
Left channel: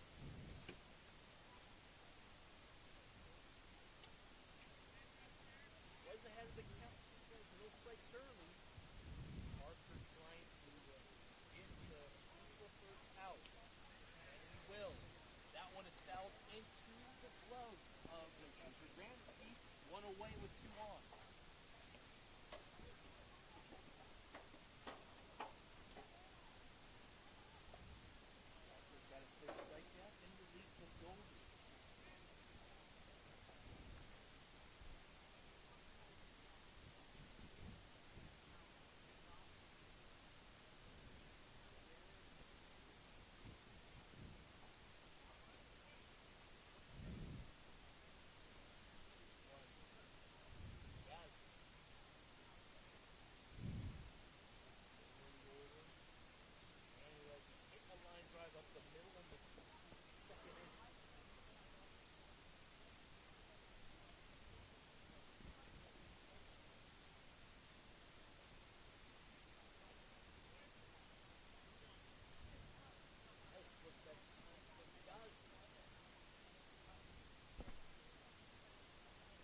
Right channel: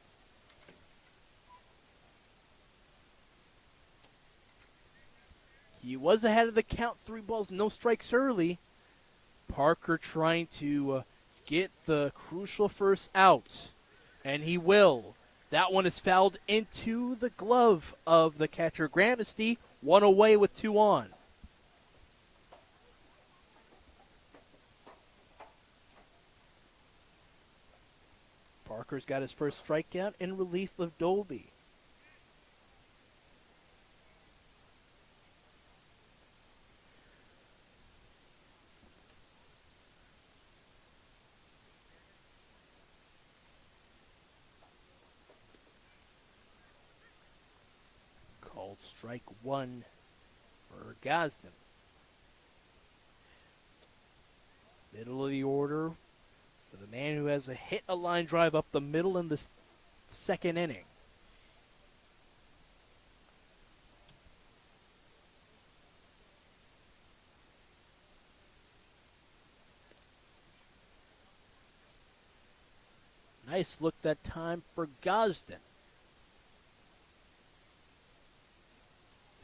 He was ahead of the count, 3 balls, no strikes early. Parker trying to get the crucial first out, and he will. That one is fouled into the glove of the catcher Gramercy, 1 away with 2 on. Parker's got his first strikeout in relief of Dolby. Called strike 1 for Gosden. Middle of the order. The man who has hit a line drive up the middle in the second inning. Nice look that time for Gosden.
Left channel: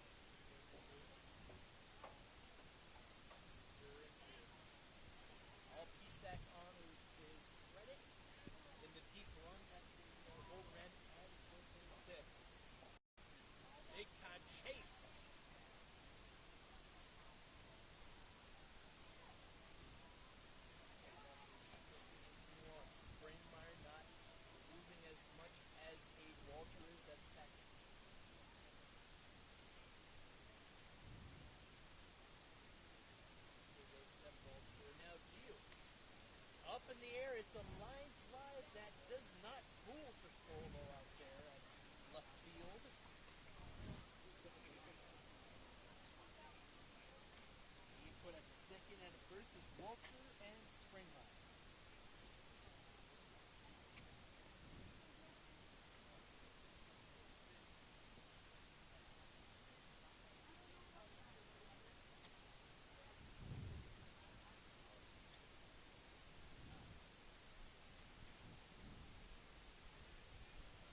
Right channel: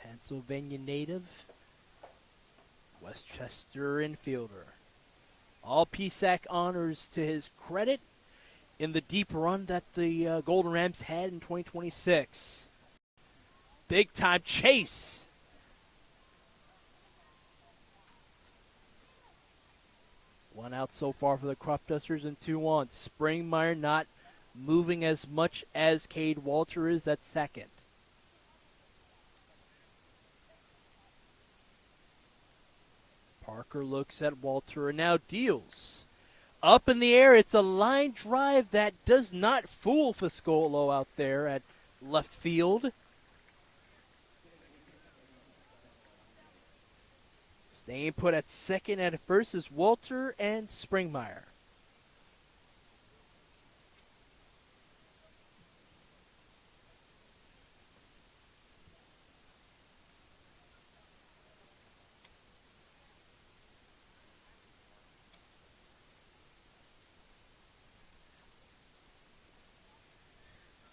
Pennsylvania native, Westchester infielder. All PSAC honors to his credit in the deep run that the Golden Rams had in 2026. Big time chase. One out so far for the Cropdusters and 2 on. Springmeyer not moving as much as Cade Walter is at second. Parker looks at Walter and now deals. Up in the air, it's a line drive that does not fool Fiscolo out there at left field. Staying put at second and first is Walter and Springmeyer.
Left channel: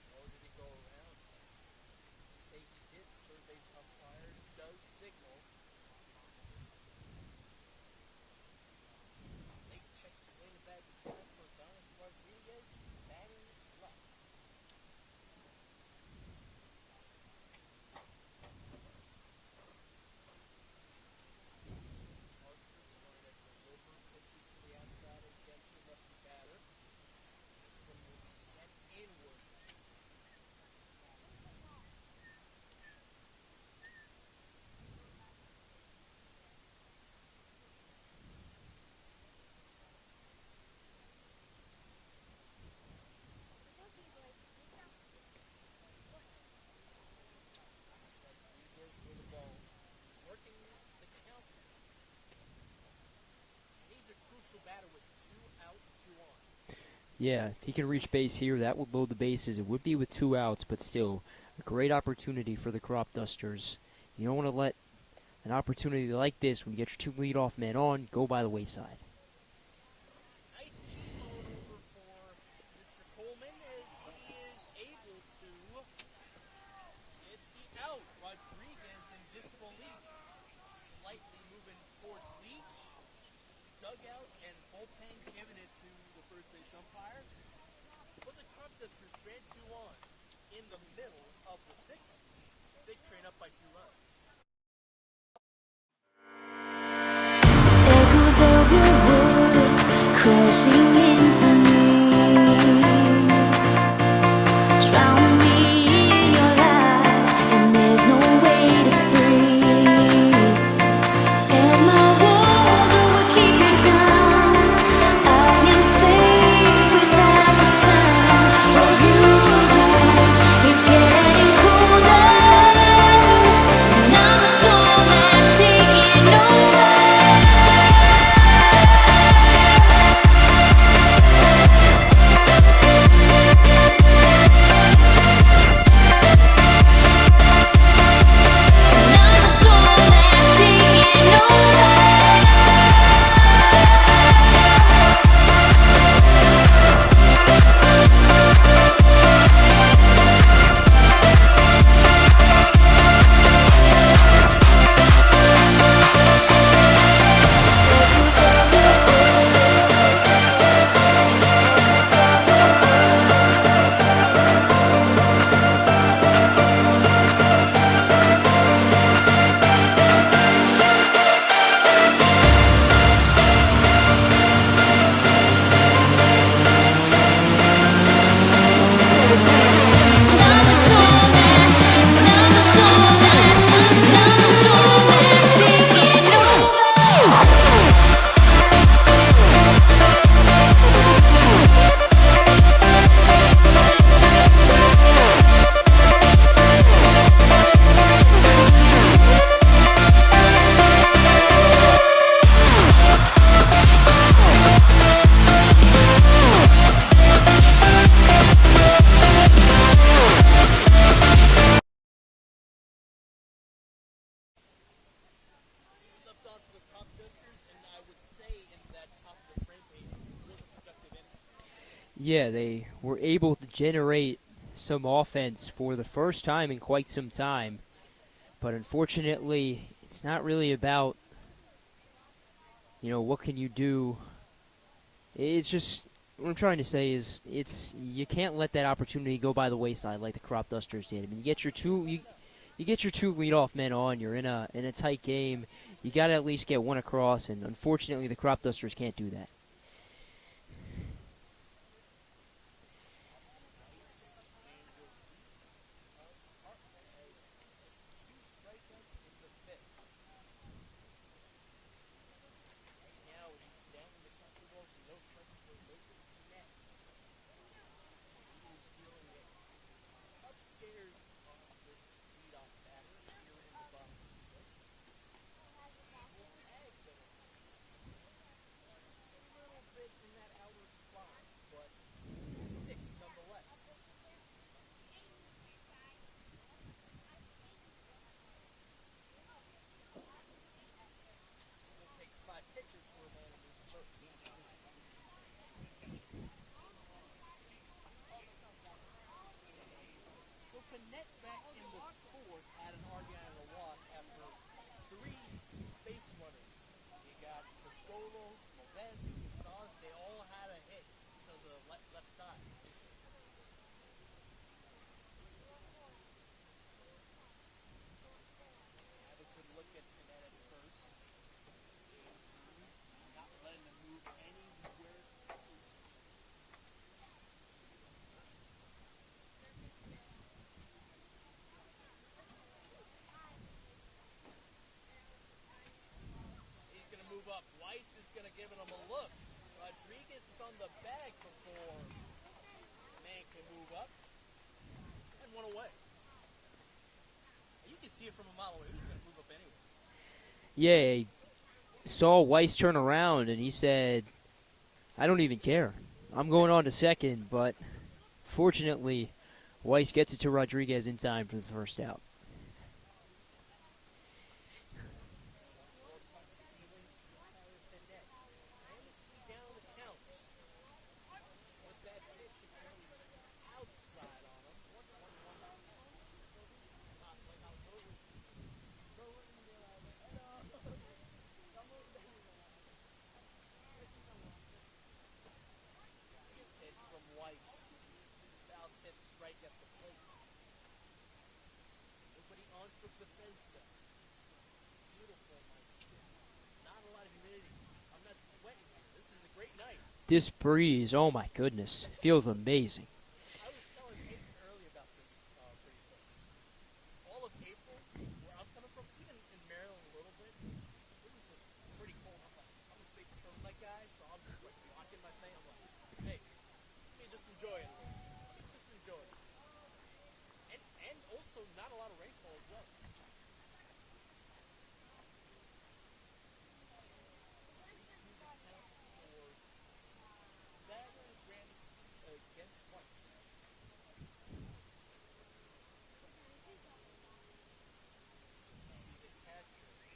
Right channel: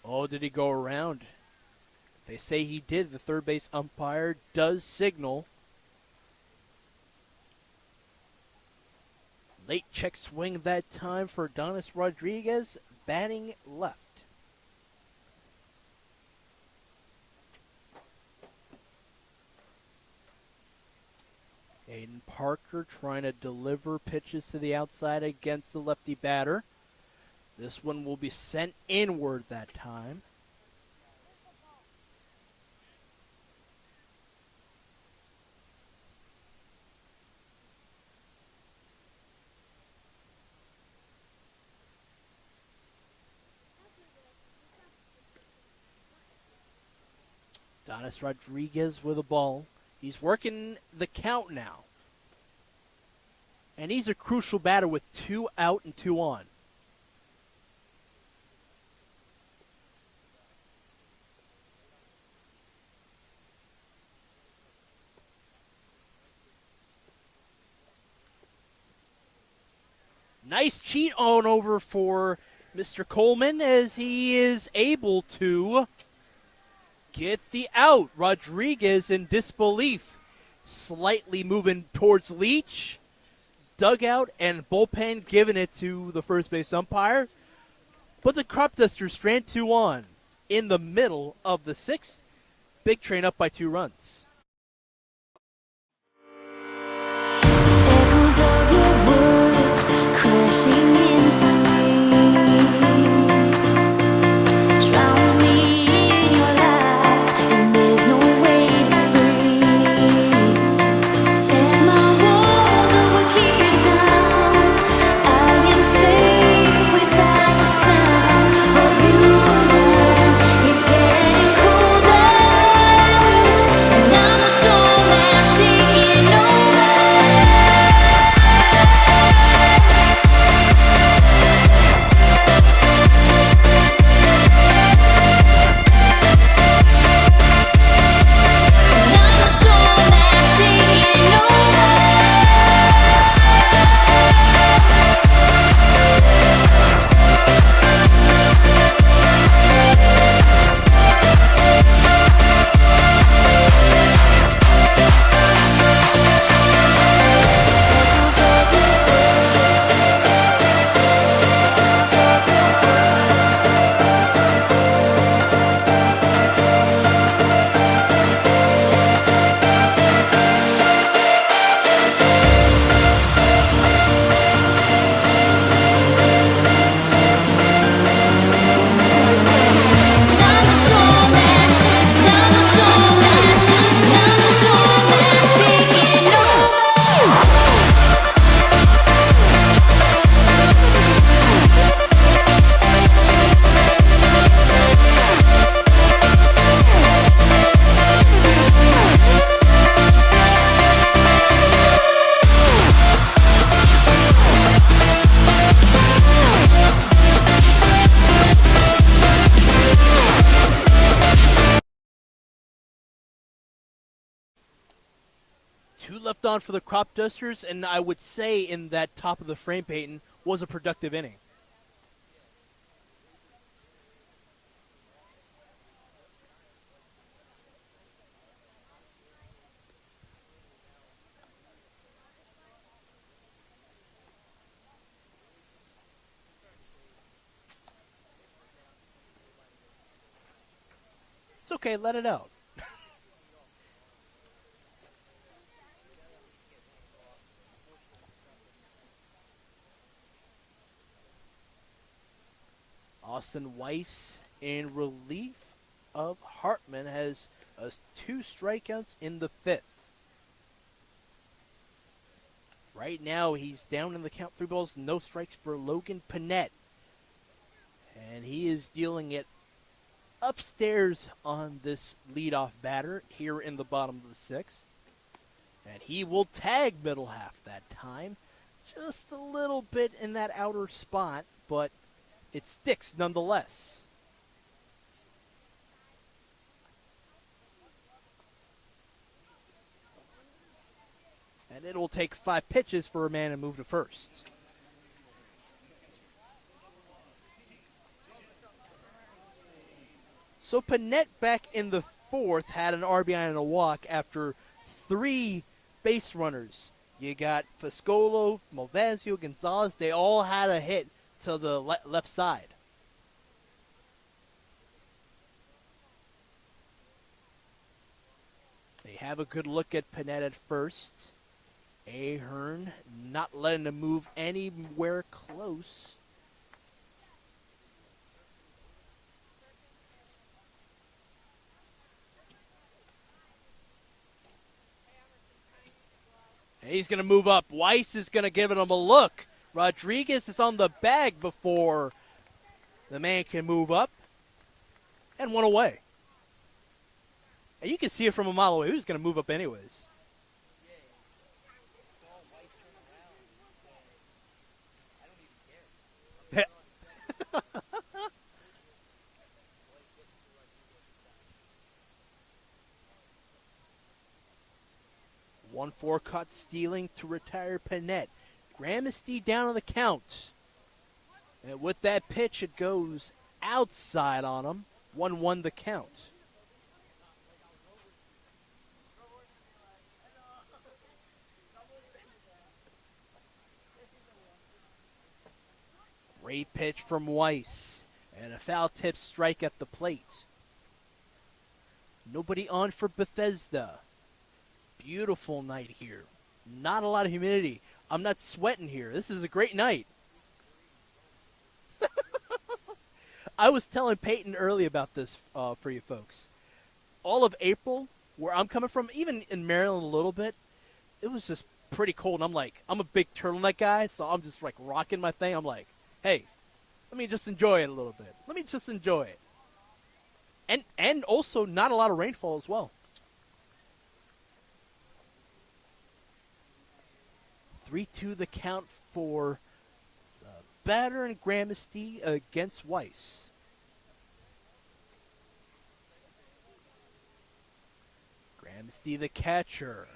Oh, did he go around? They say he did. The third base umpire does signal. Late check swing that time for Adonis Rodriguez, batting left. Aiden Parker trying to deliver pitches to the outside against the lefty batter. This one will be sent inward that time. Adonis Rodriguez with a ball. He's working the count now. And he's a crucial batter with 2 out and 2 on. Yeah, if he can reach base here, that would load the bases. It would be with 2 outs, but still a great opportunity for the Cropdusters. You don't want to let an opportunity like this, when you get your 2 leadoff men on, go by the wayside. Nice cheat on over for Mr. Coleman as he is able to get the out. Rodriguez in disbelief, slightly moving towards Leach. Dugout and bullpen giving it to the first base umpire. But the Cropdusters strand 2 on in the middle of the 6th. Big Train up by 2 runs. Echoes of your words crashing into me. Drown me in your lies, and there's no way to breathe. And my walls will keep you down. I am safe without the sound of you around. It's getting colder, and I'm a storm that's taking over. Left on for the Cropdusters, and I would say in that top of the frame, Peyton, was a productive inning. Yeah, they were able to generate some offense for the first time in quite some time. But unfortunately, it's not really about, what can you do. It's just, what I'm trying to say is, you can't let that opportunity go by the wayside like the Cropdusters did. I mean, It's okay, let it out. You get your 2 leadoff men on. You're in a tight game. You got to at least get one across, and unfortunately, the Cropdusters can't do that. Austin Weiss, in relief of Hartman, has 2 strikeouts in the 5th. Right now, he's down in the count, 3 balls, no strikes for Logan Panett. And he is dealing it upstairs on this leadoff batter here in the bottom of the 6th. And he will tag middle half that time. Just a little bit in that outer spot, but it sticks nonetheless. And it will take 5 pitches for a man to move to first. So Panett back in the 4th had an RBI and a walk after 3 base runners. You got Fiscolo, Malvasio, Gonzalez. They all had a hit to the left side. They have a good look at Panett at first. Ahern not letting him move anywhere close. He's going to move up. Weiss is going to give him a look. Rodriguez is on the bag before the man can move up. And 1 away. And you can see it from a mile away. He was going to move up anyways. Yeah, he saw Weiss turn around, and he said, I don't even care. I'm going on to second, but fortunately, Weiss gets it to Rodriguez in time for the first out. 1-4 caught stealing to retire Panett. Gramsci down on the count. And with that pitch, it goes outside on him. 1-1 the count. Great pitch from Weiss. And a foul tip strike at the plate. Nobody on for Bethesda. Beautiful night here. Not a lot of humidity. I'm not sweating here. This is a great night. This breeze, oh my goodness, feels amazing. I was telling Peyton early about this for you folks. All of April, where I'm coming from, even in Maryland a little bit, it was just pretty cold. And I'm a big turtleneck guy, so I'm just like rocking my thing. I'm like, hey, let me just enjoy it a little bit. Let me just enjoy it. And also not a lot of rainfall as well. 3-2 the count for batter and Gramsci against Weiss. Gramsci the catcher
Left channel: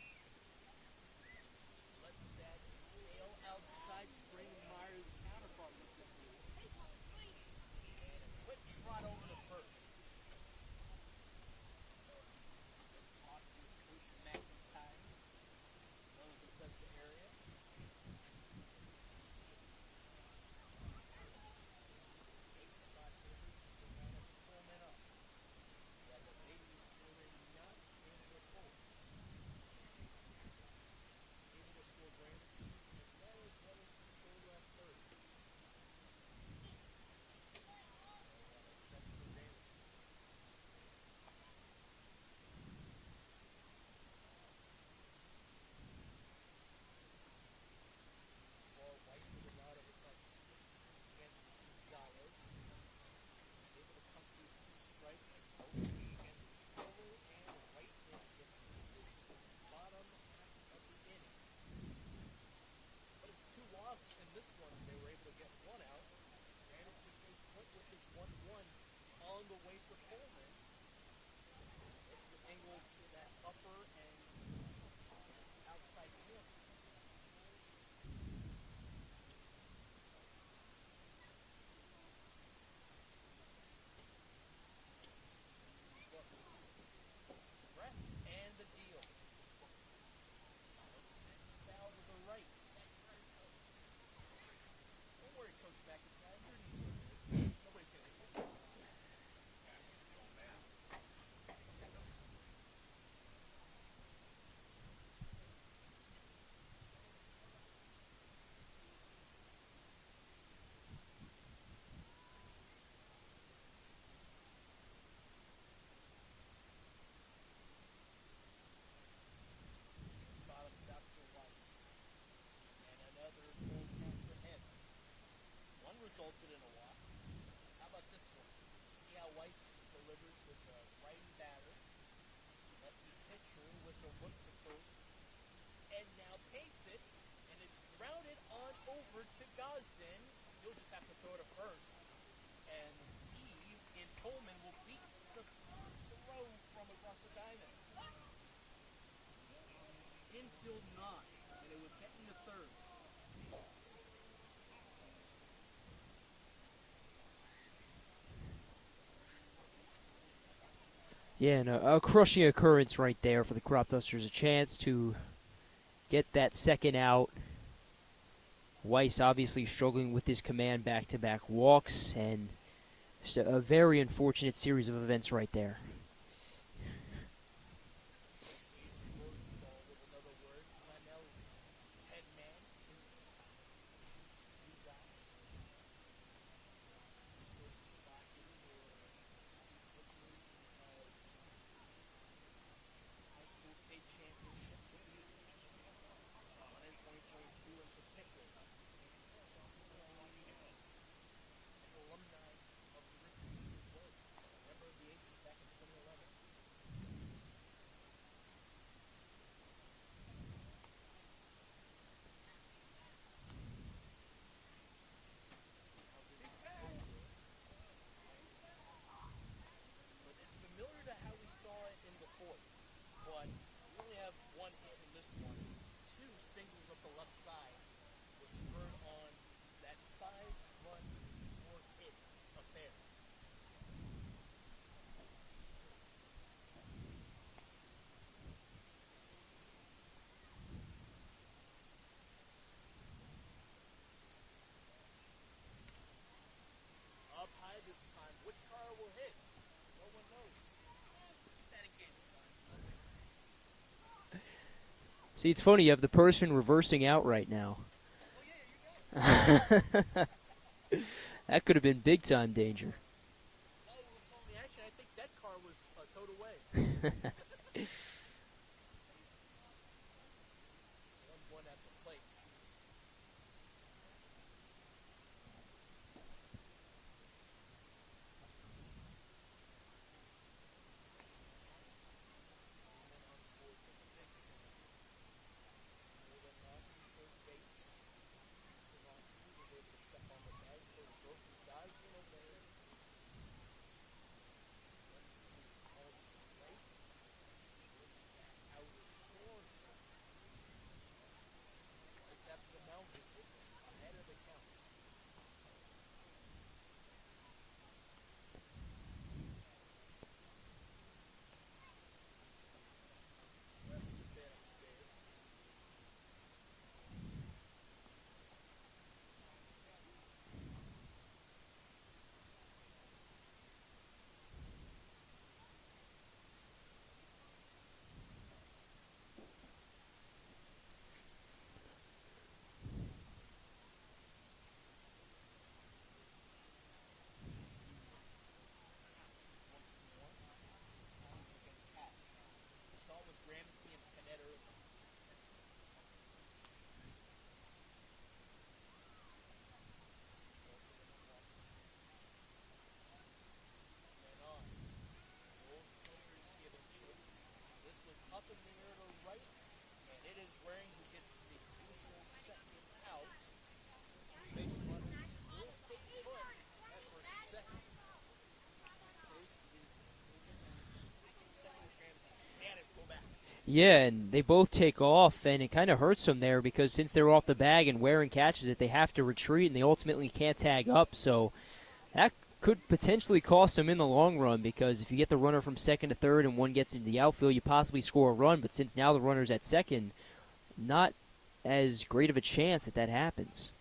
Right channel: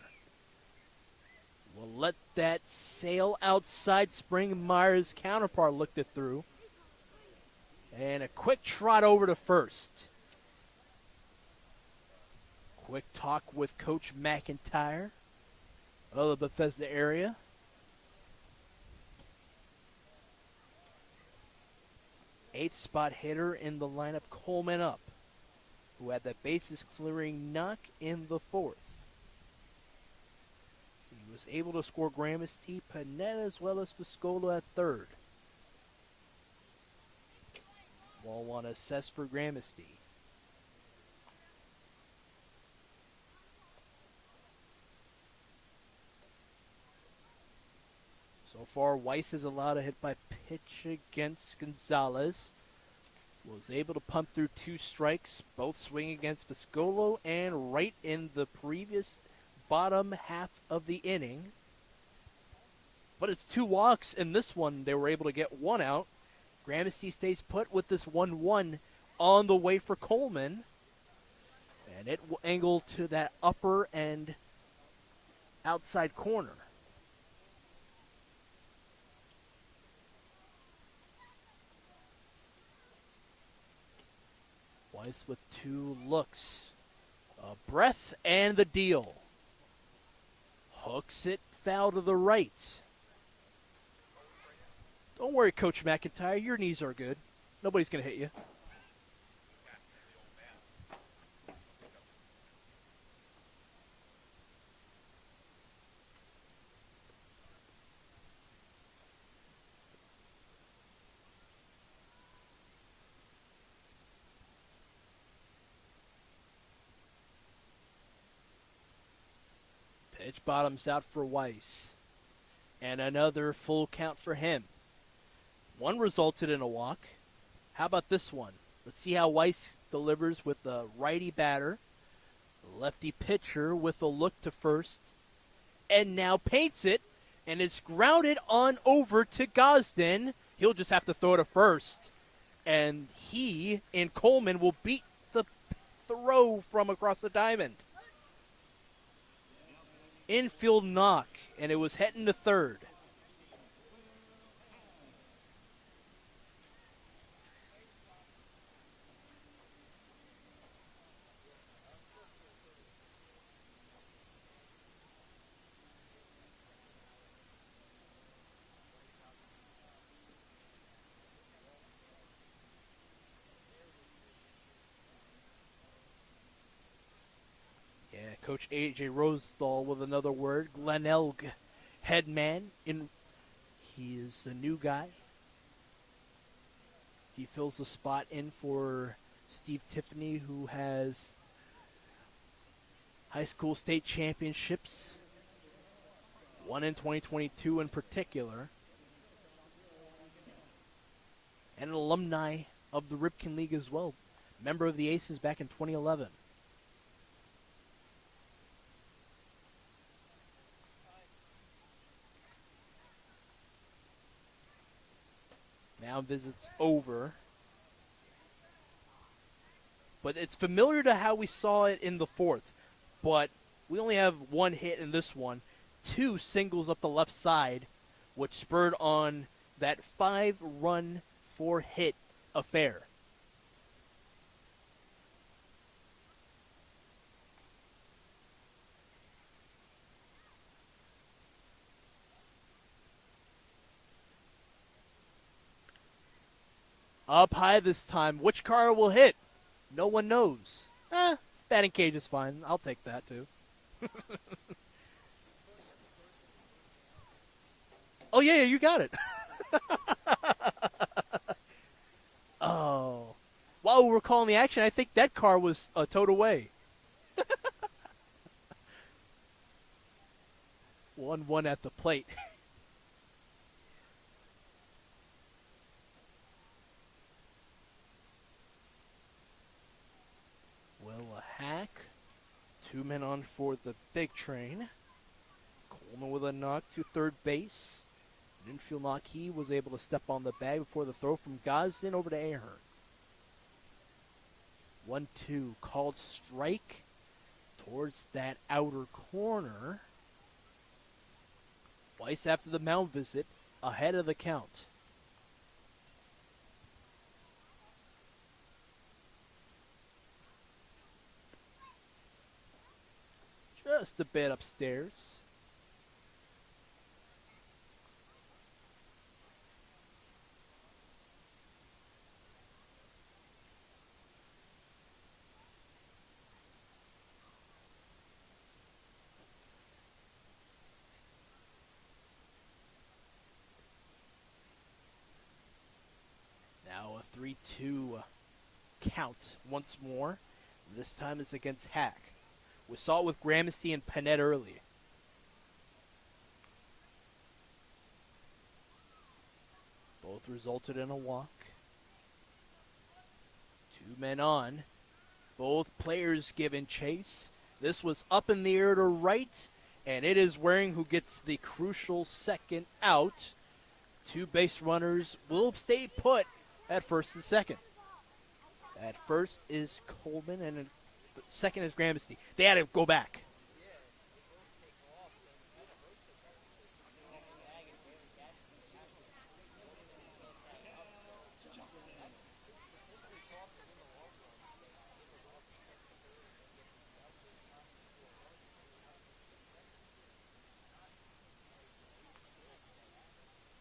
will let that sail outside. Spring Myers' counterpart looked it through. And a quick trot over to first. Quick talk with Coach McIntyre of the Bethesda area. Eighth spot hitter in the lineup, Coleman up, who had that bases clearing knock in the 4th. He was able to score Gramsci, Panett, as well as Fiscolo at 3rd. Ball one assessed for Gramsci. So far, Weiss is allowed a hit by pitch against Gonzalez. Was able to pump through 2 strikes, both swing against Fiscolo and right in the previous bottom half of the inning. But it's 2 walks in this one. They were able to get 1 out. Gramsci stays put with this 1-1 on the way for Coleman. And it will angle to that upper and outside corner. Weiss with 2 looks. A breath and the deal. Hooks it foul to the right. Don't worry, Coach McIntyre. Your knees are good. Nobody's going to hit you. Pitch bottoms out for Weiss. And another full count for him. One resulted in a walk. How about this one? Let's see how Weiss delivers with the righty batter. The lefty pitcher with a look to first. And now paints it. And it's grounded on over to Gosden. He'll just have to throw to first. And he and Coleman will beat the throw from across the diamond. Infield knock, and it was heading to third. Yeah, and a crushing occurrence right there for the Cropdusters. A chance to get that second out. Weiss obviously struggling with his command back-to-back walks, and just a very unfortunate series of events right there. Yeah, Coach A.J. Rosenthal with another word. Glenn Elg, head man. He is the new guy. He fills the spot in for Steve Tiffany, who has high school state championships. One in 2022 in particular. And an alumni of the Ripken League as well. Member of the Aces back in 2011. Now visits over. But it's familiar to how we saw it in the fourth. But we only have one hit in this one. 2 singles up the left side, which spurred on that 5-run 4-hit affair. Up high this time. Which car will hit? No one knows. Batting cage is fine. I'll take that too. See, it's funny, you have the person reversing out right now. Oh, yeah, you got it. That could have been big-time danger. Oh. While we were calling the action, I think that car was towed away. 1-1 at the plate. Will a hack. 2 men on for the big train. Coleman with a knock to third base. Infield knock, he was able to step on the bag before the throw from Gosden over to Ahern. 1-2, called strike towards that outer corner. Weiss after the mound visit, ahead of the count. Just a bit upstairs. Now a 3-2 count once more. This time is against Hack. We saw it with Gramercy and Panette earlier. Both resulted in a walk. 2 men on. Both players given chase. This was up in the air to right, and it is Waring who gets the crucial second out. 2 base runners will stay put at first and second. At first is Coleman, and second is Gramercy. They had to go back. Yeah, and they both take off, and it kind of hurts them there because since they're off the bag and Waring catches it, they have to retreat, and they ultimately can't tag up. So that could potentially cost them in the long run because if you get the runner from second to third and one gets into the outfield, you possibly score a run. But since now the runner's at second, not as great of a chance that happens.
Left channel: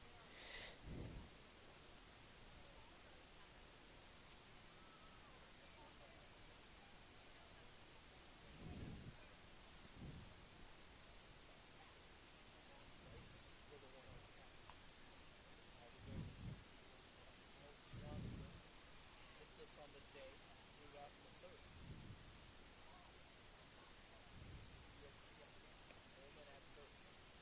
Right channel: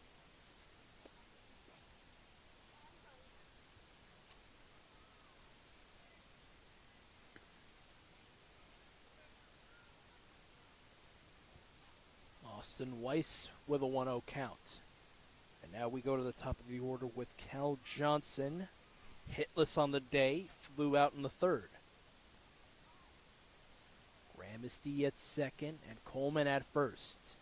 Austin Weiss with a 1-0 count. And now we go to the top of the order with Cal Johnson. Hitless on the day, flew out in the third. Gramsci at second and Coleman at first.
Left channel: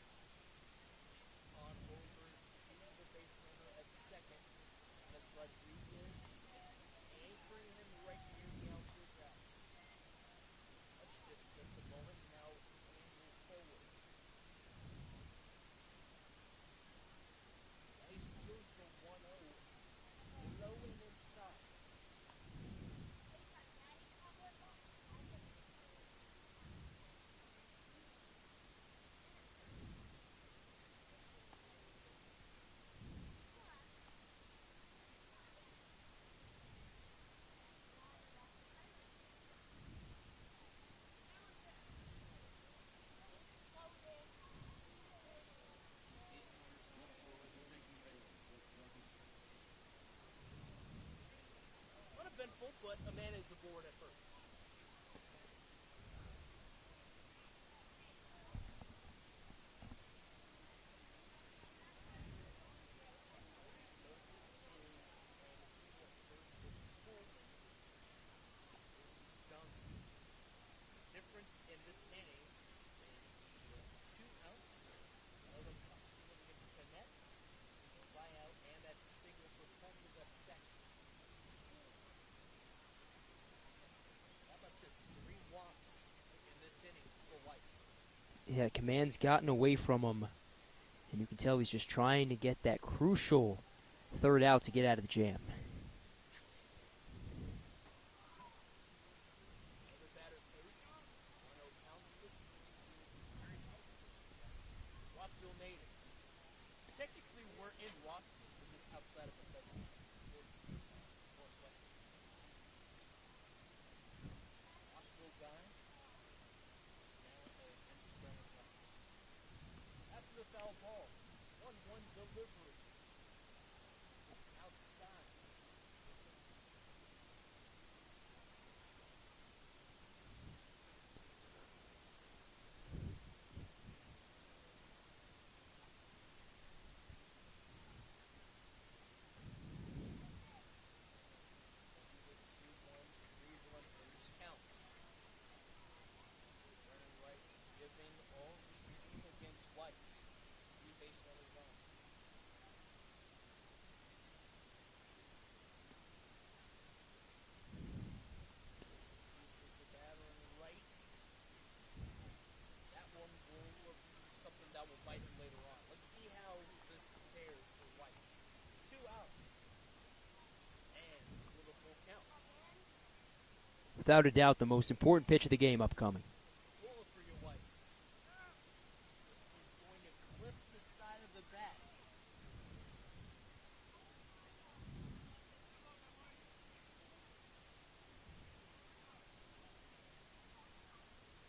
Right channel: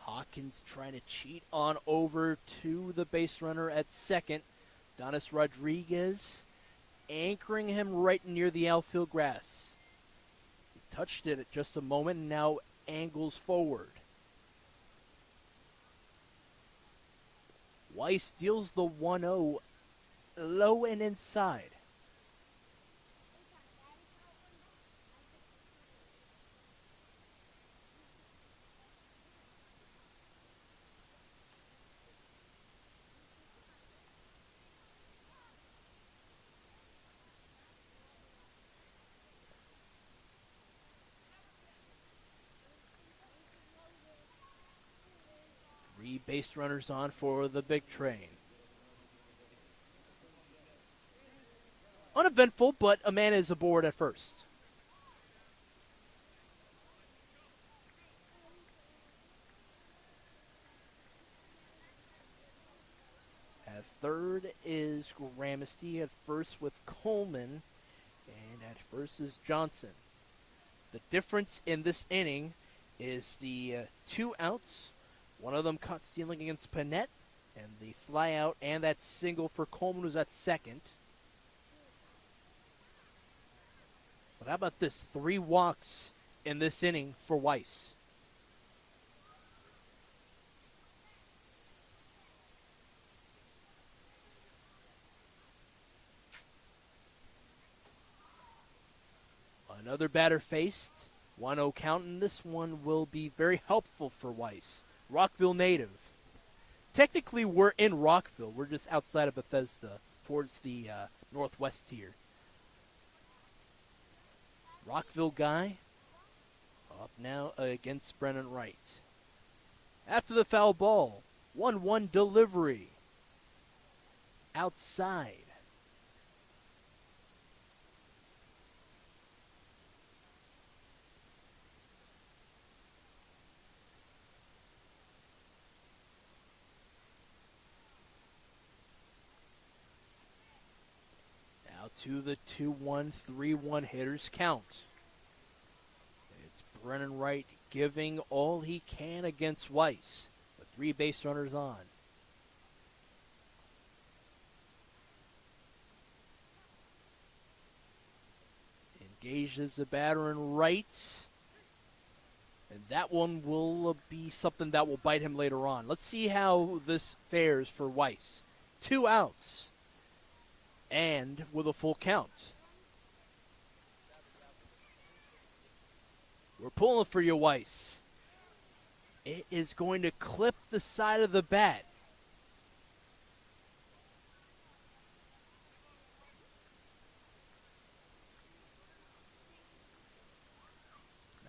Hawkins trying to cheat on over to the base runner at second. Donis Rodriguez anchoring him right near the outfield grass. He touched it at just a moment and now angles forward. Weiss deals the 1-0 low and inside. Three base runners on for the big train. Uneventful, but a man is aboard at first. At third is Gramsci, at first with Coleman, and at first is Johnson. The difference in this inning is the 2 outs. One of them caught stealing against Panette, and the fly out and that single for Coleman was at second. But how about this? 3 walks in this inning for Weiss. Yeah, command's gotten away from him, and you can tell he's just trying to get that crucial third out to get out of the jam. Another batter faced. 1-0 count, and this one will be very helpful for Weiss. Rockville native. Technically, we're in Rockville. We're just outside of Bethesda, towards the northwest here. Rockville guy up now against Brennan Wright. After the foul ball, 1-1 delivery. Outside. To the 2-1, 3-1 hitters count. It's Brennan Wright giving all he can against Weiss. The 3 base runners on. Engages the batter in right. And that one will be something that will bite him later on. Let's see how this fares for Weiss. 2 outs. And with a full count. Without a doubt, the most important pitch of the game upcoming. We're pulling for you, Weiss. It is going to clip the side of the bat.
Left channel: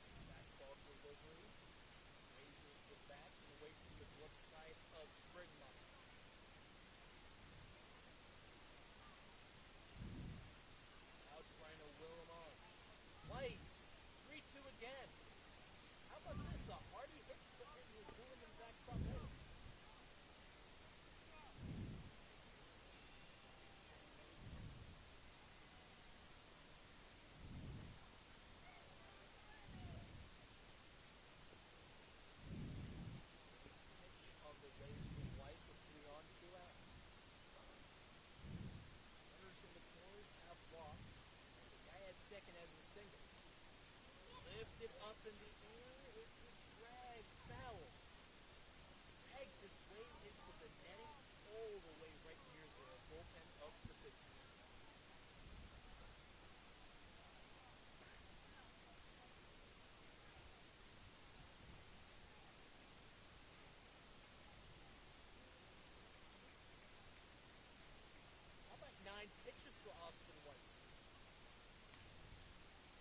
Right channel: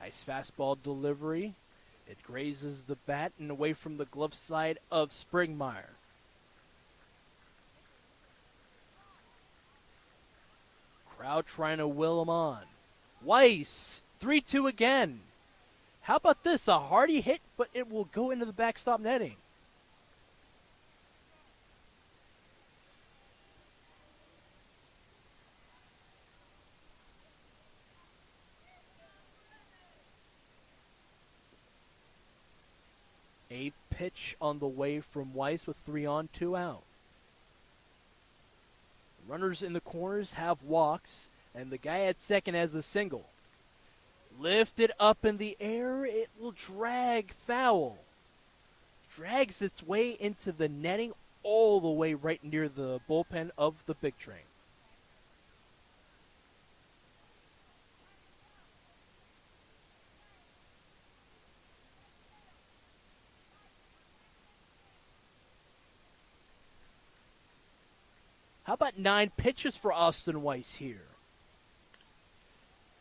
Nice fastball delivery. It grazes the bat and away from the glove side of Springmeyer. Crowd trying to will him on. Weiss, 3-2 again. How about this? A hardy hit, but it will go into the backstop netting. A pitch on the way from Weiss with 3 on, 2 out. Runners in the corners have walks, and the guy at second has a single. Lifted up in the air, it will drag foul. Drags its way into the netting all the way right near the bullpen of the big train. How about 9 pitches for Austin Weiss here?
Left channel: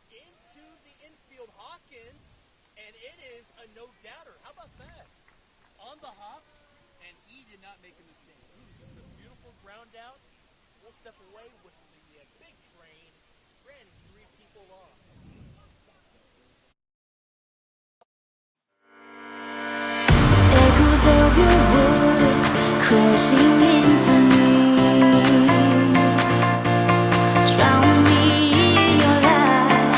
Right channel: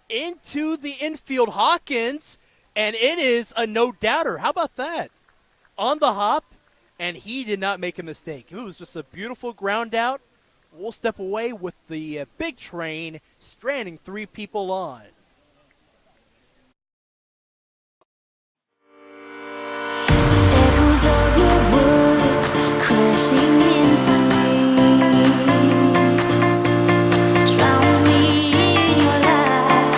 Into the infield, Hawkins, and it is a no-doubter. How about that? On the hop, and he did not make a mistake. It was just a beautiful ground out. We'll step away with the big train stranding 3 people on. Echoes of your words crashing into me. Drown me in your lies.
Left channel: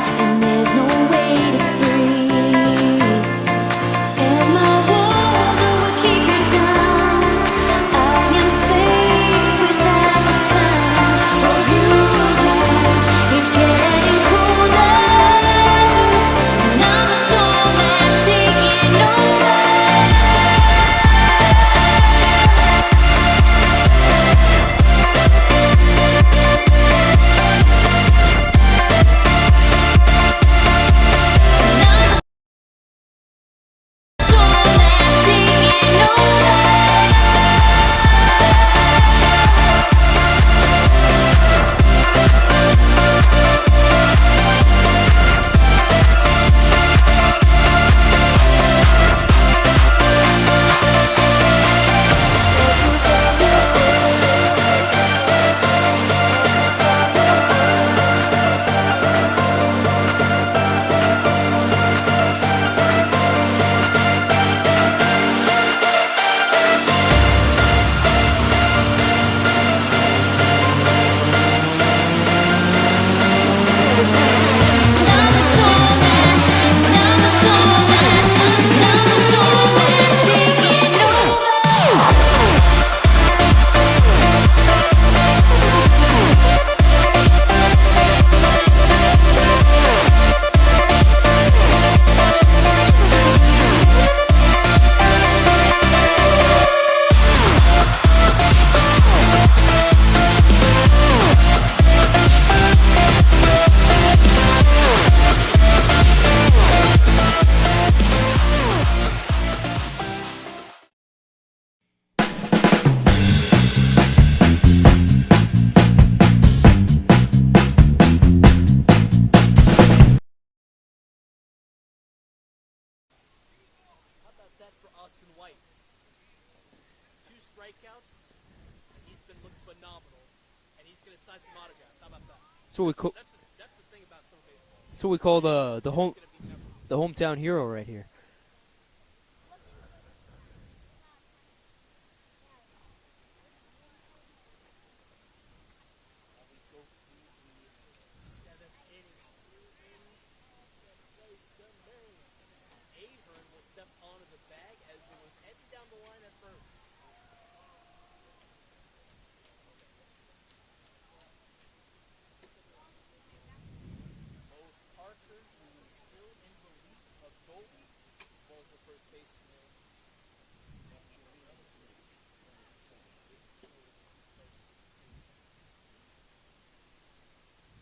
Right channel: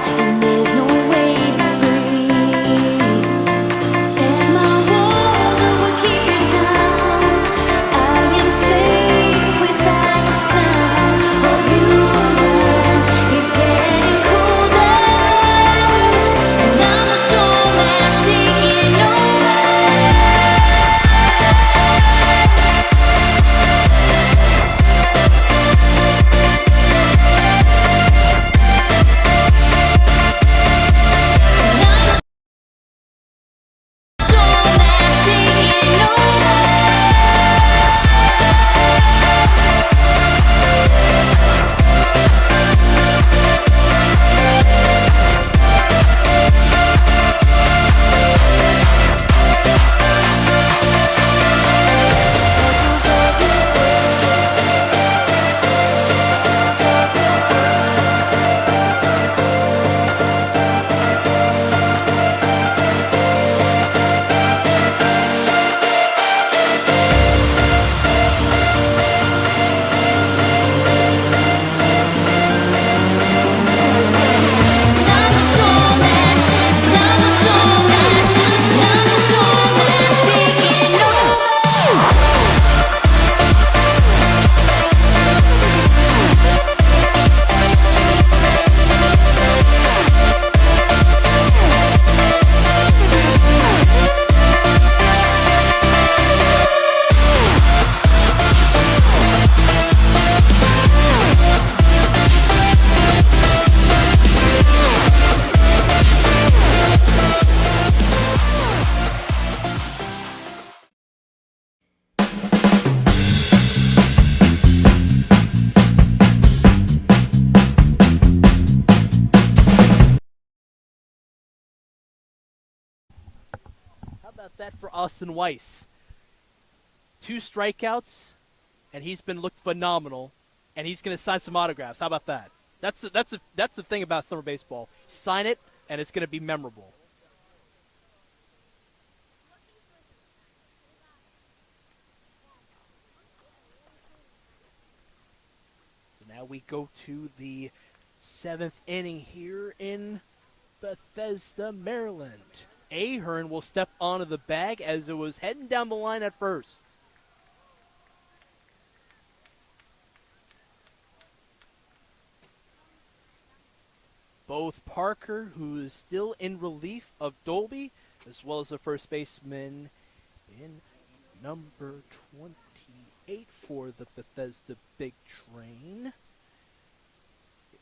about that for Austin Weiss? 2 strikeouts, and he's been looked phenomenal, and he's going to sign some autographs. How about that? That's the thing about summer baseball. That's what we Sign call it, and it's going to be memorable. The hometown hero right here. So now we go to the 7th inning here in Bethesda, Maryland. Ahern will step onto the bag as it was heading down the line at first. Both Parker, who is still in relief of Dolby, as well as the first baseman in number 28 for the Bethesda Big Train,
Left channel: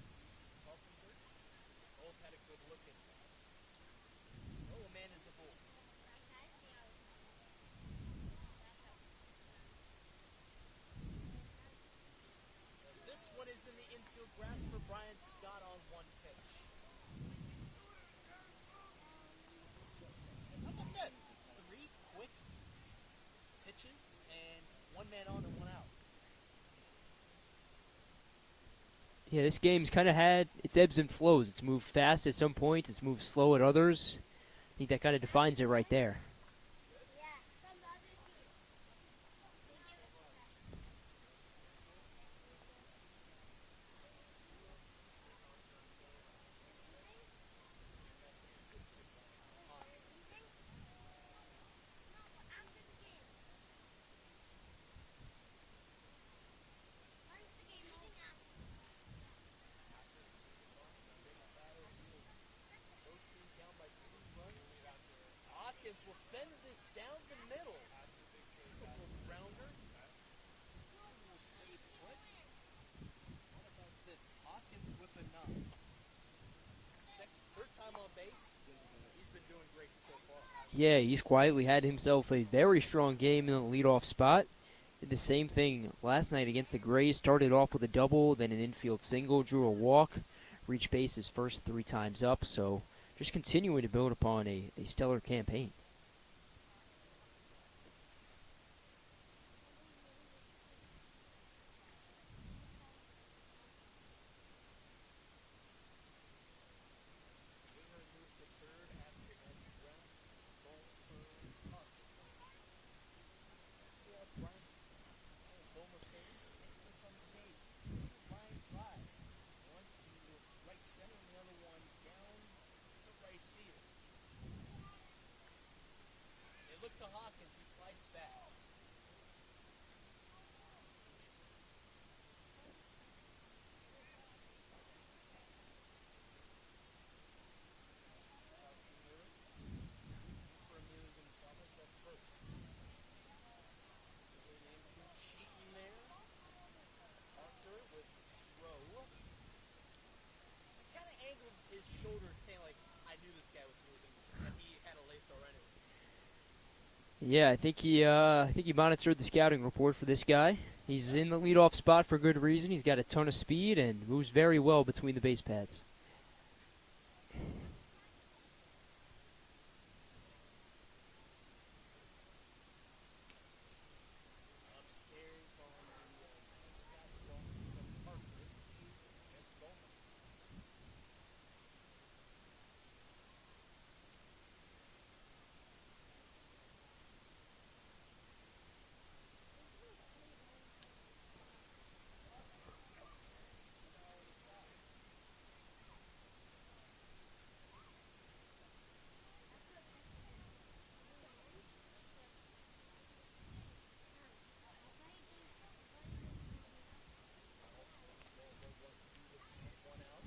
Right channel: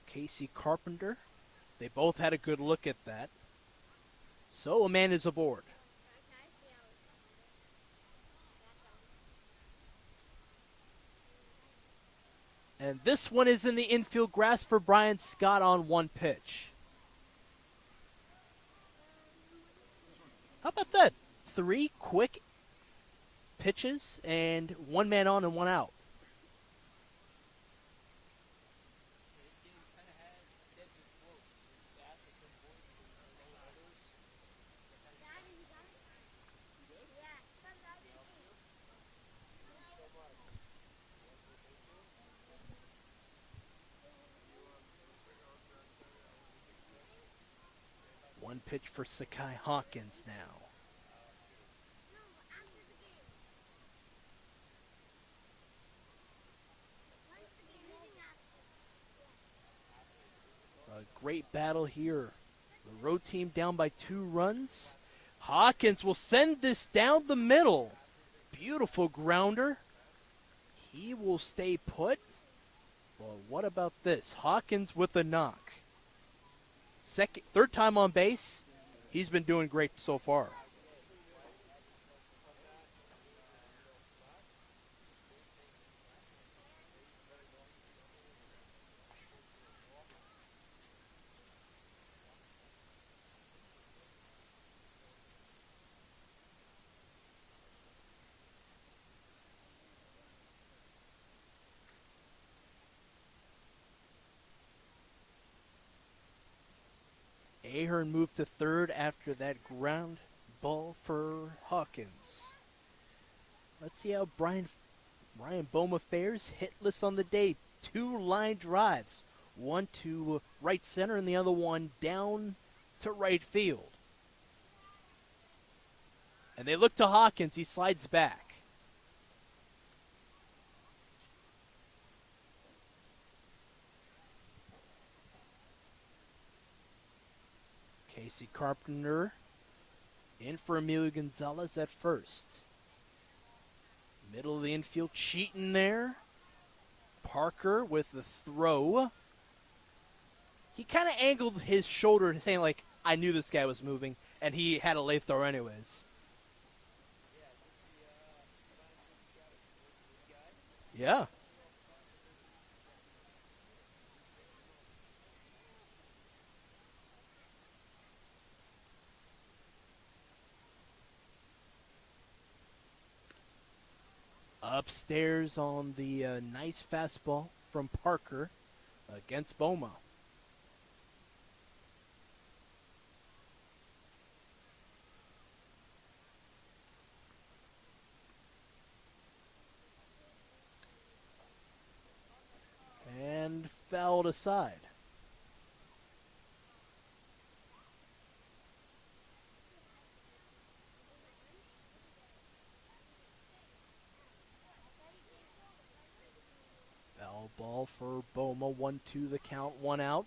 Casey Carpenter. They both had a good look at that. So a man is aboard. And this one is in the infield grass for Brian Scott on 1 pitch. How about that? 3 quick pitches and 1 man on and 1 out. Yeah, this game's kind of had its ebbs and flows. It's moved fast at some points. It's moved slow at others. I think that kind of defines it right there. One pitch for Sakai Hawkins now. A great battle here. The road team down by 2 runs. Hawkins will send this down the middle. Beautiful grounder. He will stay put. Well, what about this? Hawkins with a knock. Third time on base. He's been doing great so far. Yeah, he's quietly had himself a very strong game in the leadoff spot. Did the same thing last night against the Grays. Started off with a double, then an infield single, drew a walk, reached base his first 3 times up. So just continuing to build upon a stellar campaign. Ahern moved to third after that ground ball for Hawkins. Let's see how Ryan Boma fares. Hitless on the day. 2 line drives. One to right center and the other one down to right field. And they look to Hawkins. He slides back. Casey Carpenter in for Emilio Gonzalez at first. Middle of the infield, cheating there. Parker with the throw. He kind of angled his shoulder, saying like, I knew this guy was moving, and he had a late throw anyways. Yeah, I think he monitored the scouting report for this guy. He's in the leadoff spot for good reason. He's got a ton of speed and moves very well between the base pads. Upstairs on the nice fastball from Parker against Boma. And fouled aside. Ball for Boma, 1-2 the count, 1 out.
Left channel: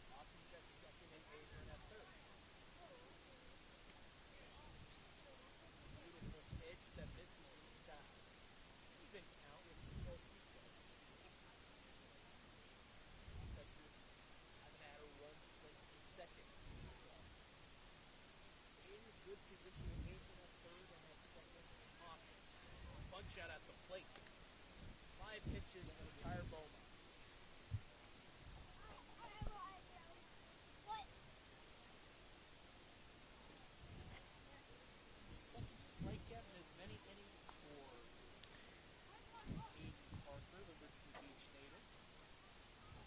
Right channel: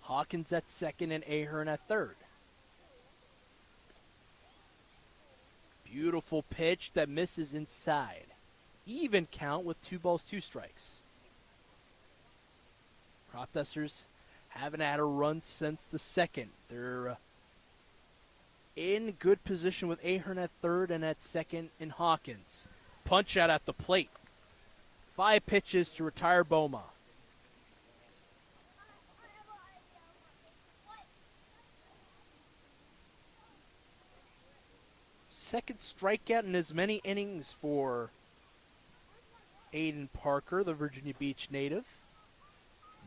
Hawkins at second and Ahern at third. Beautiful pitch that misses inside. Even count with 2 balls, 2 strikes. Cropdusters haven't had a run since the second. They're in good position with Ahern at third and at second in Hawkins. Punch out at the plate. 5 pitches to retire Boma. second strikeout in as many innings for Aiden Parker, the Virginia Beach native.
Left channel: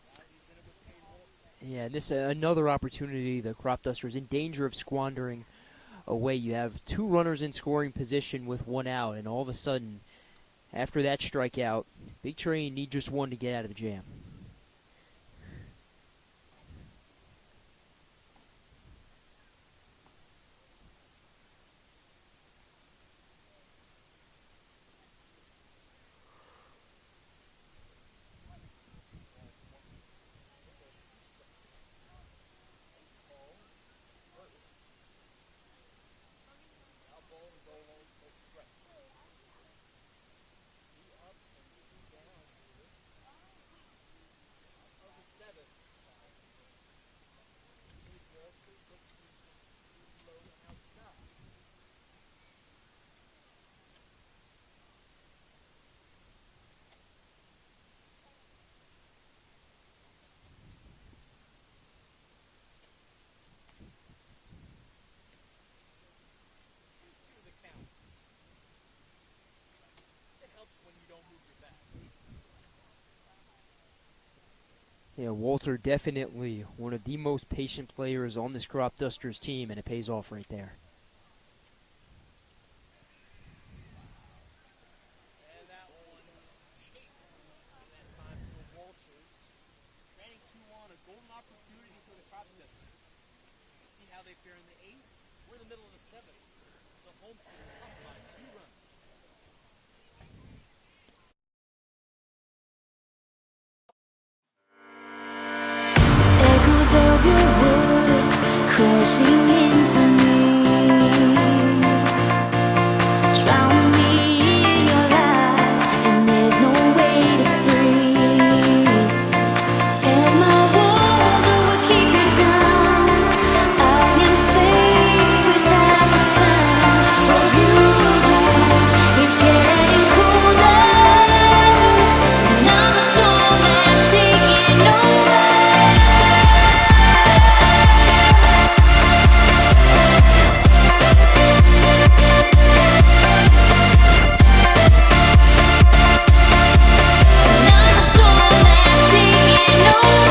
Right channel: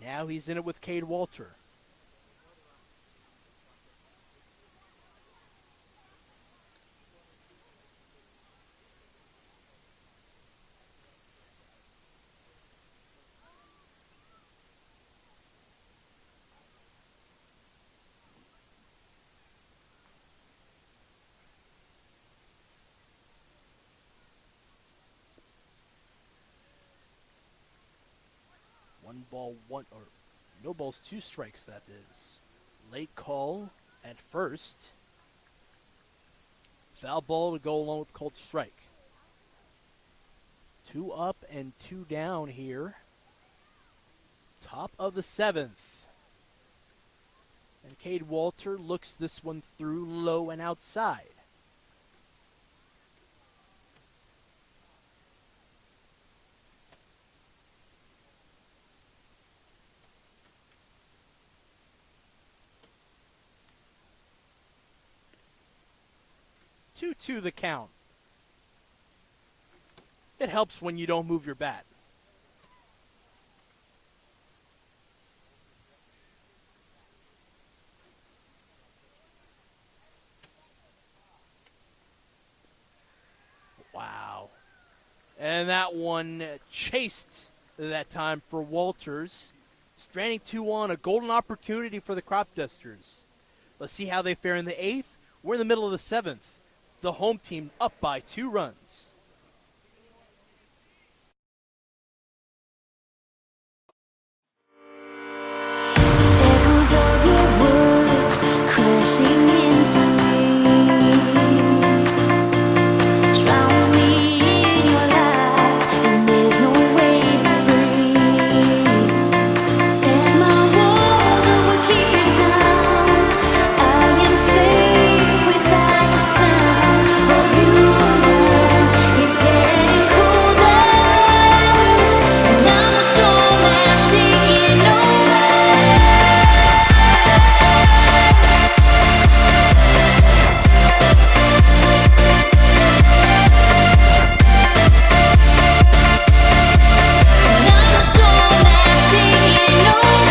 Now he's in it with Cade Walter. Yeah, this another opportunity the Cropdusters in danger of squandering away. You have 2 runners in scoring position with 1 out, and all of a sudden, after that strikeout, Big Train need just 1 to get out of the jam. No balls, 2 strikes, that is. Late call at first. Foul ball to go along with called strike. 2 up and 2 down here. Top of the 7th. And Cade Walter looks this one through low and outside. To the count. It helps when you don't move your bat. Yeah, Walter definitely one of the most patient players on this Cropdusters team, and it pays off right there. Wow. And that one chased that time for Walters. Stranding 2 on, a golden opportunity for the Cropdusters. Let's see how they fare in the 8th. We're in the middle of the 7th. The home team up by 2 runs. Echoes of your words crashing into me. Drown me in your lies, and there's no way to breathe. And my walls will keep you down. I am safe without the sound of you around. It's getting colder, and I'm the storm that's taking over. And I'm the storm that's taking over.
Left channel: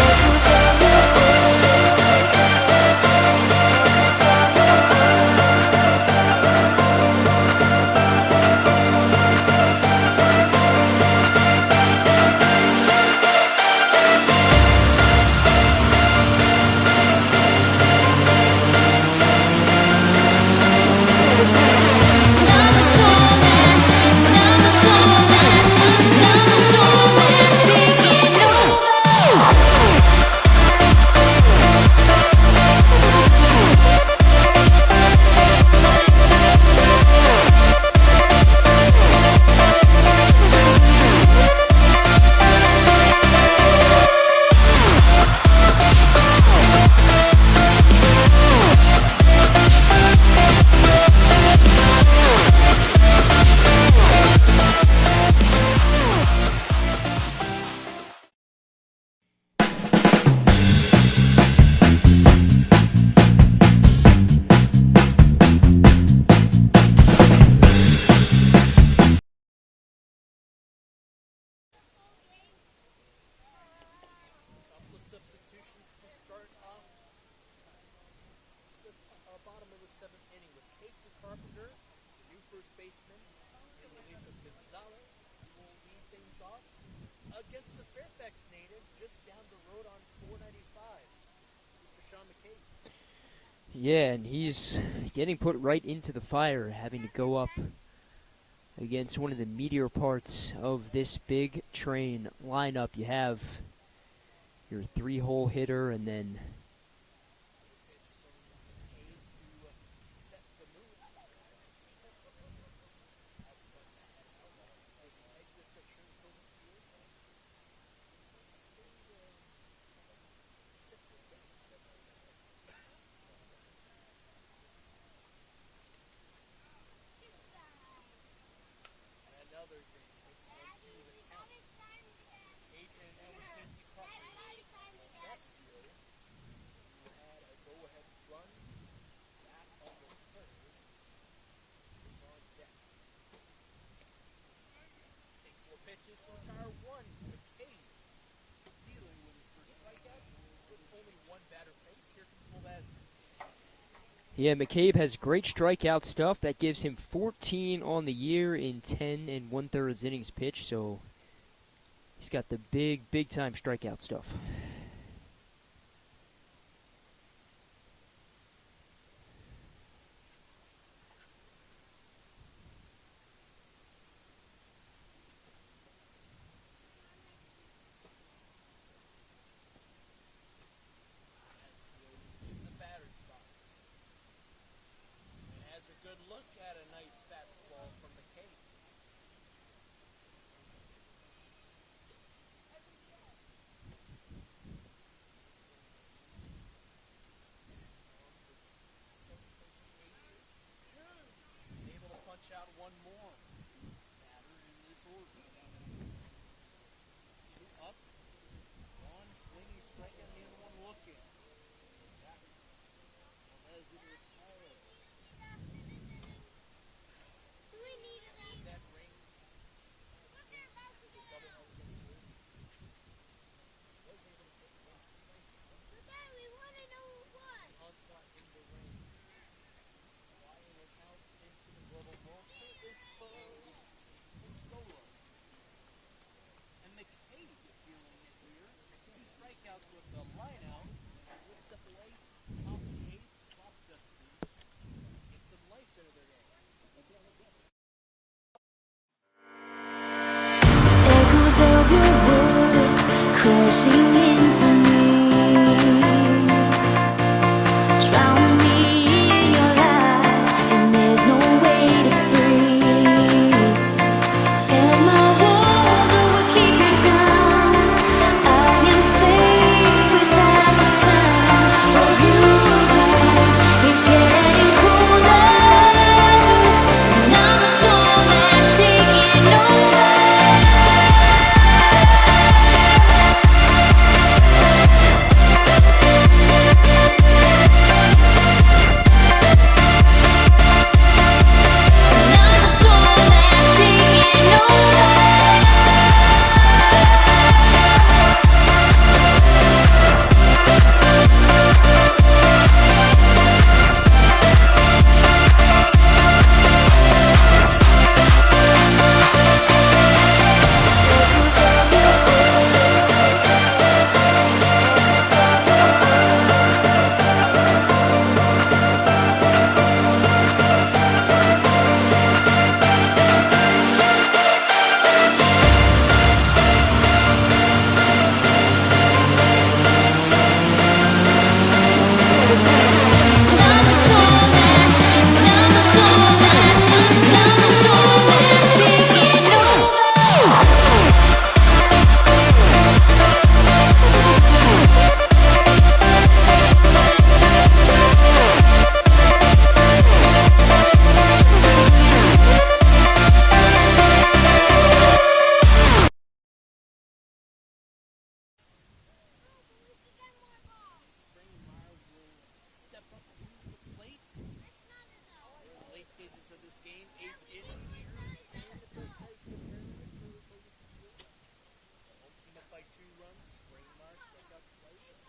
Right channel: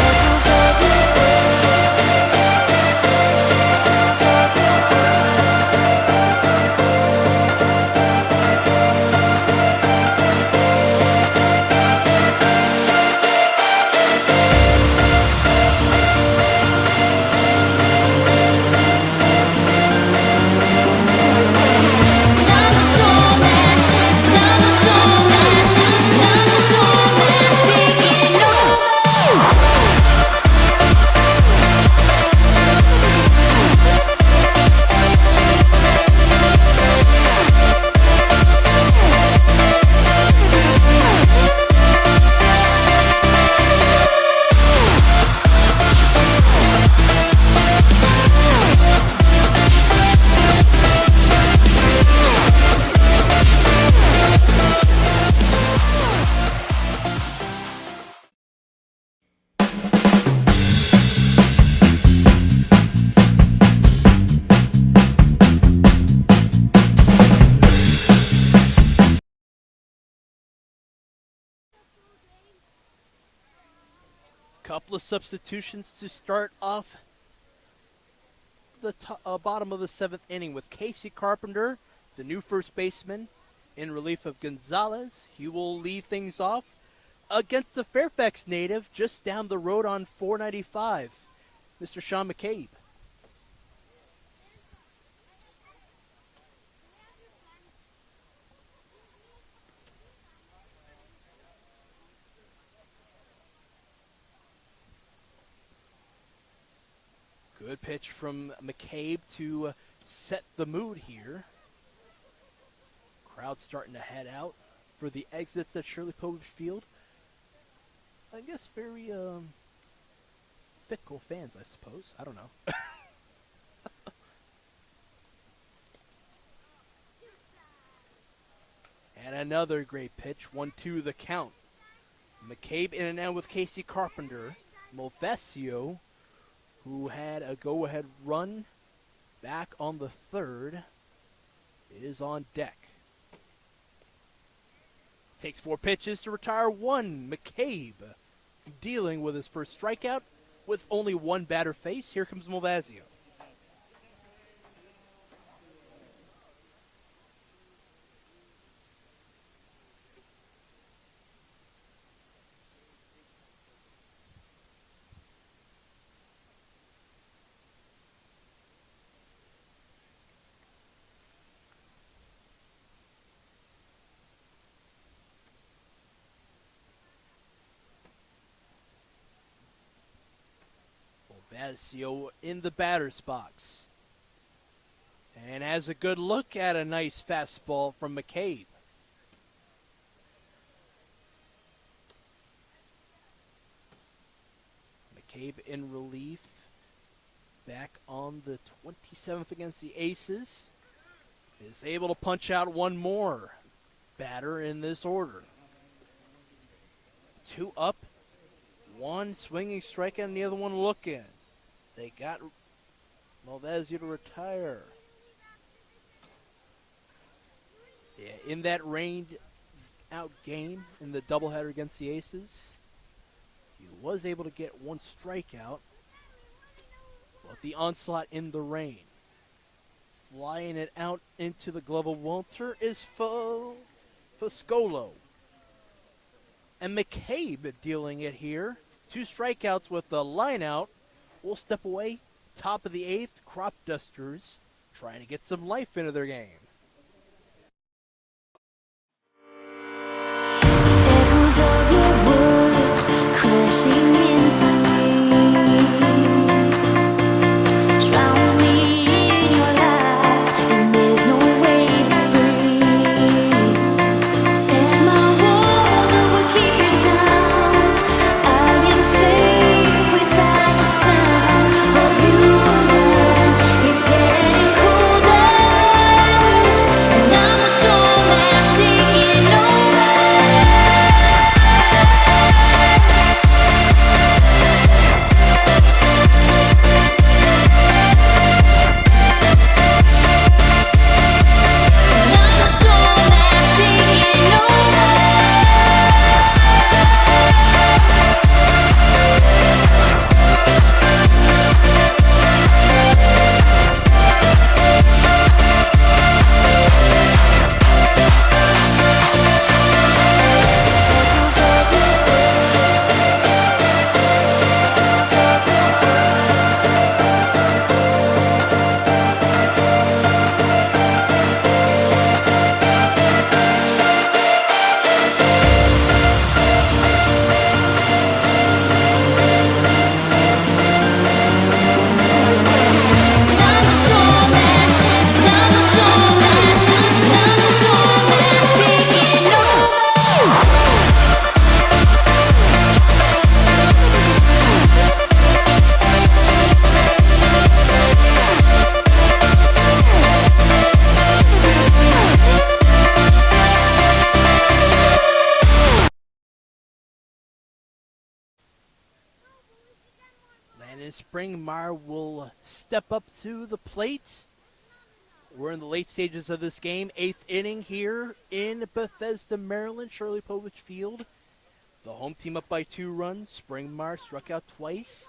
Echoes of your words, echoes of your words. I'm the storm that's taking Couple of substitutions to start off the bottom of the 7th inning with Casey Carpenter, the new first baseman, in relief of Gonzalez. He will lead things off against the Fairfax native just down the road on 495, Mr. Sean McCabe. Yeah, and he's getting put right into the fire, having to go up against one of the meteor parts of this Big Train lineup. You have your 3-hole hitter, and then Good pitch from McCabe to set the mood here. Crowd starting to head out for the exits at Shirley Povich Field. I guess very fickle fans, I suppose. I don't know. another great pitch. 1-2 the count. McCabe in and out with Casey Carpenter. Movesio, who had a go-ahead run back on the third, is on deck. Takes 4 pitches to retire 1. McCabe dealing with his first strikeout with only 1 batter face. Here comes Movesio. Yeah, McCabe has great strikeout stuff. That gives him 14 on the year in 10 1/3 innings pitched. So he's got the big time strikeout stuff. Movesio in the batter's box. And has a good look at a nice fastball from McCabe. McCabe in relief. Back on the 27th against the Aces. Is able to punch out one more batter in this order. 2 up. 1 swinging strikeout and the other one looking. They got Movesio to retire. Yeah, in that rained out game in the doubleheader against the Aces, he was able to get 1 strikeout. But the onslaught in the rain. Flying it out into the glove of Walter is Fuscolo. And McCabe dealing it here. 2 strikeouts with the line out. We'll step away. Top of the 8th, Cropdusters trying to get some life into their game. Echoes of your words crashing into me. Drown me in your lies, and there's no way to breathe. And my walls will keep you down. I am safe without the sound of you around. It's getting colder, and I'm the storm that's taking over. Springmeyer will step up to the plate. We're in the late stages of this game. 8th inning here in Bethesda, Maryland, Shirley Povich Field. The home team up by 2 runs. Springmeyer struck out twice,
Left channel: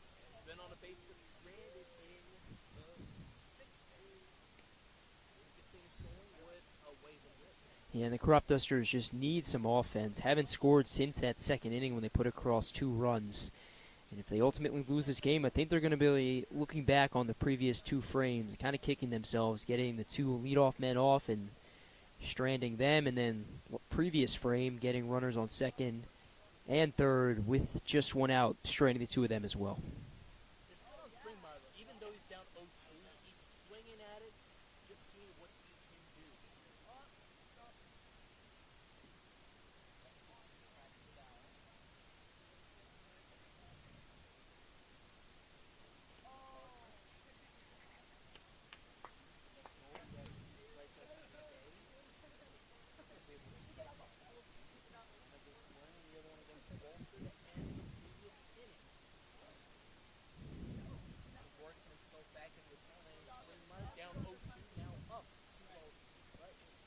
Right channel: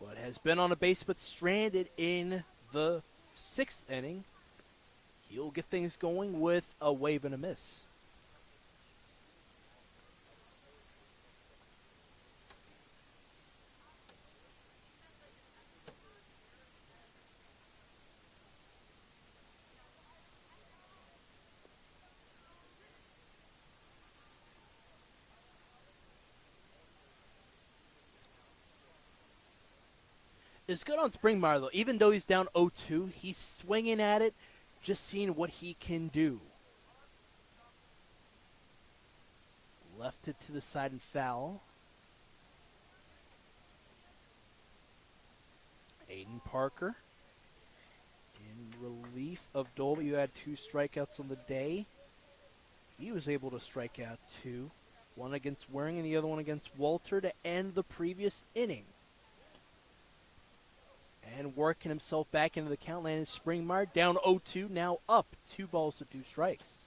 but has been on a base but stranded in the 6th inning. He'll get things going with a wave and a miss. Yeah, and the Cropdusters just need some offense. Haven't scored since that 2nd inning when they put across 2 runs. And if they ultimately lose this game, I think they're going to be looking back on the previous 2 frames, kind of kicking themselves, getting the 2 leadoff men off and stranding them, and then previous frame, getting runners on 2nd and 3rd with just 1 out, stranding the 2 of them as well. It's good on Springmeyer, though. Even though he's down 0-2, he's swinging at it, just seeing what he can do. Left it to the side and foul. Aiden Parker in relief of Dolby, who had 2 strikeouts on the day. He was able to strike out 2. One against Waring and the other one against Walter to end the previous inning. And working himself back into the count, landed Springmeyer down 0-2, now up 2 balls to 2 strikes.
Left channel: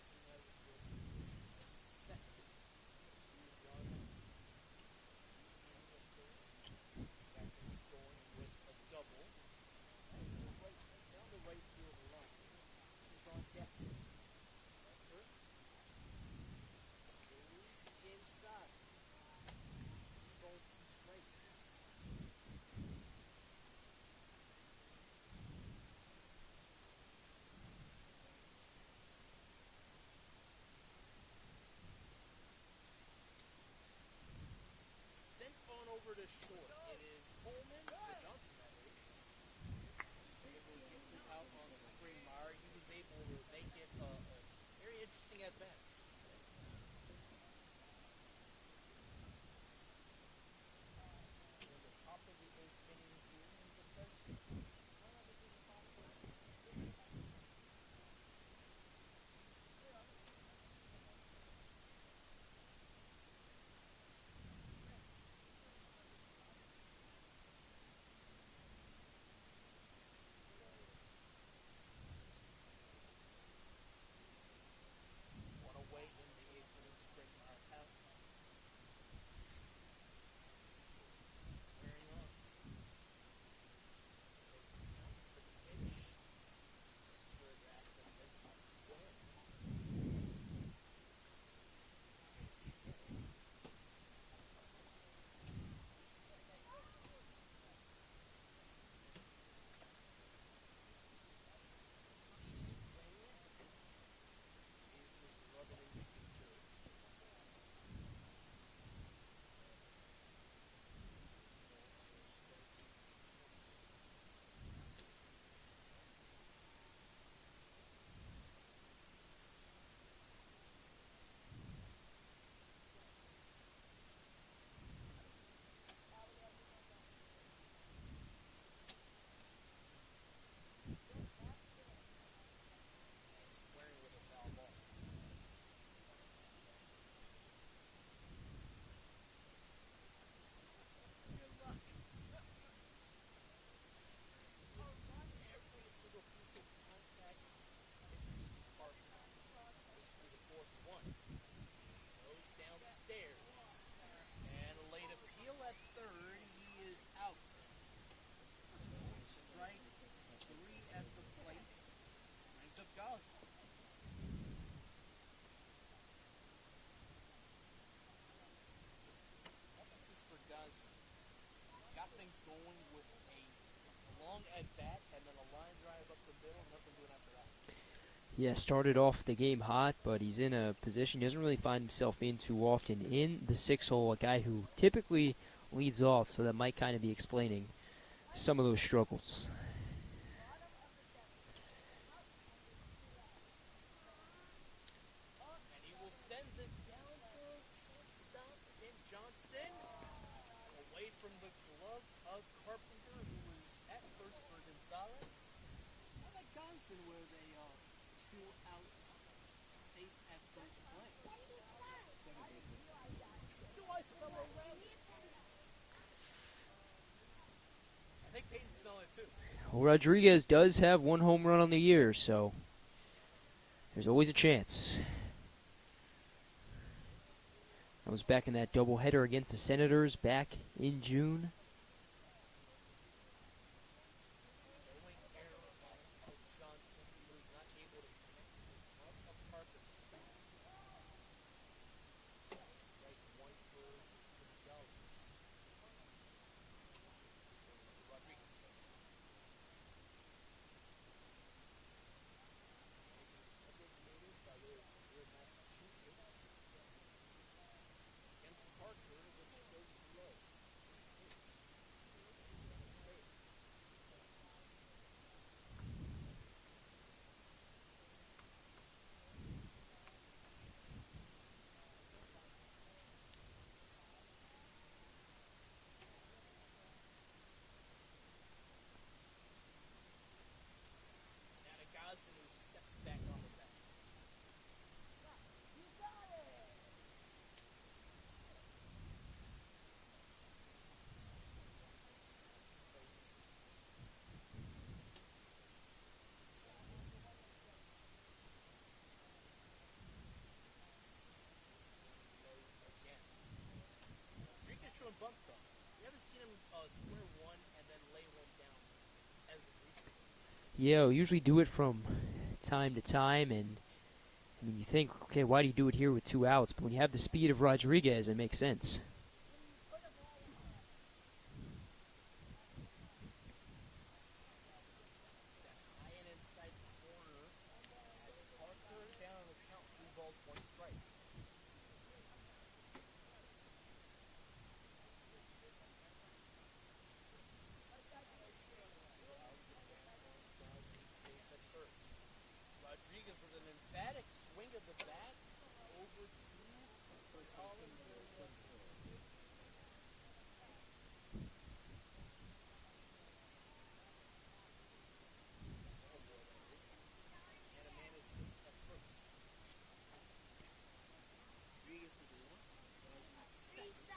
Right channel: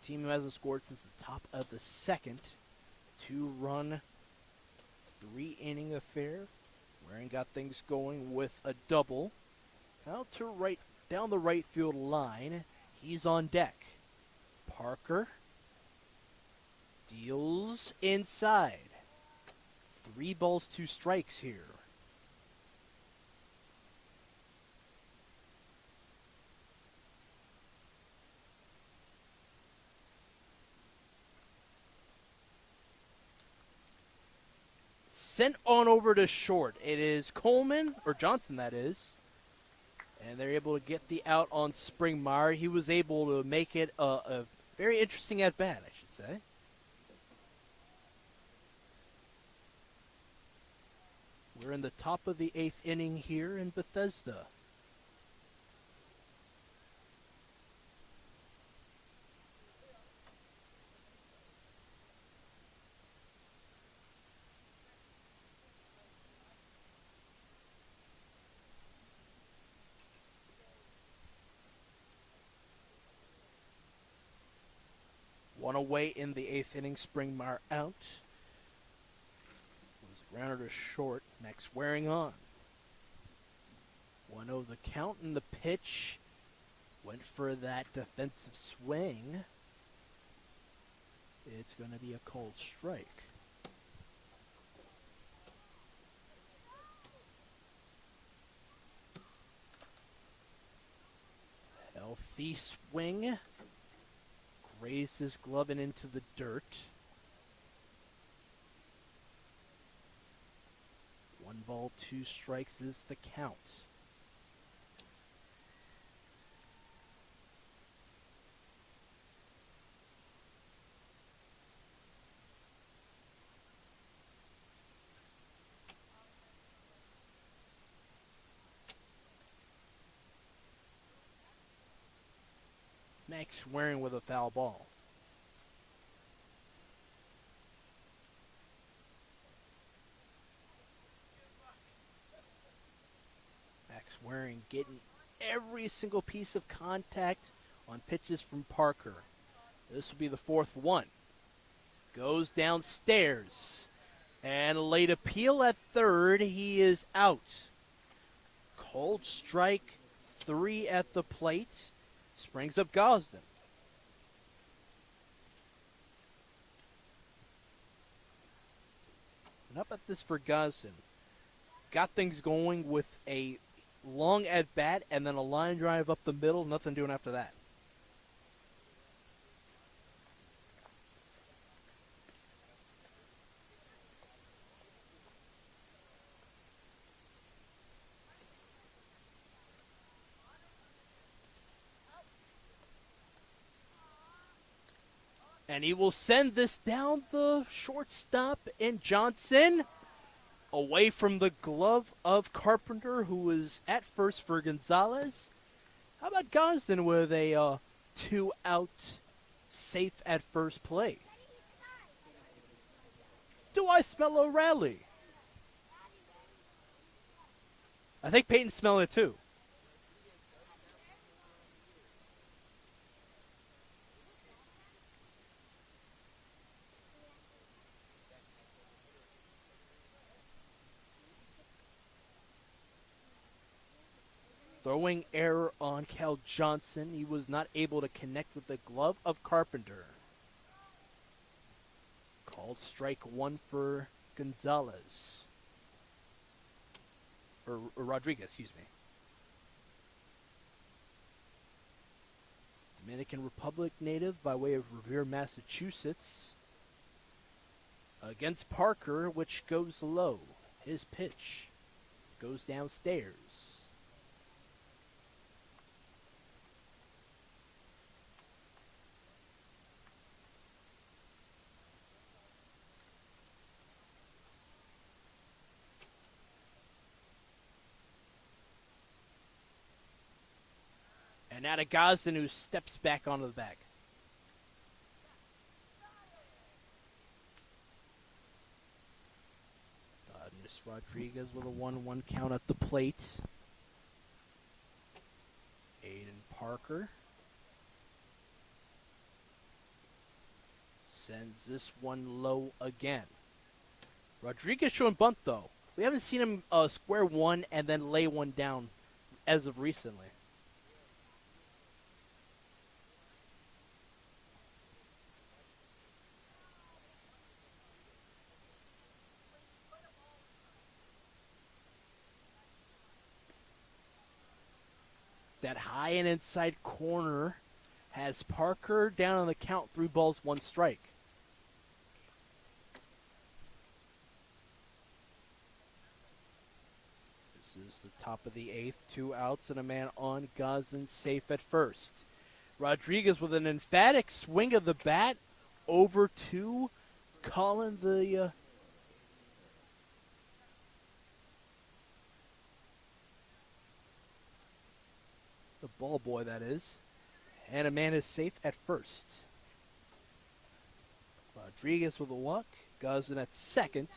The team who hasn't scored since the top of the second. 2-run, 3-inning affair. Waring got things going with a double. Out to right, down the right field line. He's on deck. Parker deals inside. 3 balls, 2 strikes here. Sent on over to short. It is Coleman, or Johnson that is. And they're able to get the out on Springmeyer. He was able to make it a very interesting at-bat, I should say. We're in the top of the 8th inning here in Bethesda. One away in the 8th inning, Springmeyer out. Grounded to short. Next, Waring on. 1-0 the count, and the pitch went for that defensive swing. It's going to be a called strike. Healthy swing. Grazed his glove and into the dirt. 1 ball, 2 strikes is the count. Next, Waring with a foul ball. Max Waring getting every single piece of contact on pitches from Parker. This will be the 4th one. Goes downstairs. And late appeal at third. He is out. Cold strike, 3 at the plate. Springs up Gosden. How about this for Gosden? Got things going with a long at bat and then a line drive up the middle. Nothing doing after that. Yeah, started off the game hot, but he's in a position he doesn't really find himself in too often. In the 6-hole, a guy who typically leads off, so that might kind of be explaining some of those struggles. And he will send this down the shortstop in Johnson, away from the glove of Carpenter, who was at first for Gonzalez. How about Gosden with a 2-out safe at first play? Do I smell a rally? I think Peyton's smelling it too. Well, Rodriguez does have 1 home run on the year, so there's always a chance. I was back in that doubleheader against the Senators back in June. Throwing error on Cal Johnson. He was not able to connect with the glove of Carpenter. Called strike 1 for Gonzalez. Or Rodriguez, excuse me. Dominican Republic native by way of Revere, Massachusetts. Against Parker, which goes low. His pitch goes downstairs. And now to Gosden, who steps back onto the bag. Miss Rodriguez with a 1-1 count at the plate. Aiden Parker sends this one low again. Rodriguez showing bunt, though. We haven't seen him square one and then lay one down as of recently. Yeah, we usually do it from time to time, and I mean, you think, okay, why do you do it here with 2 outs? But when you have the speed of Rodriguez, it makes sense. That high and inside corner has Parker down on the count, 3 balls, 1 strike. This is the top of the 8th, 2 outs and a man on. Gosden safe at first. Rodriguez with an emphatic swing of the bat over to Colin, the ball boy, that is. And a man is safe at first. Rodriguez with a walk. Gosden at second.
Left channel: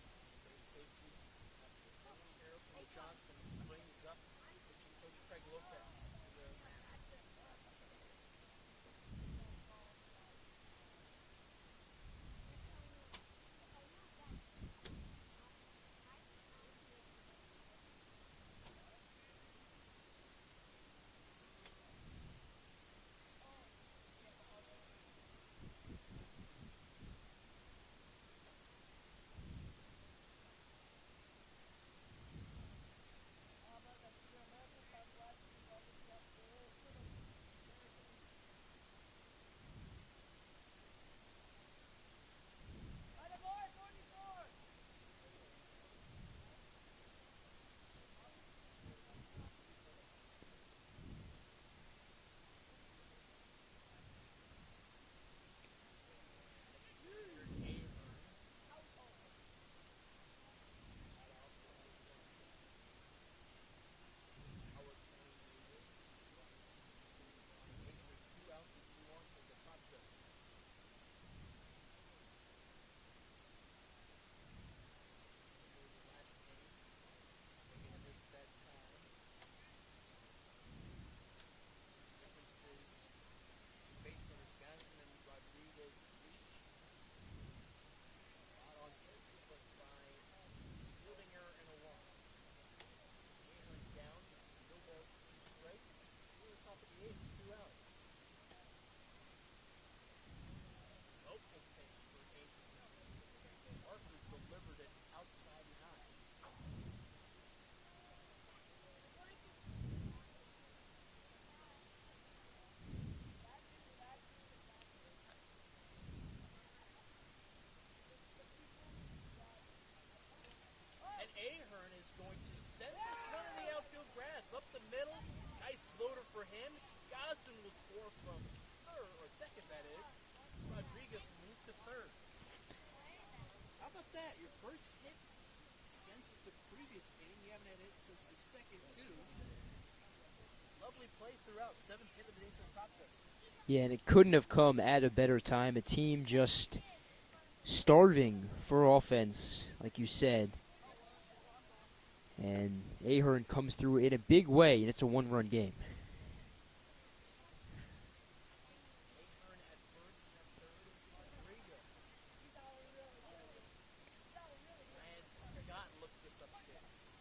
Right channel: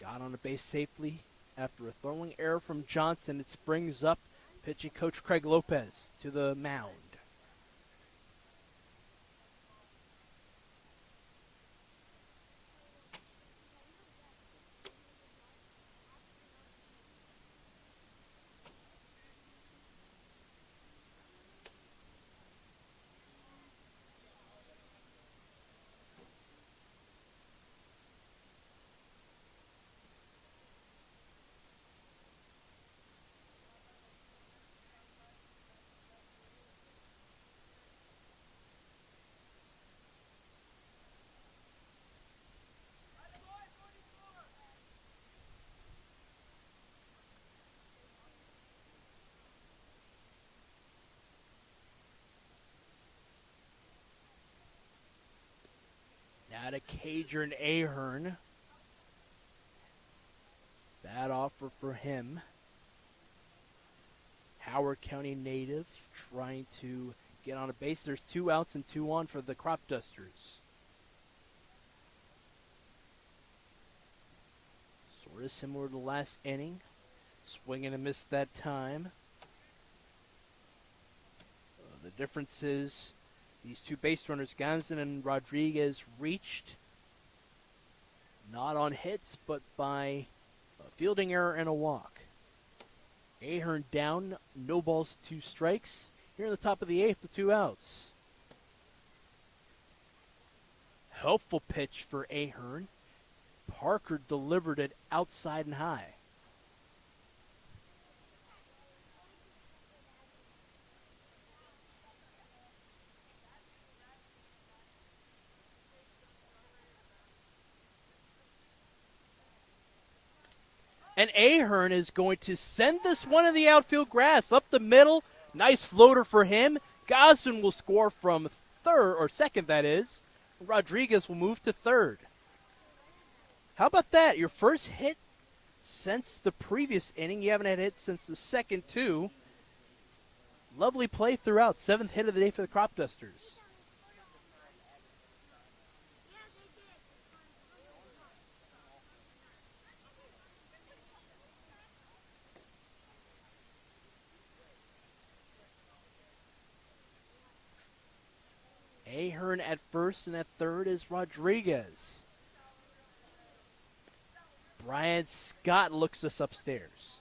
Got on the base safely after a throwing error from Johnson. It springs up pitching coach Craig Lopez to the mound. Now to Cadron Ahern. Bad offer for him. Howard County native trying to get on a base. There's 2 outs and 2 on for the Cropdusters. Sort of similar to the last inning. Swing and a miss that time. The difference is these 2 base runners, Gosden and Rodriguez, reached not on hits, but by a fielding error and a walk. Ahern down, no balls, 2 strikes. Here in the top of the 8th, the 2 outs. Helpful pitch for Ahern. Parker delivered it outside and high. And Ahern is going to send this one in the outfield grass up the middle. Nice floater for him. Gosden will score from third, or second, that is. Rodriguez will move to third. How about that? Your first hit since the previous inning. You haven't had hits since the second, too. Lovely play throughout. 7th hit of the day for the Cropdusters. Yeah, and it couldn't have come at a better time. A team just starving for offense, like you said. And Ahern comes through in a big way, and it's a 1-run game. Ahern at first, and at third is Rodriguez. Brian Scott looks us upstairs.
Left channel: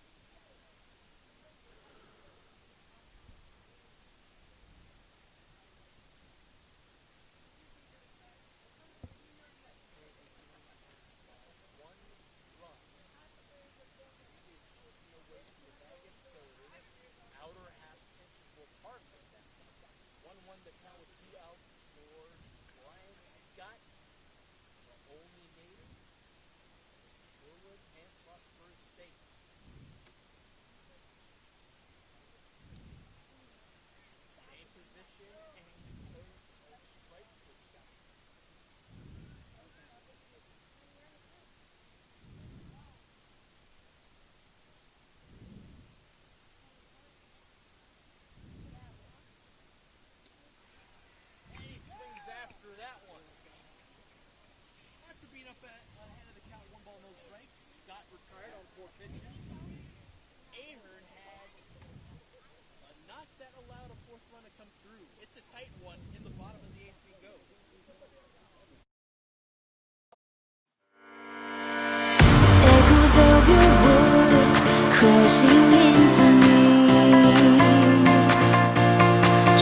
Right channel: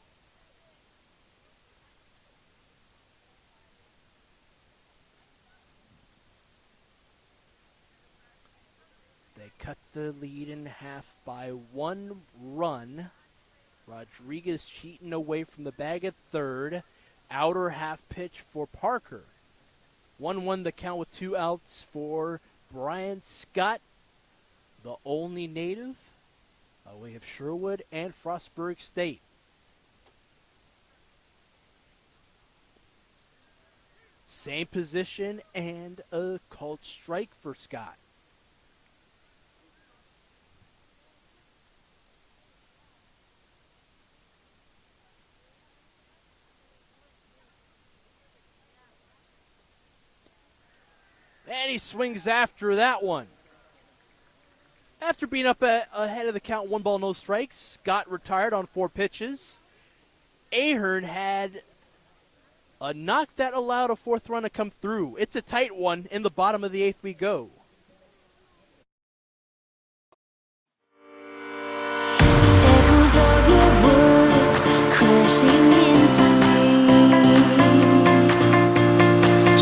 They cut the lead in half by 1 run. Rodriguez cheating away from the bag at third. Outer half pitch for Parker. 1-1 the count with 2 outs for Brian Scott, the Olney native. We have Sherwood and Frostburg State. Same position and a called strike for Scott. he swings after that one. After being up ahead of the count, 1 ball, no strikes, Scott retired on 4 pitches. Ahern had a knock that allowed a 4th run to come through. It's a tight one. In the bottom of the 8th we go. Echoes of your words crashing into me.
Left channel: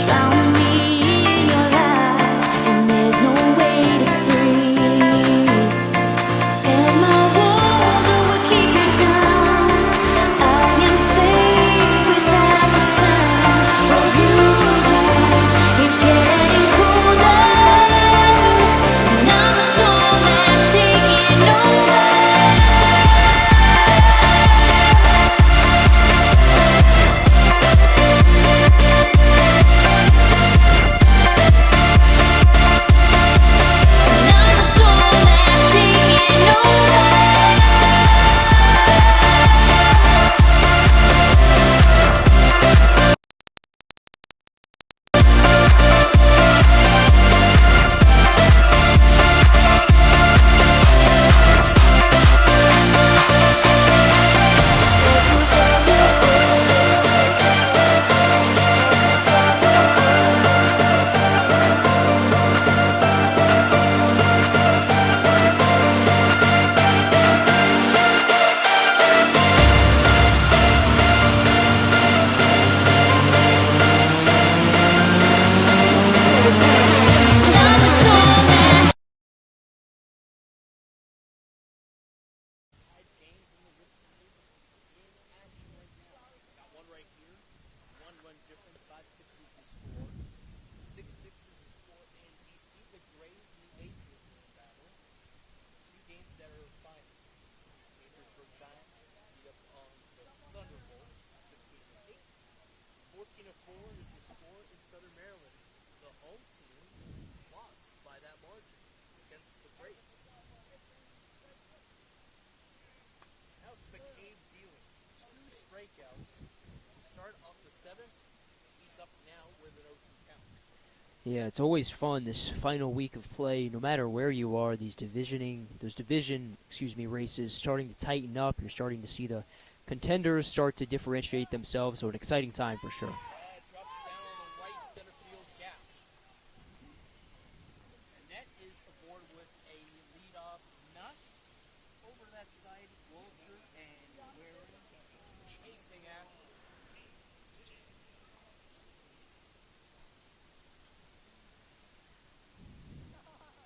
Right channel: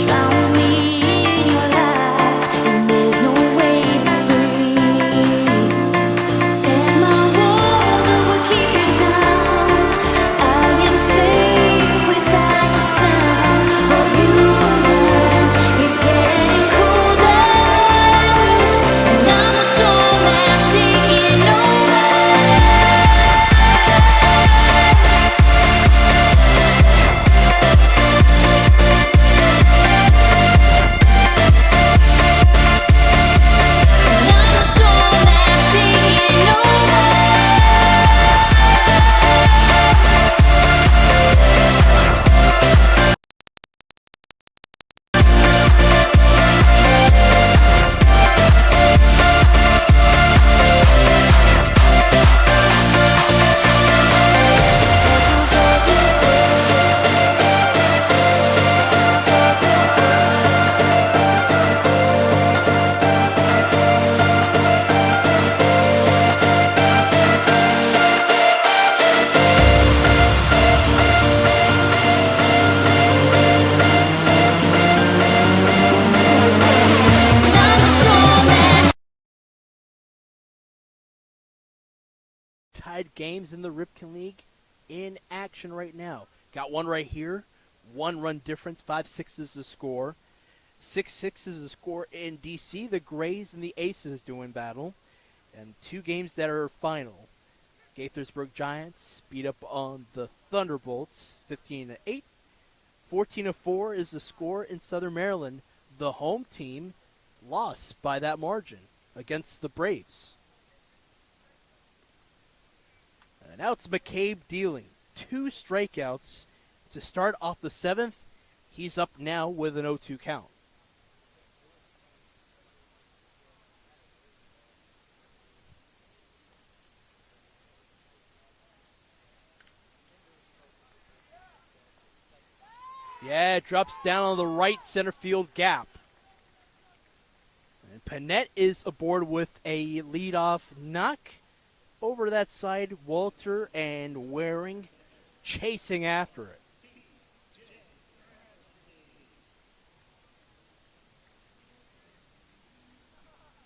Drown me in your lies, and there's no way to breathe. And my walls are what keep you down. I am safe without the sound of you around. It's getting colder, and I'm the storm that's taking over. Tied games in the Ripken League in action right now. Got one right here. 1 run difference. 5-6 is the score. 6-6 is the score in DC. The Grays and the Aces doing battle. And 2 games that are final. Gaithersburg Giants beat up on the Thunderbolts 15-8. 14-4 is the score in Southern Maryland. The home team lost by that margin against the Braves. And now it's McCabe dealing 2 strikeouts to start off the 7th. He's up now with an 0-2 count. Yeah, it's always fun this final week of play, no matter where you are. Those division races starting to tighten up. You're starting to see the contenders start to differentiate themselves. So an exciting time for sure. Yeah, it drops down on the right center field gap. And Panette is aboard with a leadoff knock. Over that side, Walter and Waring chasing after it.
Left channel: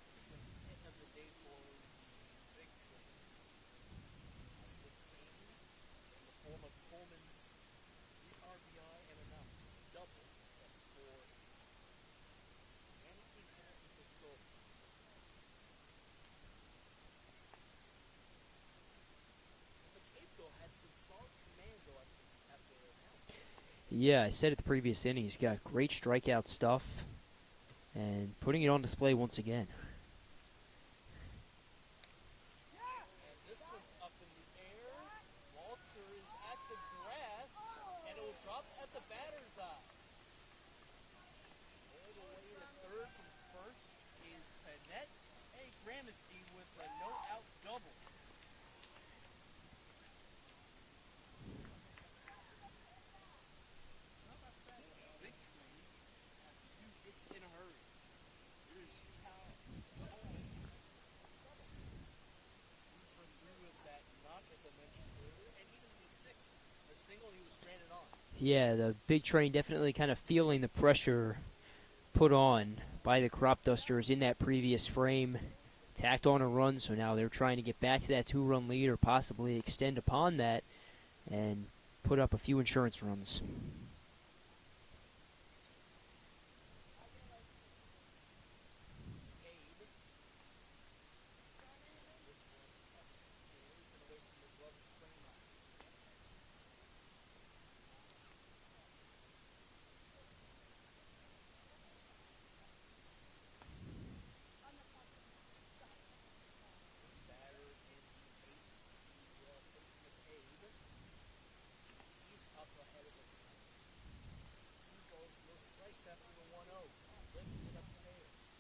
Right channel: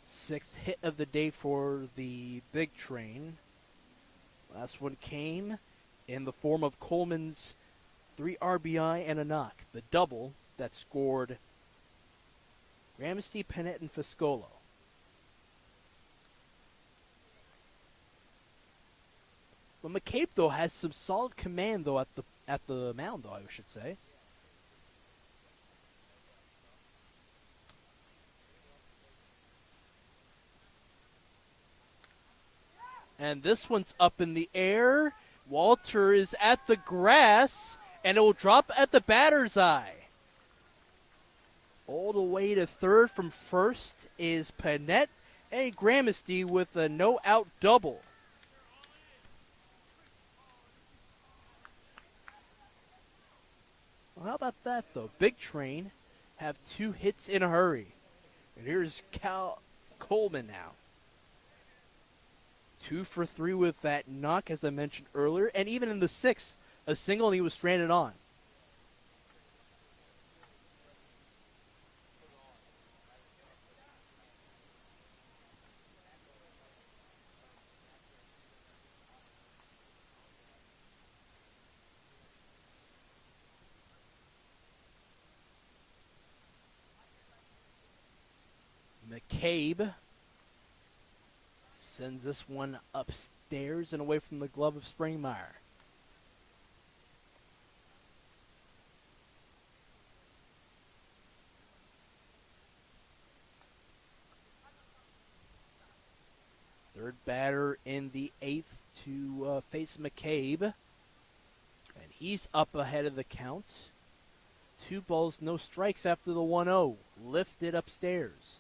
Sixth hit of the day for the Big Train. Last one came in the form of Coleman's 3 RBI and a knock. The double that scored Ramsey, Panette, and Fiscolo. But McCabe, though, has some solid command, though, at the mound, though, I should say. Yeah, I said at the previous inning, he's got great strikeout stuff and putting it on display once again. And this one's up in the air. Walter is at the grass, and it will drop at the batter's eye. All the way to third from first is Panette and Gramesty with a no-out double. Well, how about that, though? Big Train have 2 hits in a hurry. And here's Cal Coleman now. 2 for 3 with that knock, as I mentioned earlier. And even in the 6th, a single, and he was stranded on. Yeah, the Big Train definitely kind of feeling the pressure put on by the Cropdusters in that previous frame. Tacked on a run, so now they're trying to get back to that 2-run lead or possibly extend upon that and put up a few insurance runs. McCabe sends this one upstairs and away from the glove of Springmeyer. Third batter in the 8th to face McCabe. And he's up ahead of the count. 2 balls, no strikes after the 1-0. Lifted upstairs.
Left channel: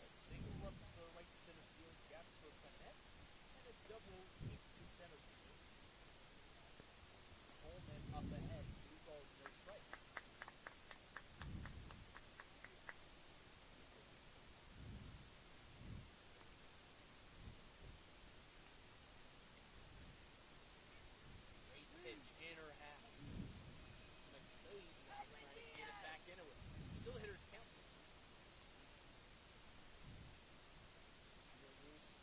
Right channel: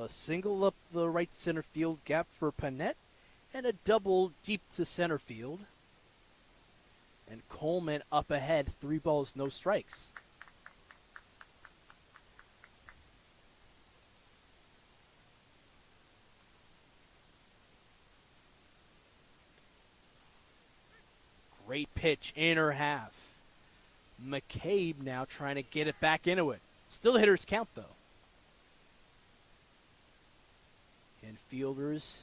A single up the right center field gap for Panett, and a double deep to center field. And Coleman up ahead, 3 balls, no strikes. Great pitch, inner half. McCabe now trying to get it back into it. Still a hitter's count, though. Infielders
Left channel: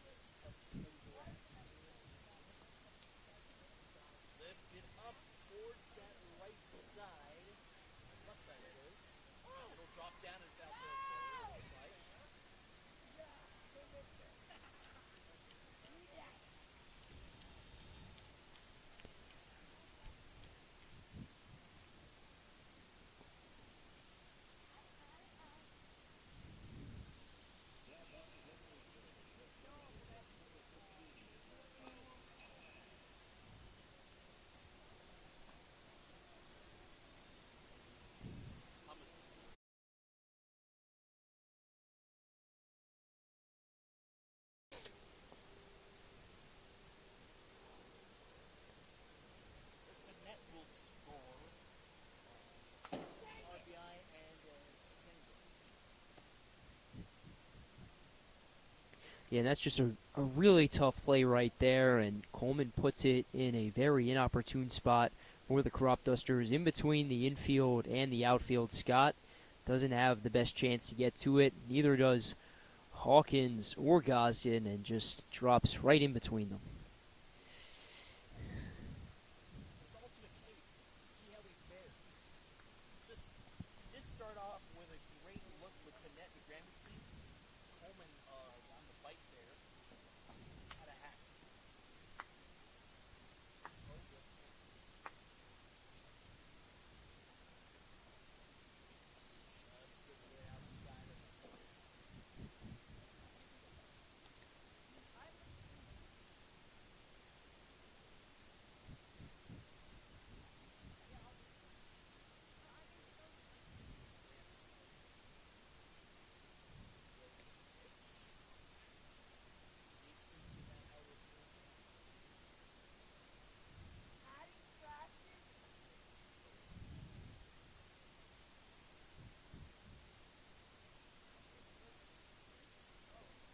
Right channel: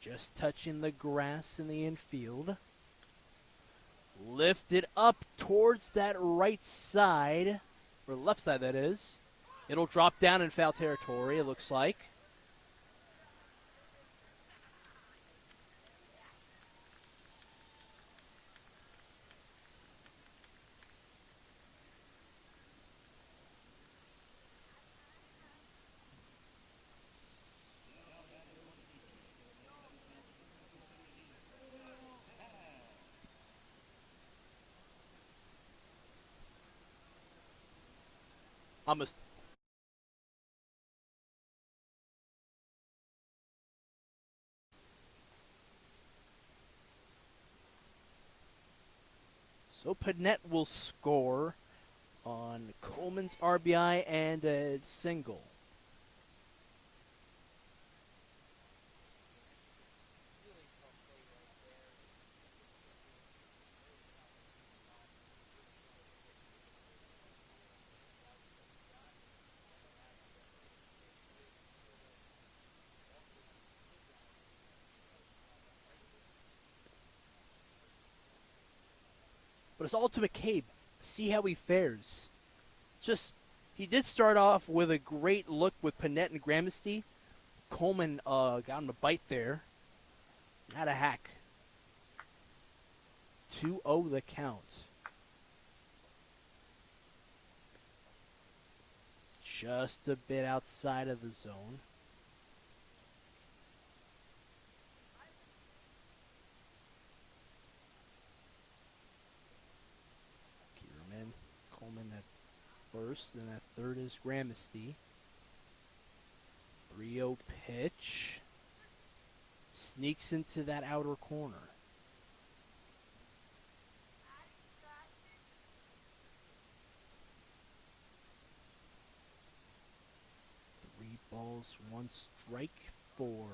just touching the grass in the infield. Lifted up towards that right side, or left side, that is. It'll drop down in foul territory, it looks like. So Panett will score on Coleman's RBI and a single. Yeah, and that's just a really tough play right there, and Coleman puts it in a very inopportune spot for the Cropdusters in between the infield and the outfield. Scott doesn't have the best chance to get to it. Neither does Hawkins or Gosden, and just drops right in between them. But it's all to McCabe. See how he fares. He did start off with a great look with Panett and Gramsty. Coleman got him a bite there. Had a hack. 2-0 the count. Just a bit outside of the zone. Coleman at first, and at third is Gramsty. 3-0 pitch. Sneaks into that outer corner. Three balls, one strike for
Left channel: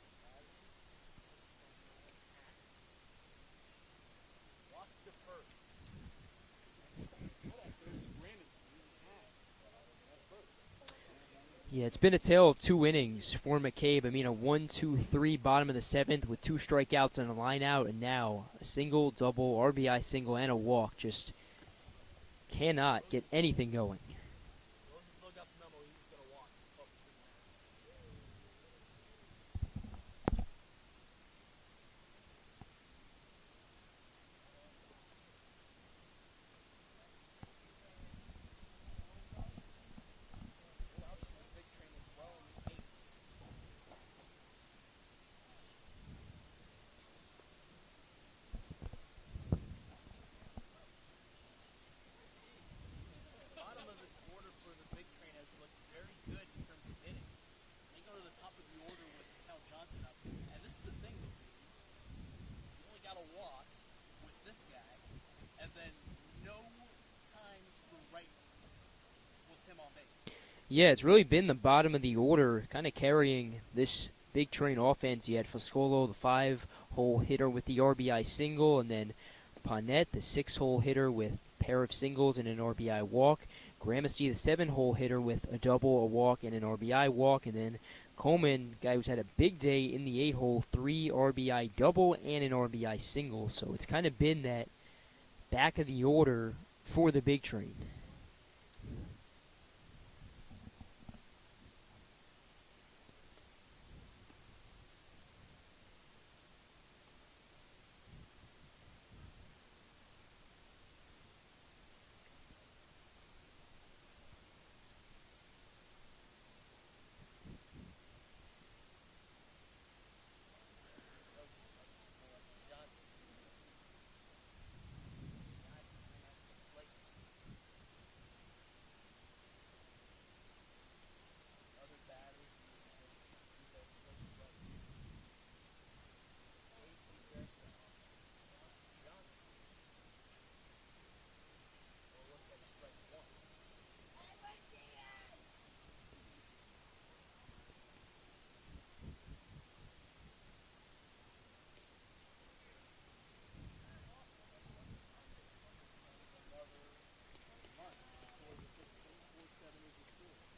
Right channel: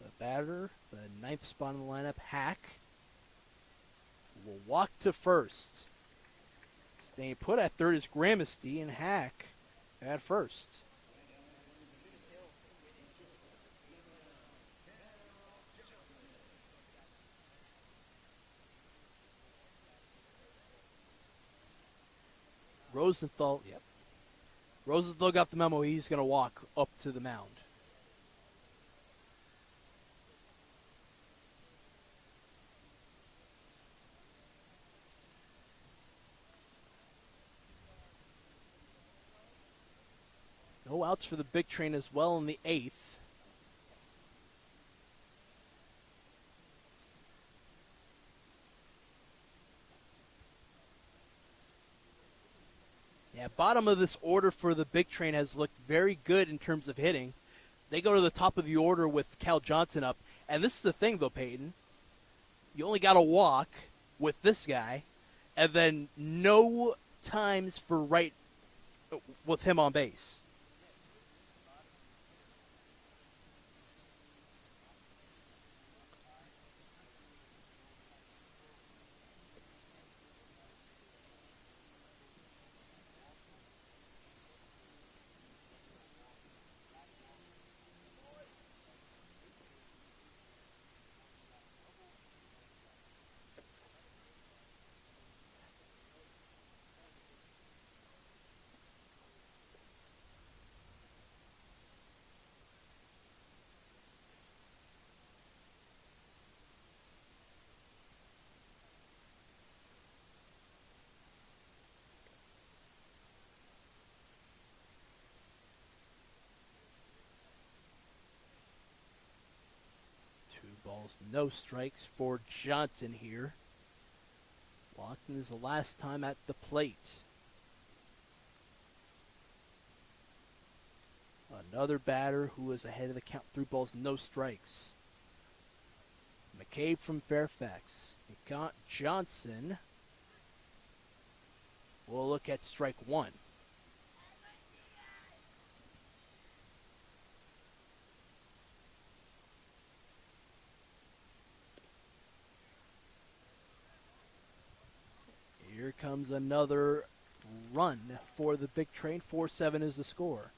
the batter. The ninth spot in the lineup, Hack, will walk to first. Staying put at third is Gramsty, and Hack at first. Yeah, it's been a tale of 2 innings for McCabe. I mean, a 1-2-3 bottom of the 7th with 2 strikeouts and a line out, and now a single, double, RBI single, and a walk. Just cannot get anything going. Rosenthal got the memo. He's going to walk up to the mound. No outs for the big train as well in the 8th. Yeah, bottom of this order for the big train has looked very good in terms of hitting. They go to the top of the order with Cal Johnson up. And this is the thing, though, Peyton. You only got to walk with this guy, and then no times for right with him on base. Yeah, it's really been the bottom of the order kind of carrying this big train offense. You had Foscolo, the 5-hole hitter with the RBI single, and then Panett, the 6-hole hitter with a pair of singles and an RBI walk. Gramsty, the 7-hole hitter with a double, a walk, and an RBI walk. And then Coleman, guy who's had a big day in the 8-hole, 3 RBI double and an RBI single. So it's kind of been that back of the order for the big train. No strikes for Johnson here. Walking is the last time at the plate. Another batter who is ahead of the count. 3 balls, no strikes. McCabe from Fairfax. Johnson. We'll look at strike 1. Here comes another run for the big train. 4-7 is the score.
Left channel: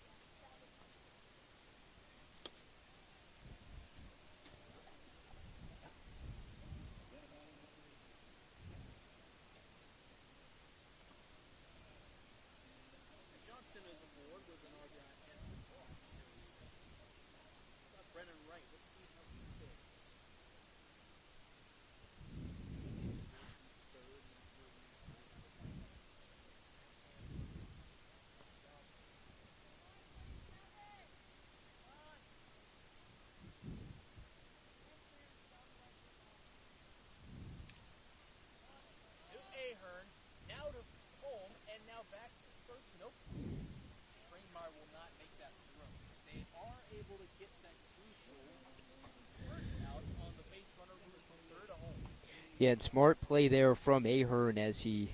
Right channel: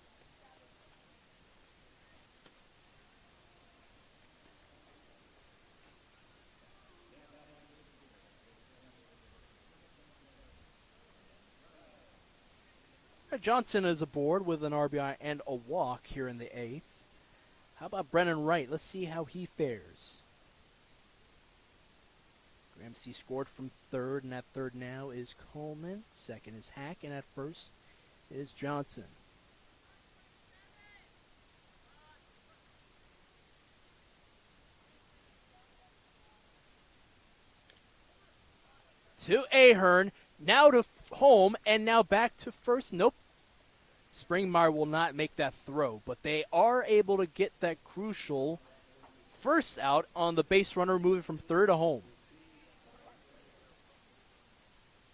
Johnson is aboard with an RBI and a walk here in the 8th. How about Brennan Wright? Let's see how he fares. Ramsey scored from third, and at third now is Coleman. Second is Hack, and at first is Johnson. To Ahern, now to home, and now back to first. Nope. Springmeyer will not make that throw, but they are able to get that crucial first out on the base runner moving from third to home. Yeah, and smart play there from Ahern as he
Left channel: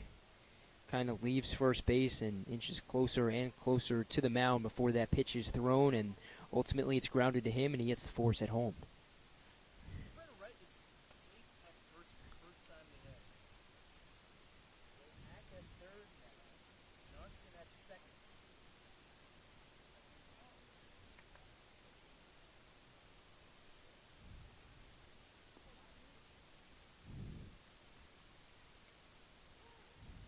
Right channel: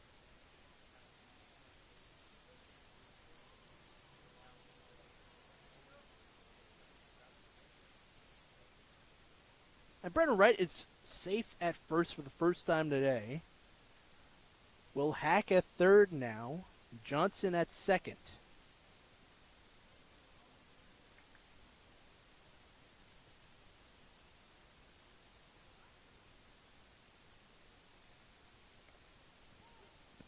kind of leaves first base and inches closer and closer to the mound before that pitch is thrown, and ultimately it's grounded to him, and he gets the force at home. And Brennan Wright is safe at first for the first time today. Will Hack at third now. Johnson at second.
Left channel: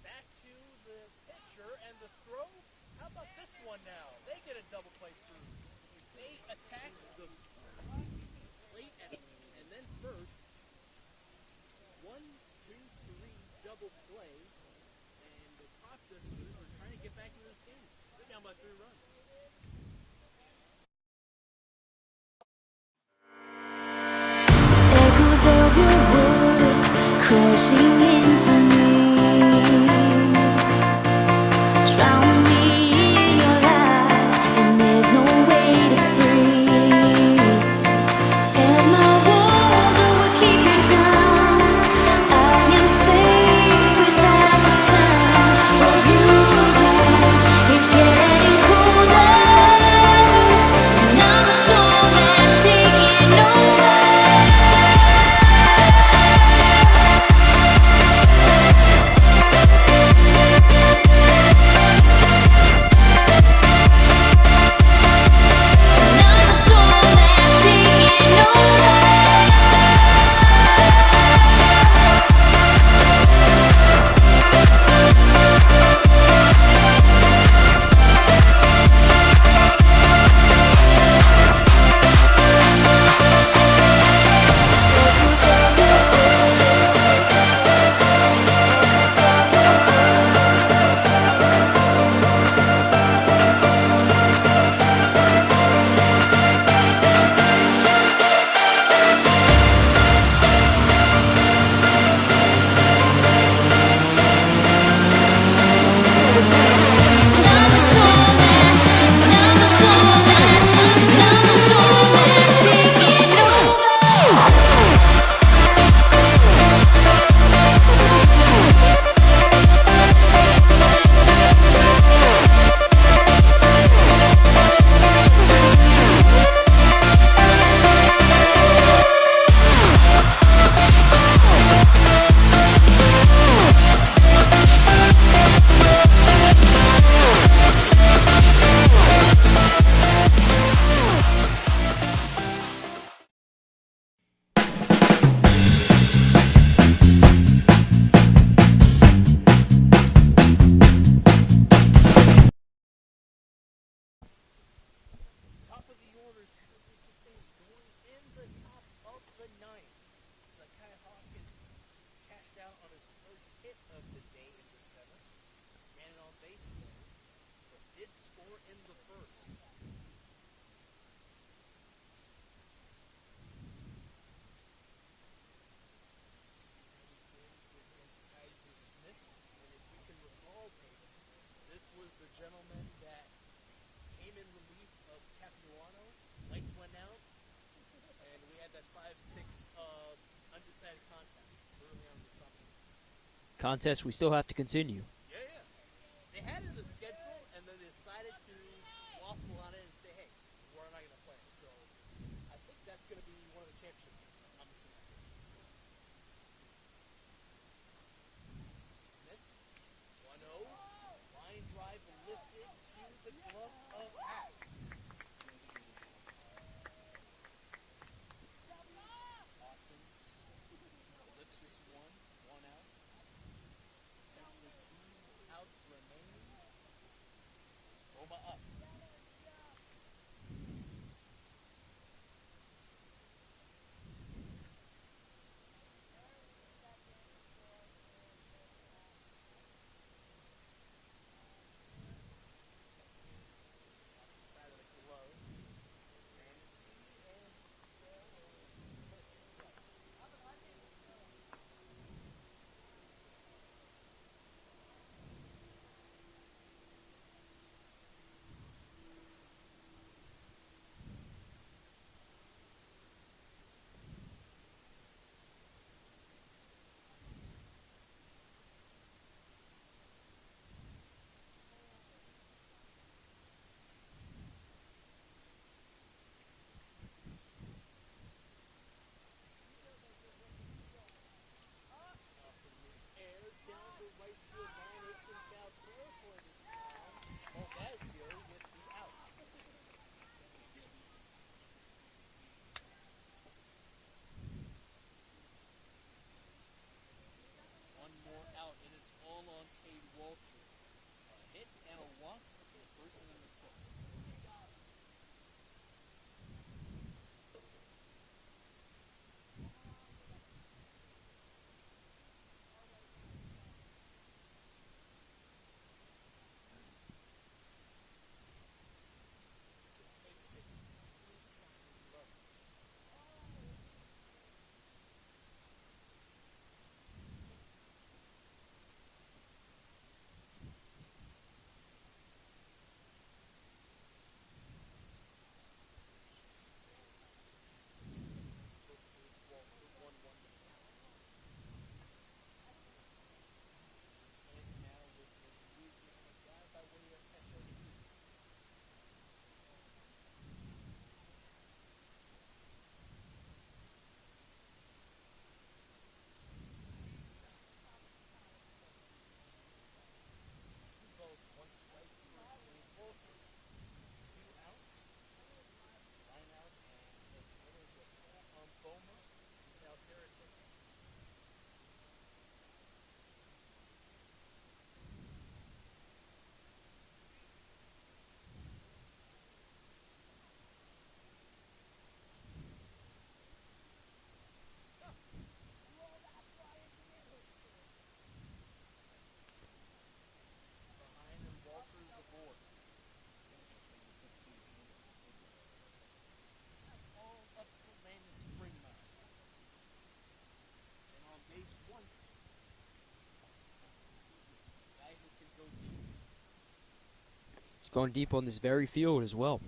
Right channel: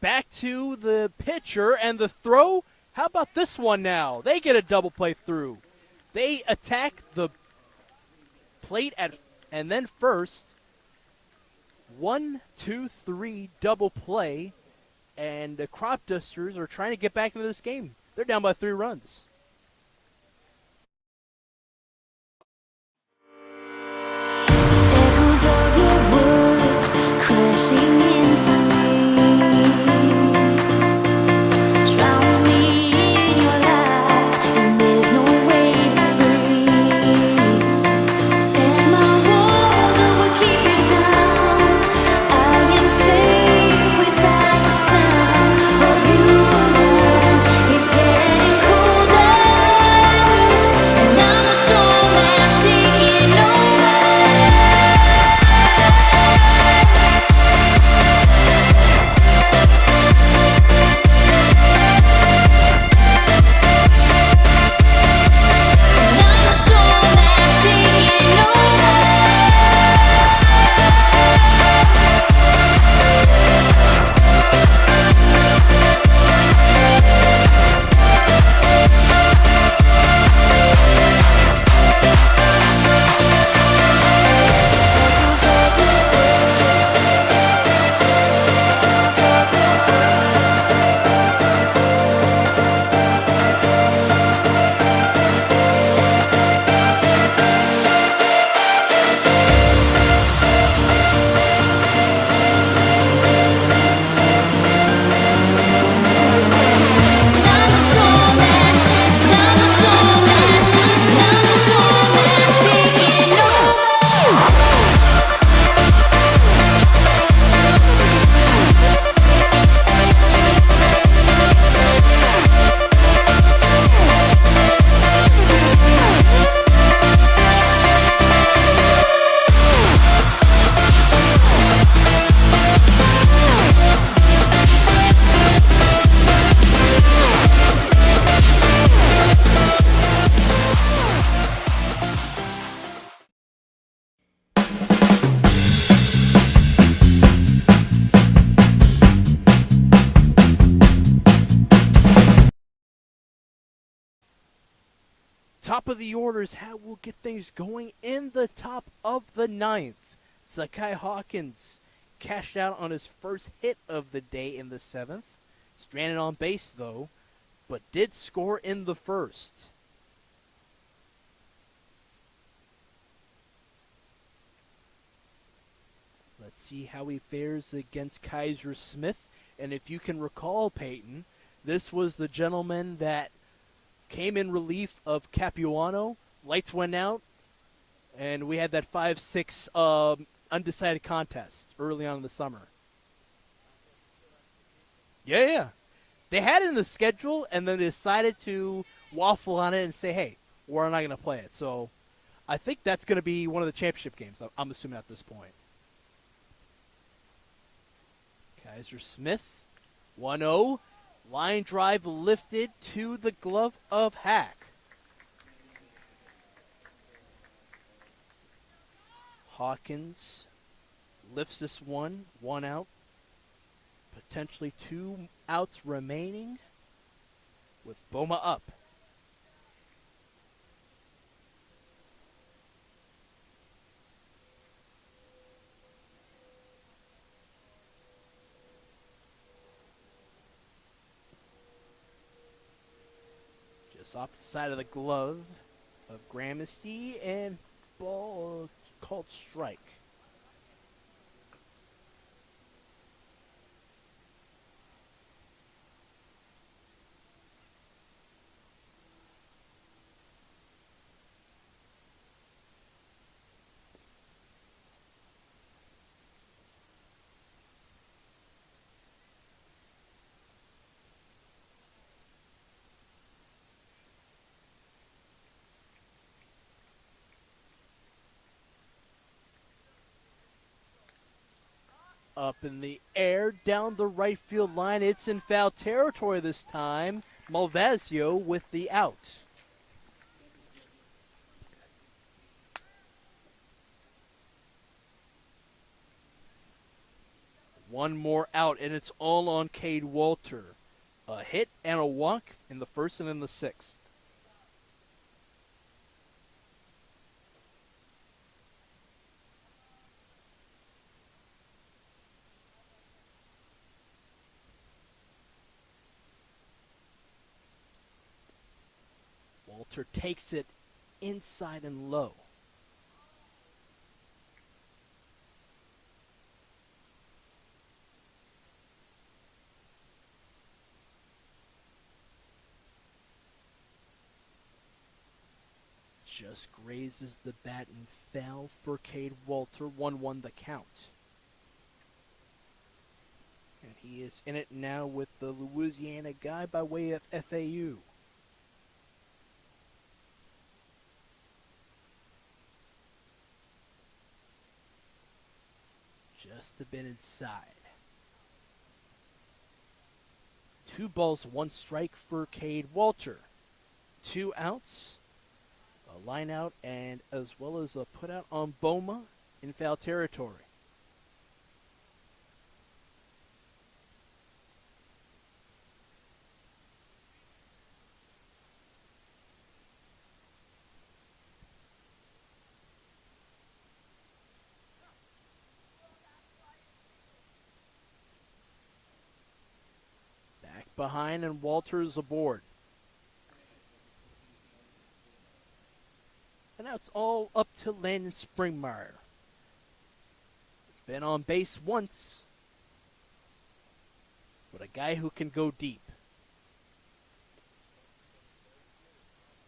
Back to the pitcher and the throw. How about this one now? They get a double play through. They attack the plate and then first. 1, 2, 3 double play. And the Cropdusters are trying to get back into this game. They're down by 3 runs. Echoes of your words crashing into me. Drown me in your lies, and there's no way to breathe. And my walls will keep you down. I am safe without the sound of you around. It's getting colder, and I'm the storm that's taking over. And I'm the storm that's taking over. Echoes of your words, echoes of your words. I'm the storm that's taking over. Top of the order is how we'll get things going in the top of the 9th. Sakai Hawkins cashed out on his first hit of the day in the 7th. Stranded on base, though, but did score in the first. Let's see how he fares against Kaiser Smith. And if you can recall, Peyton, this was the gentleman that came in relief of Capuano. Lights went out, and we had that 5-6 undecided contest early on in the summer. Contest we still have to continue. Yeah. They had it in the schedule, and then they decided to waffle on it and say, hey, we're not going to play it. So I think that's going to be one of the championship games, I'm assuming at this point. Kaiser Smith, 1-0. Line drive lifted to the glove of Hack. Hawkins lifts this one out. Potentially 2 outs remaining with Boma up. Just off the side of the glove of Gramercy, and ball called strike. Up in the air, down the right field line. It's in foul territory this time. Malvasio with the out. One more out, and it's all on Cade Walter. A hit and a walk in the first and in the sixth. Walter takes it inside and low. Just grazes the bat and foul for Cade Walter. 1-1 the count. And he is in it now with the Louisiana guy by way of FAU. Just a bit inside. 2 balls, 1 strike for Cade Walter. 2 outs. A line out, and as well as a put out on Boma in foul territory. Back behind, and Walter's aboard. And now it's all up to Landon Springmeyer. Been on base once, but a guy who can go deep. He's going deep on this very field as well.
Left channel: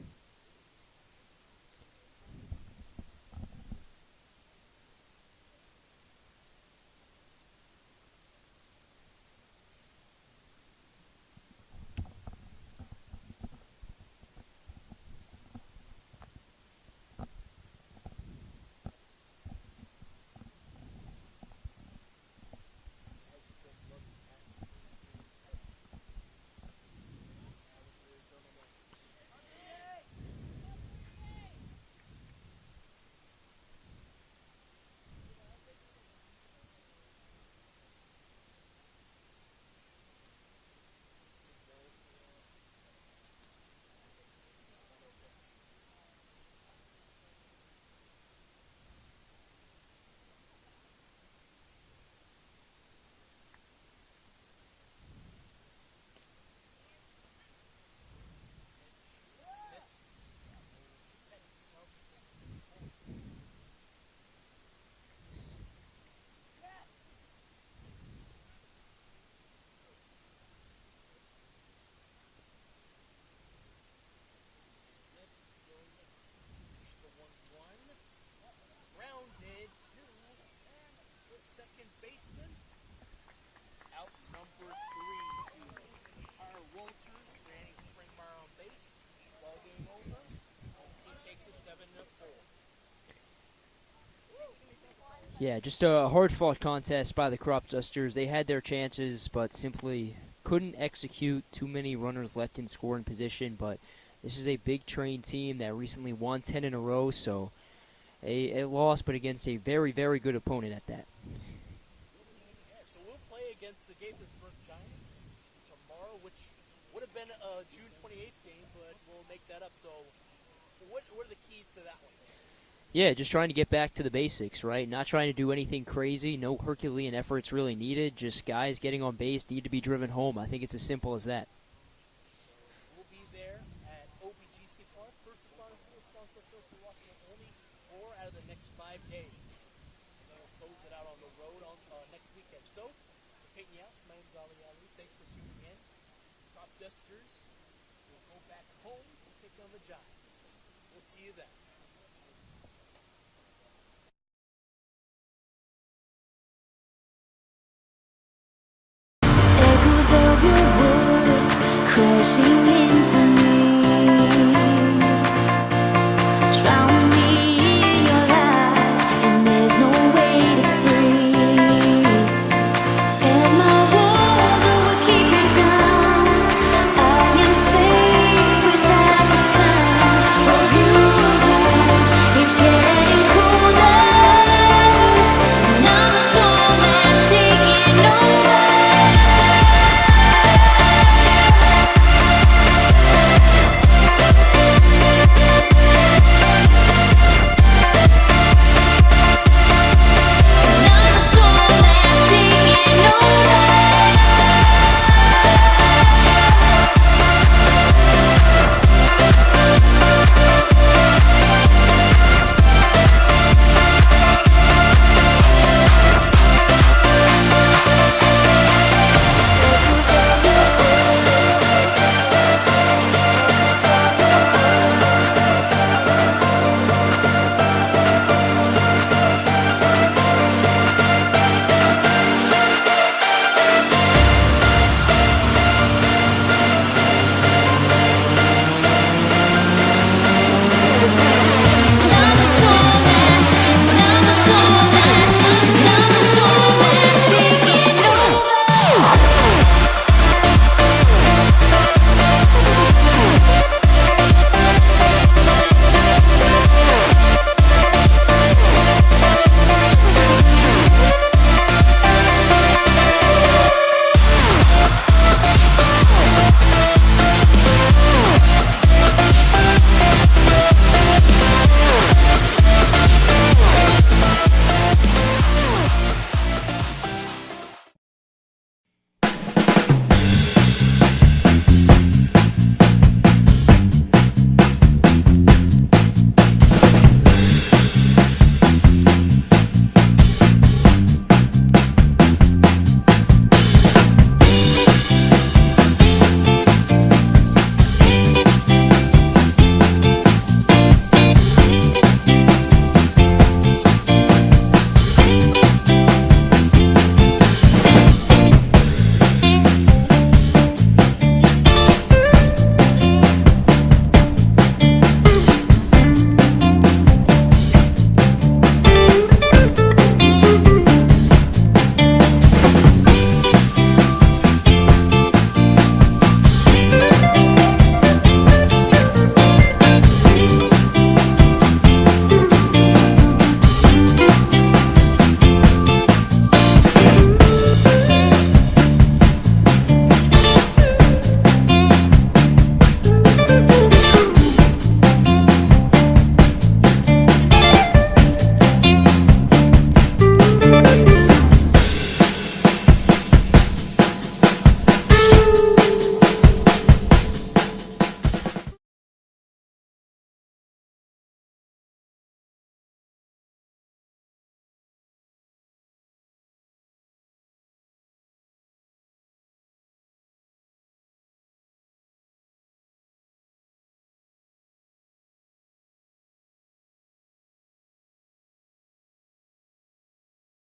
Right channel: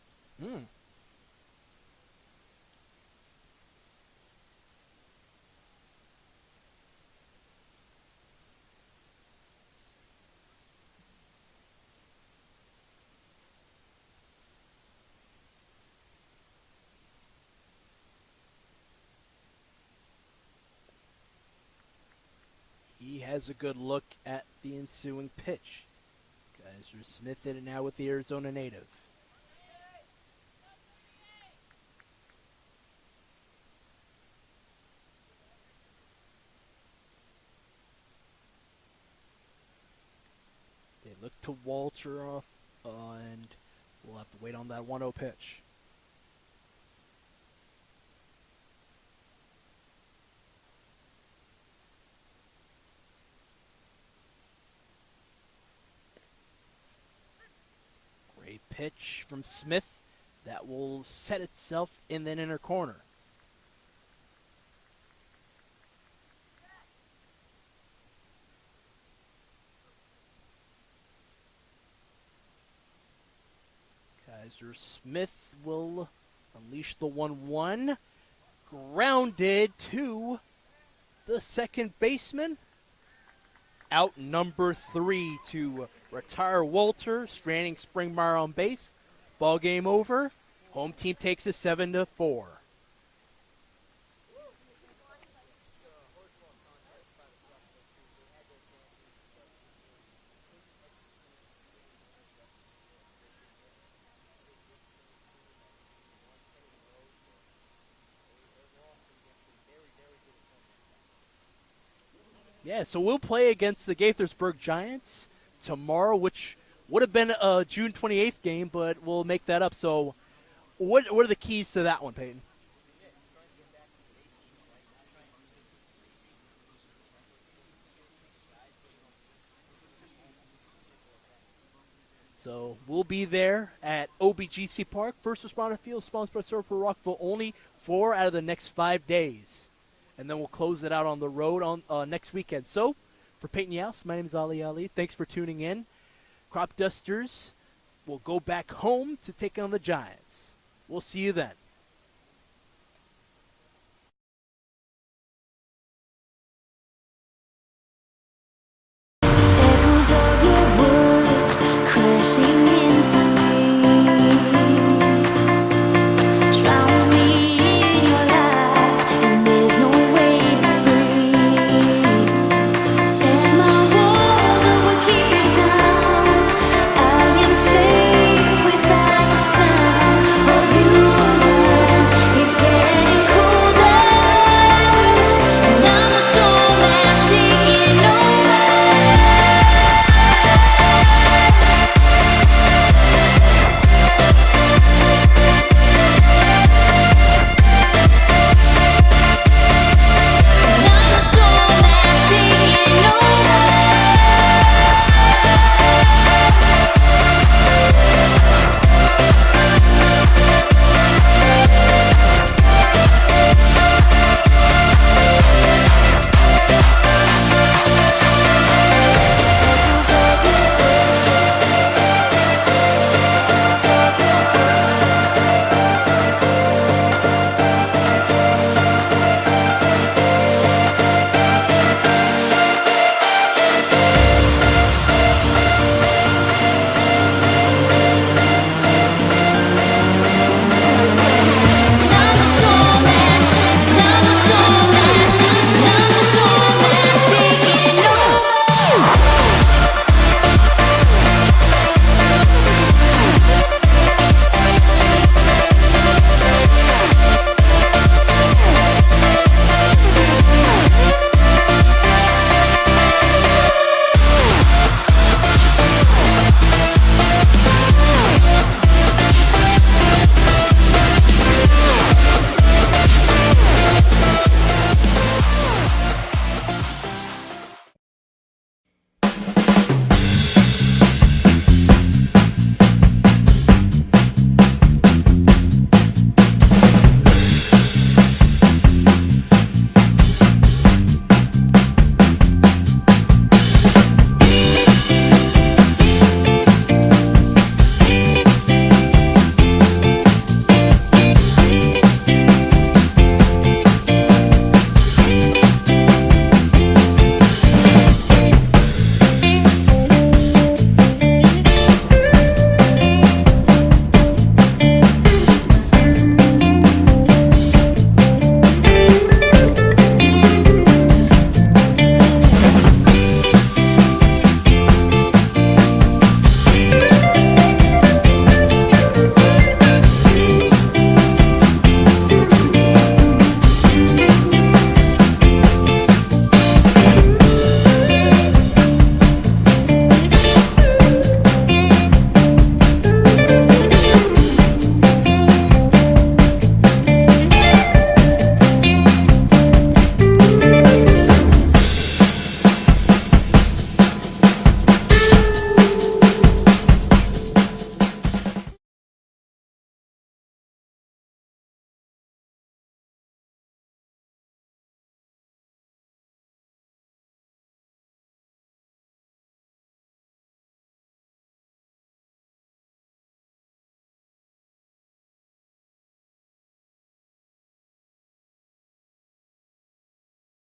He has a good look at the ensuing pitch. Kaiser Smith in it now with the Arizona native. They look to Walter off, and we'll have to wait on that 1-0 pitch. Pitch from Smith that will set itself in that inner corner. Mr. Smith will unleash the 1-1. Grounded to the second baseman. Out number 3 to retire Walter. Stranding Springmeyer on base. Ball game over. Home team takes it 7-4. Yeah, just a hard-fought contest by the Cropdusters. They had their chances, but simply couldn't execute. Too many runners left in scoring position, but this is a big train team that recently won 10 in a row, so a loss, but against a very, very good opponent at that. Yeah, so we'll play against the Gaithersburg Giants tomorrow, which would have been a June 28th game, but we'll make that up. So what are the keys to that one, Peyton? Yeah, just trying to get back to the basics, right? Not trying to do anything crazy. No Herculean efforts really needed. Just guys getting on base need to be driven home. I think it's as simple as that. So we'll be there at OBGC Park, First Responder Field, sponsored by Surfer Rockville Olney, 4 out of the next 5 days. And then we'll close it out on the road on next weekend. So for Peyton Yaus, my name is Ali. Thanks for tuning in. Cropdusters will go back home to take on the Giants. We'll see you then. Echoes of your words crashing into me.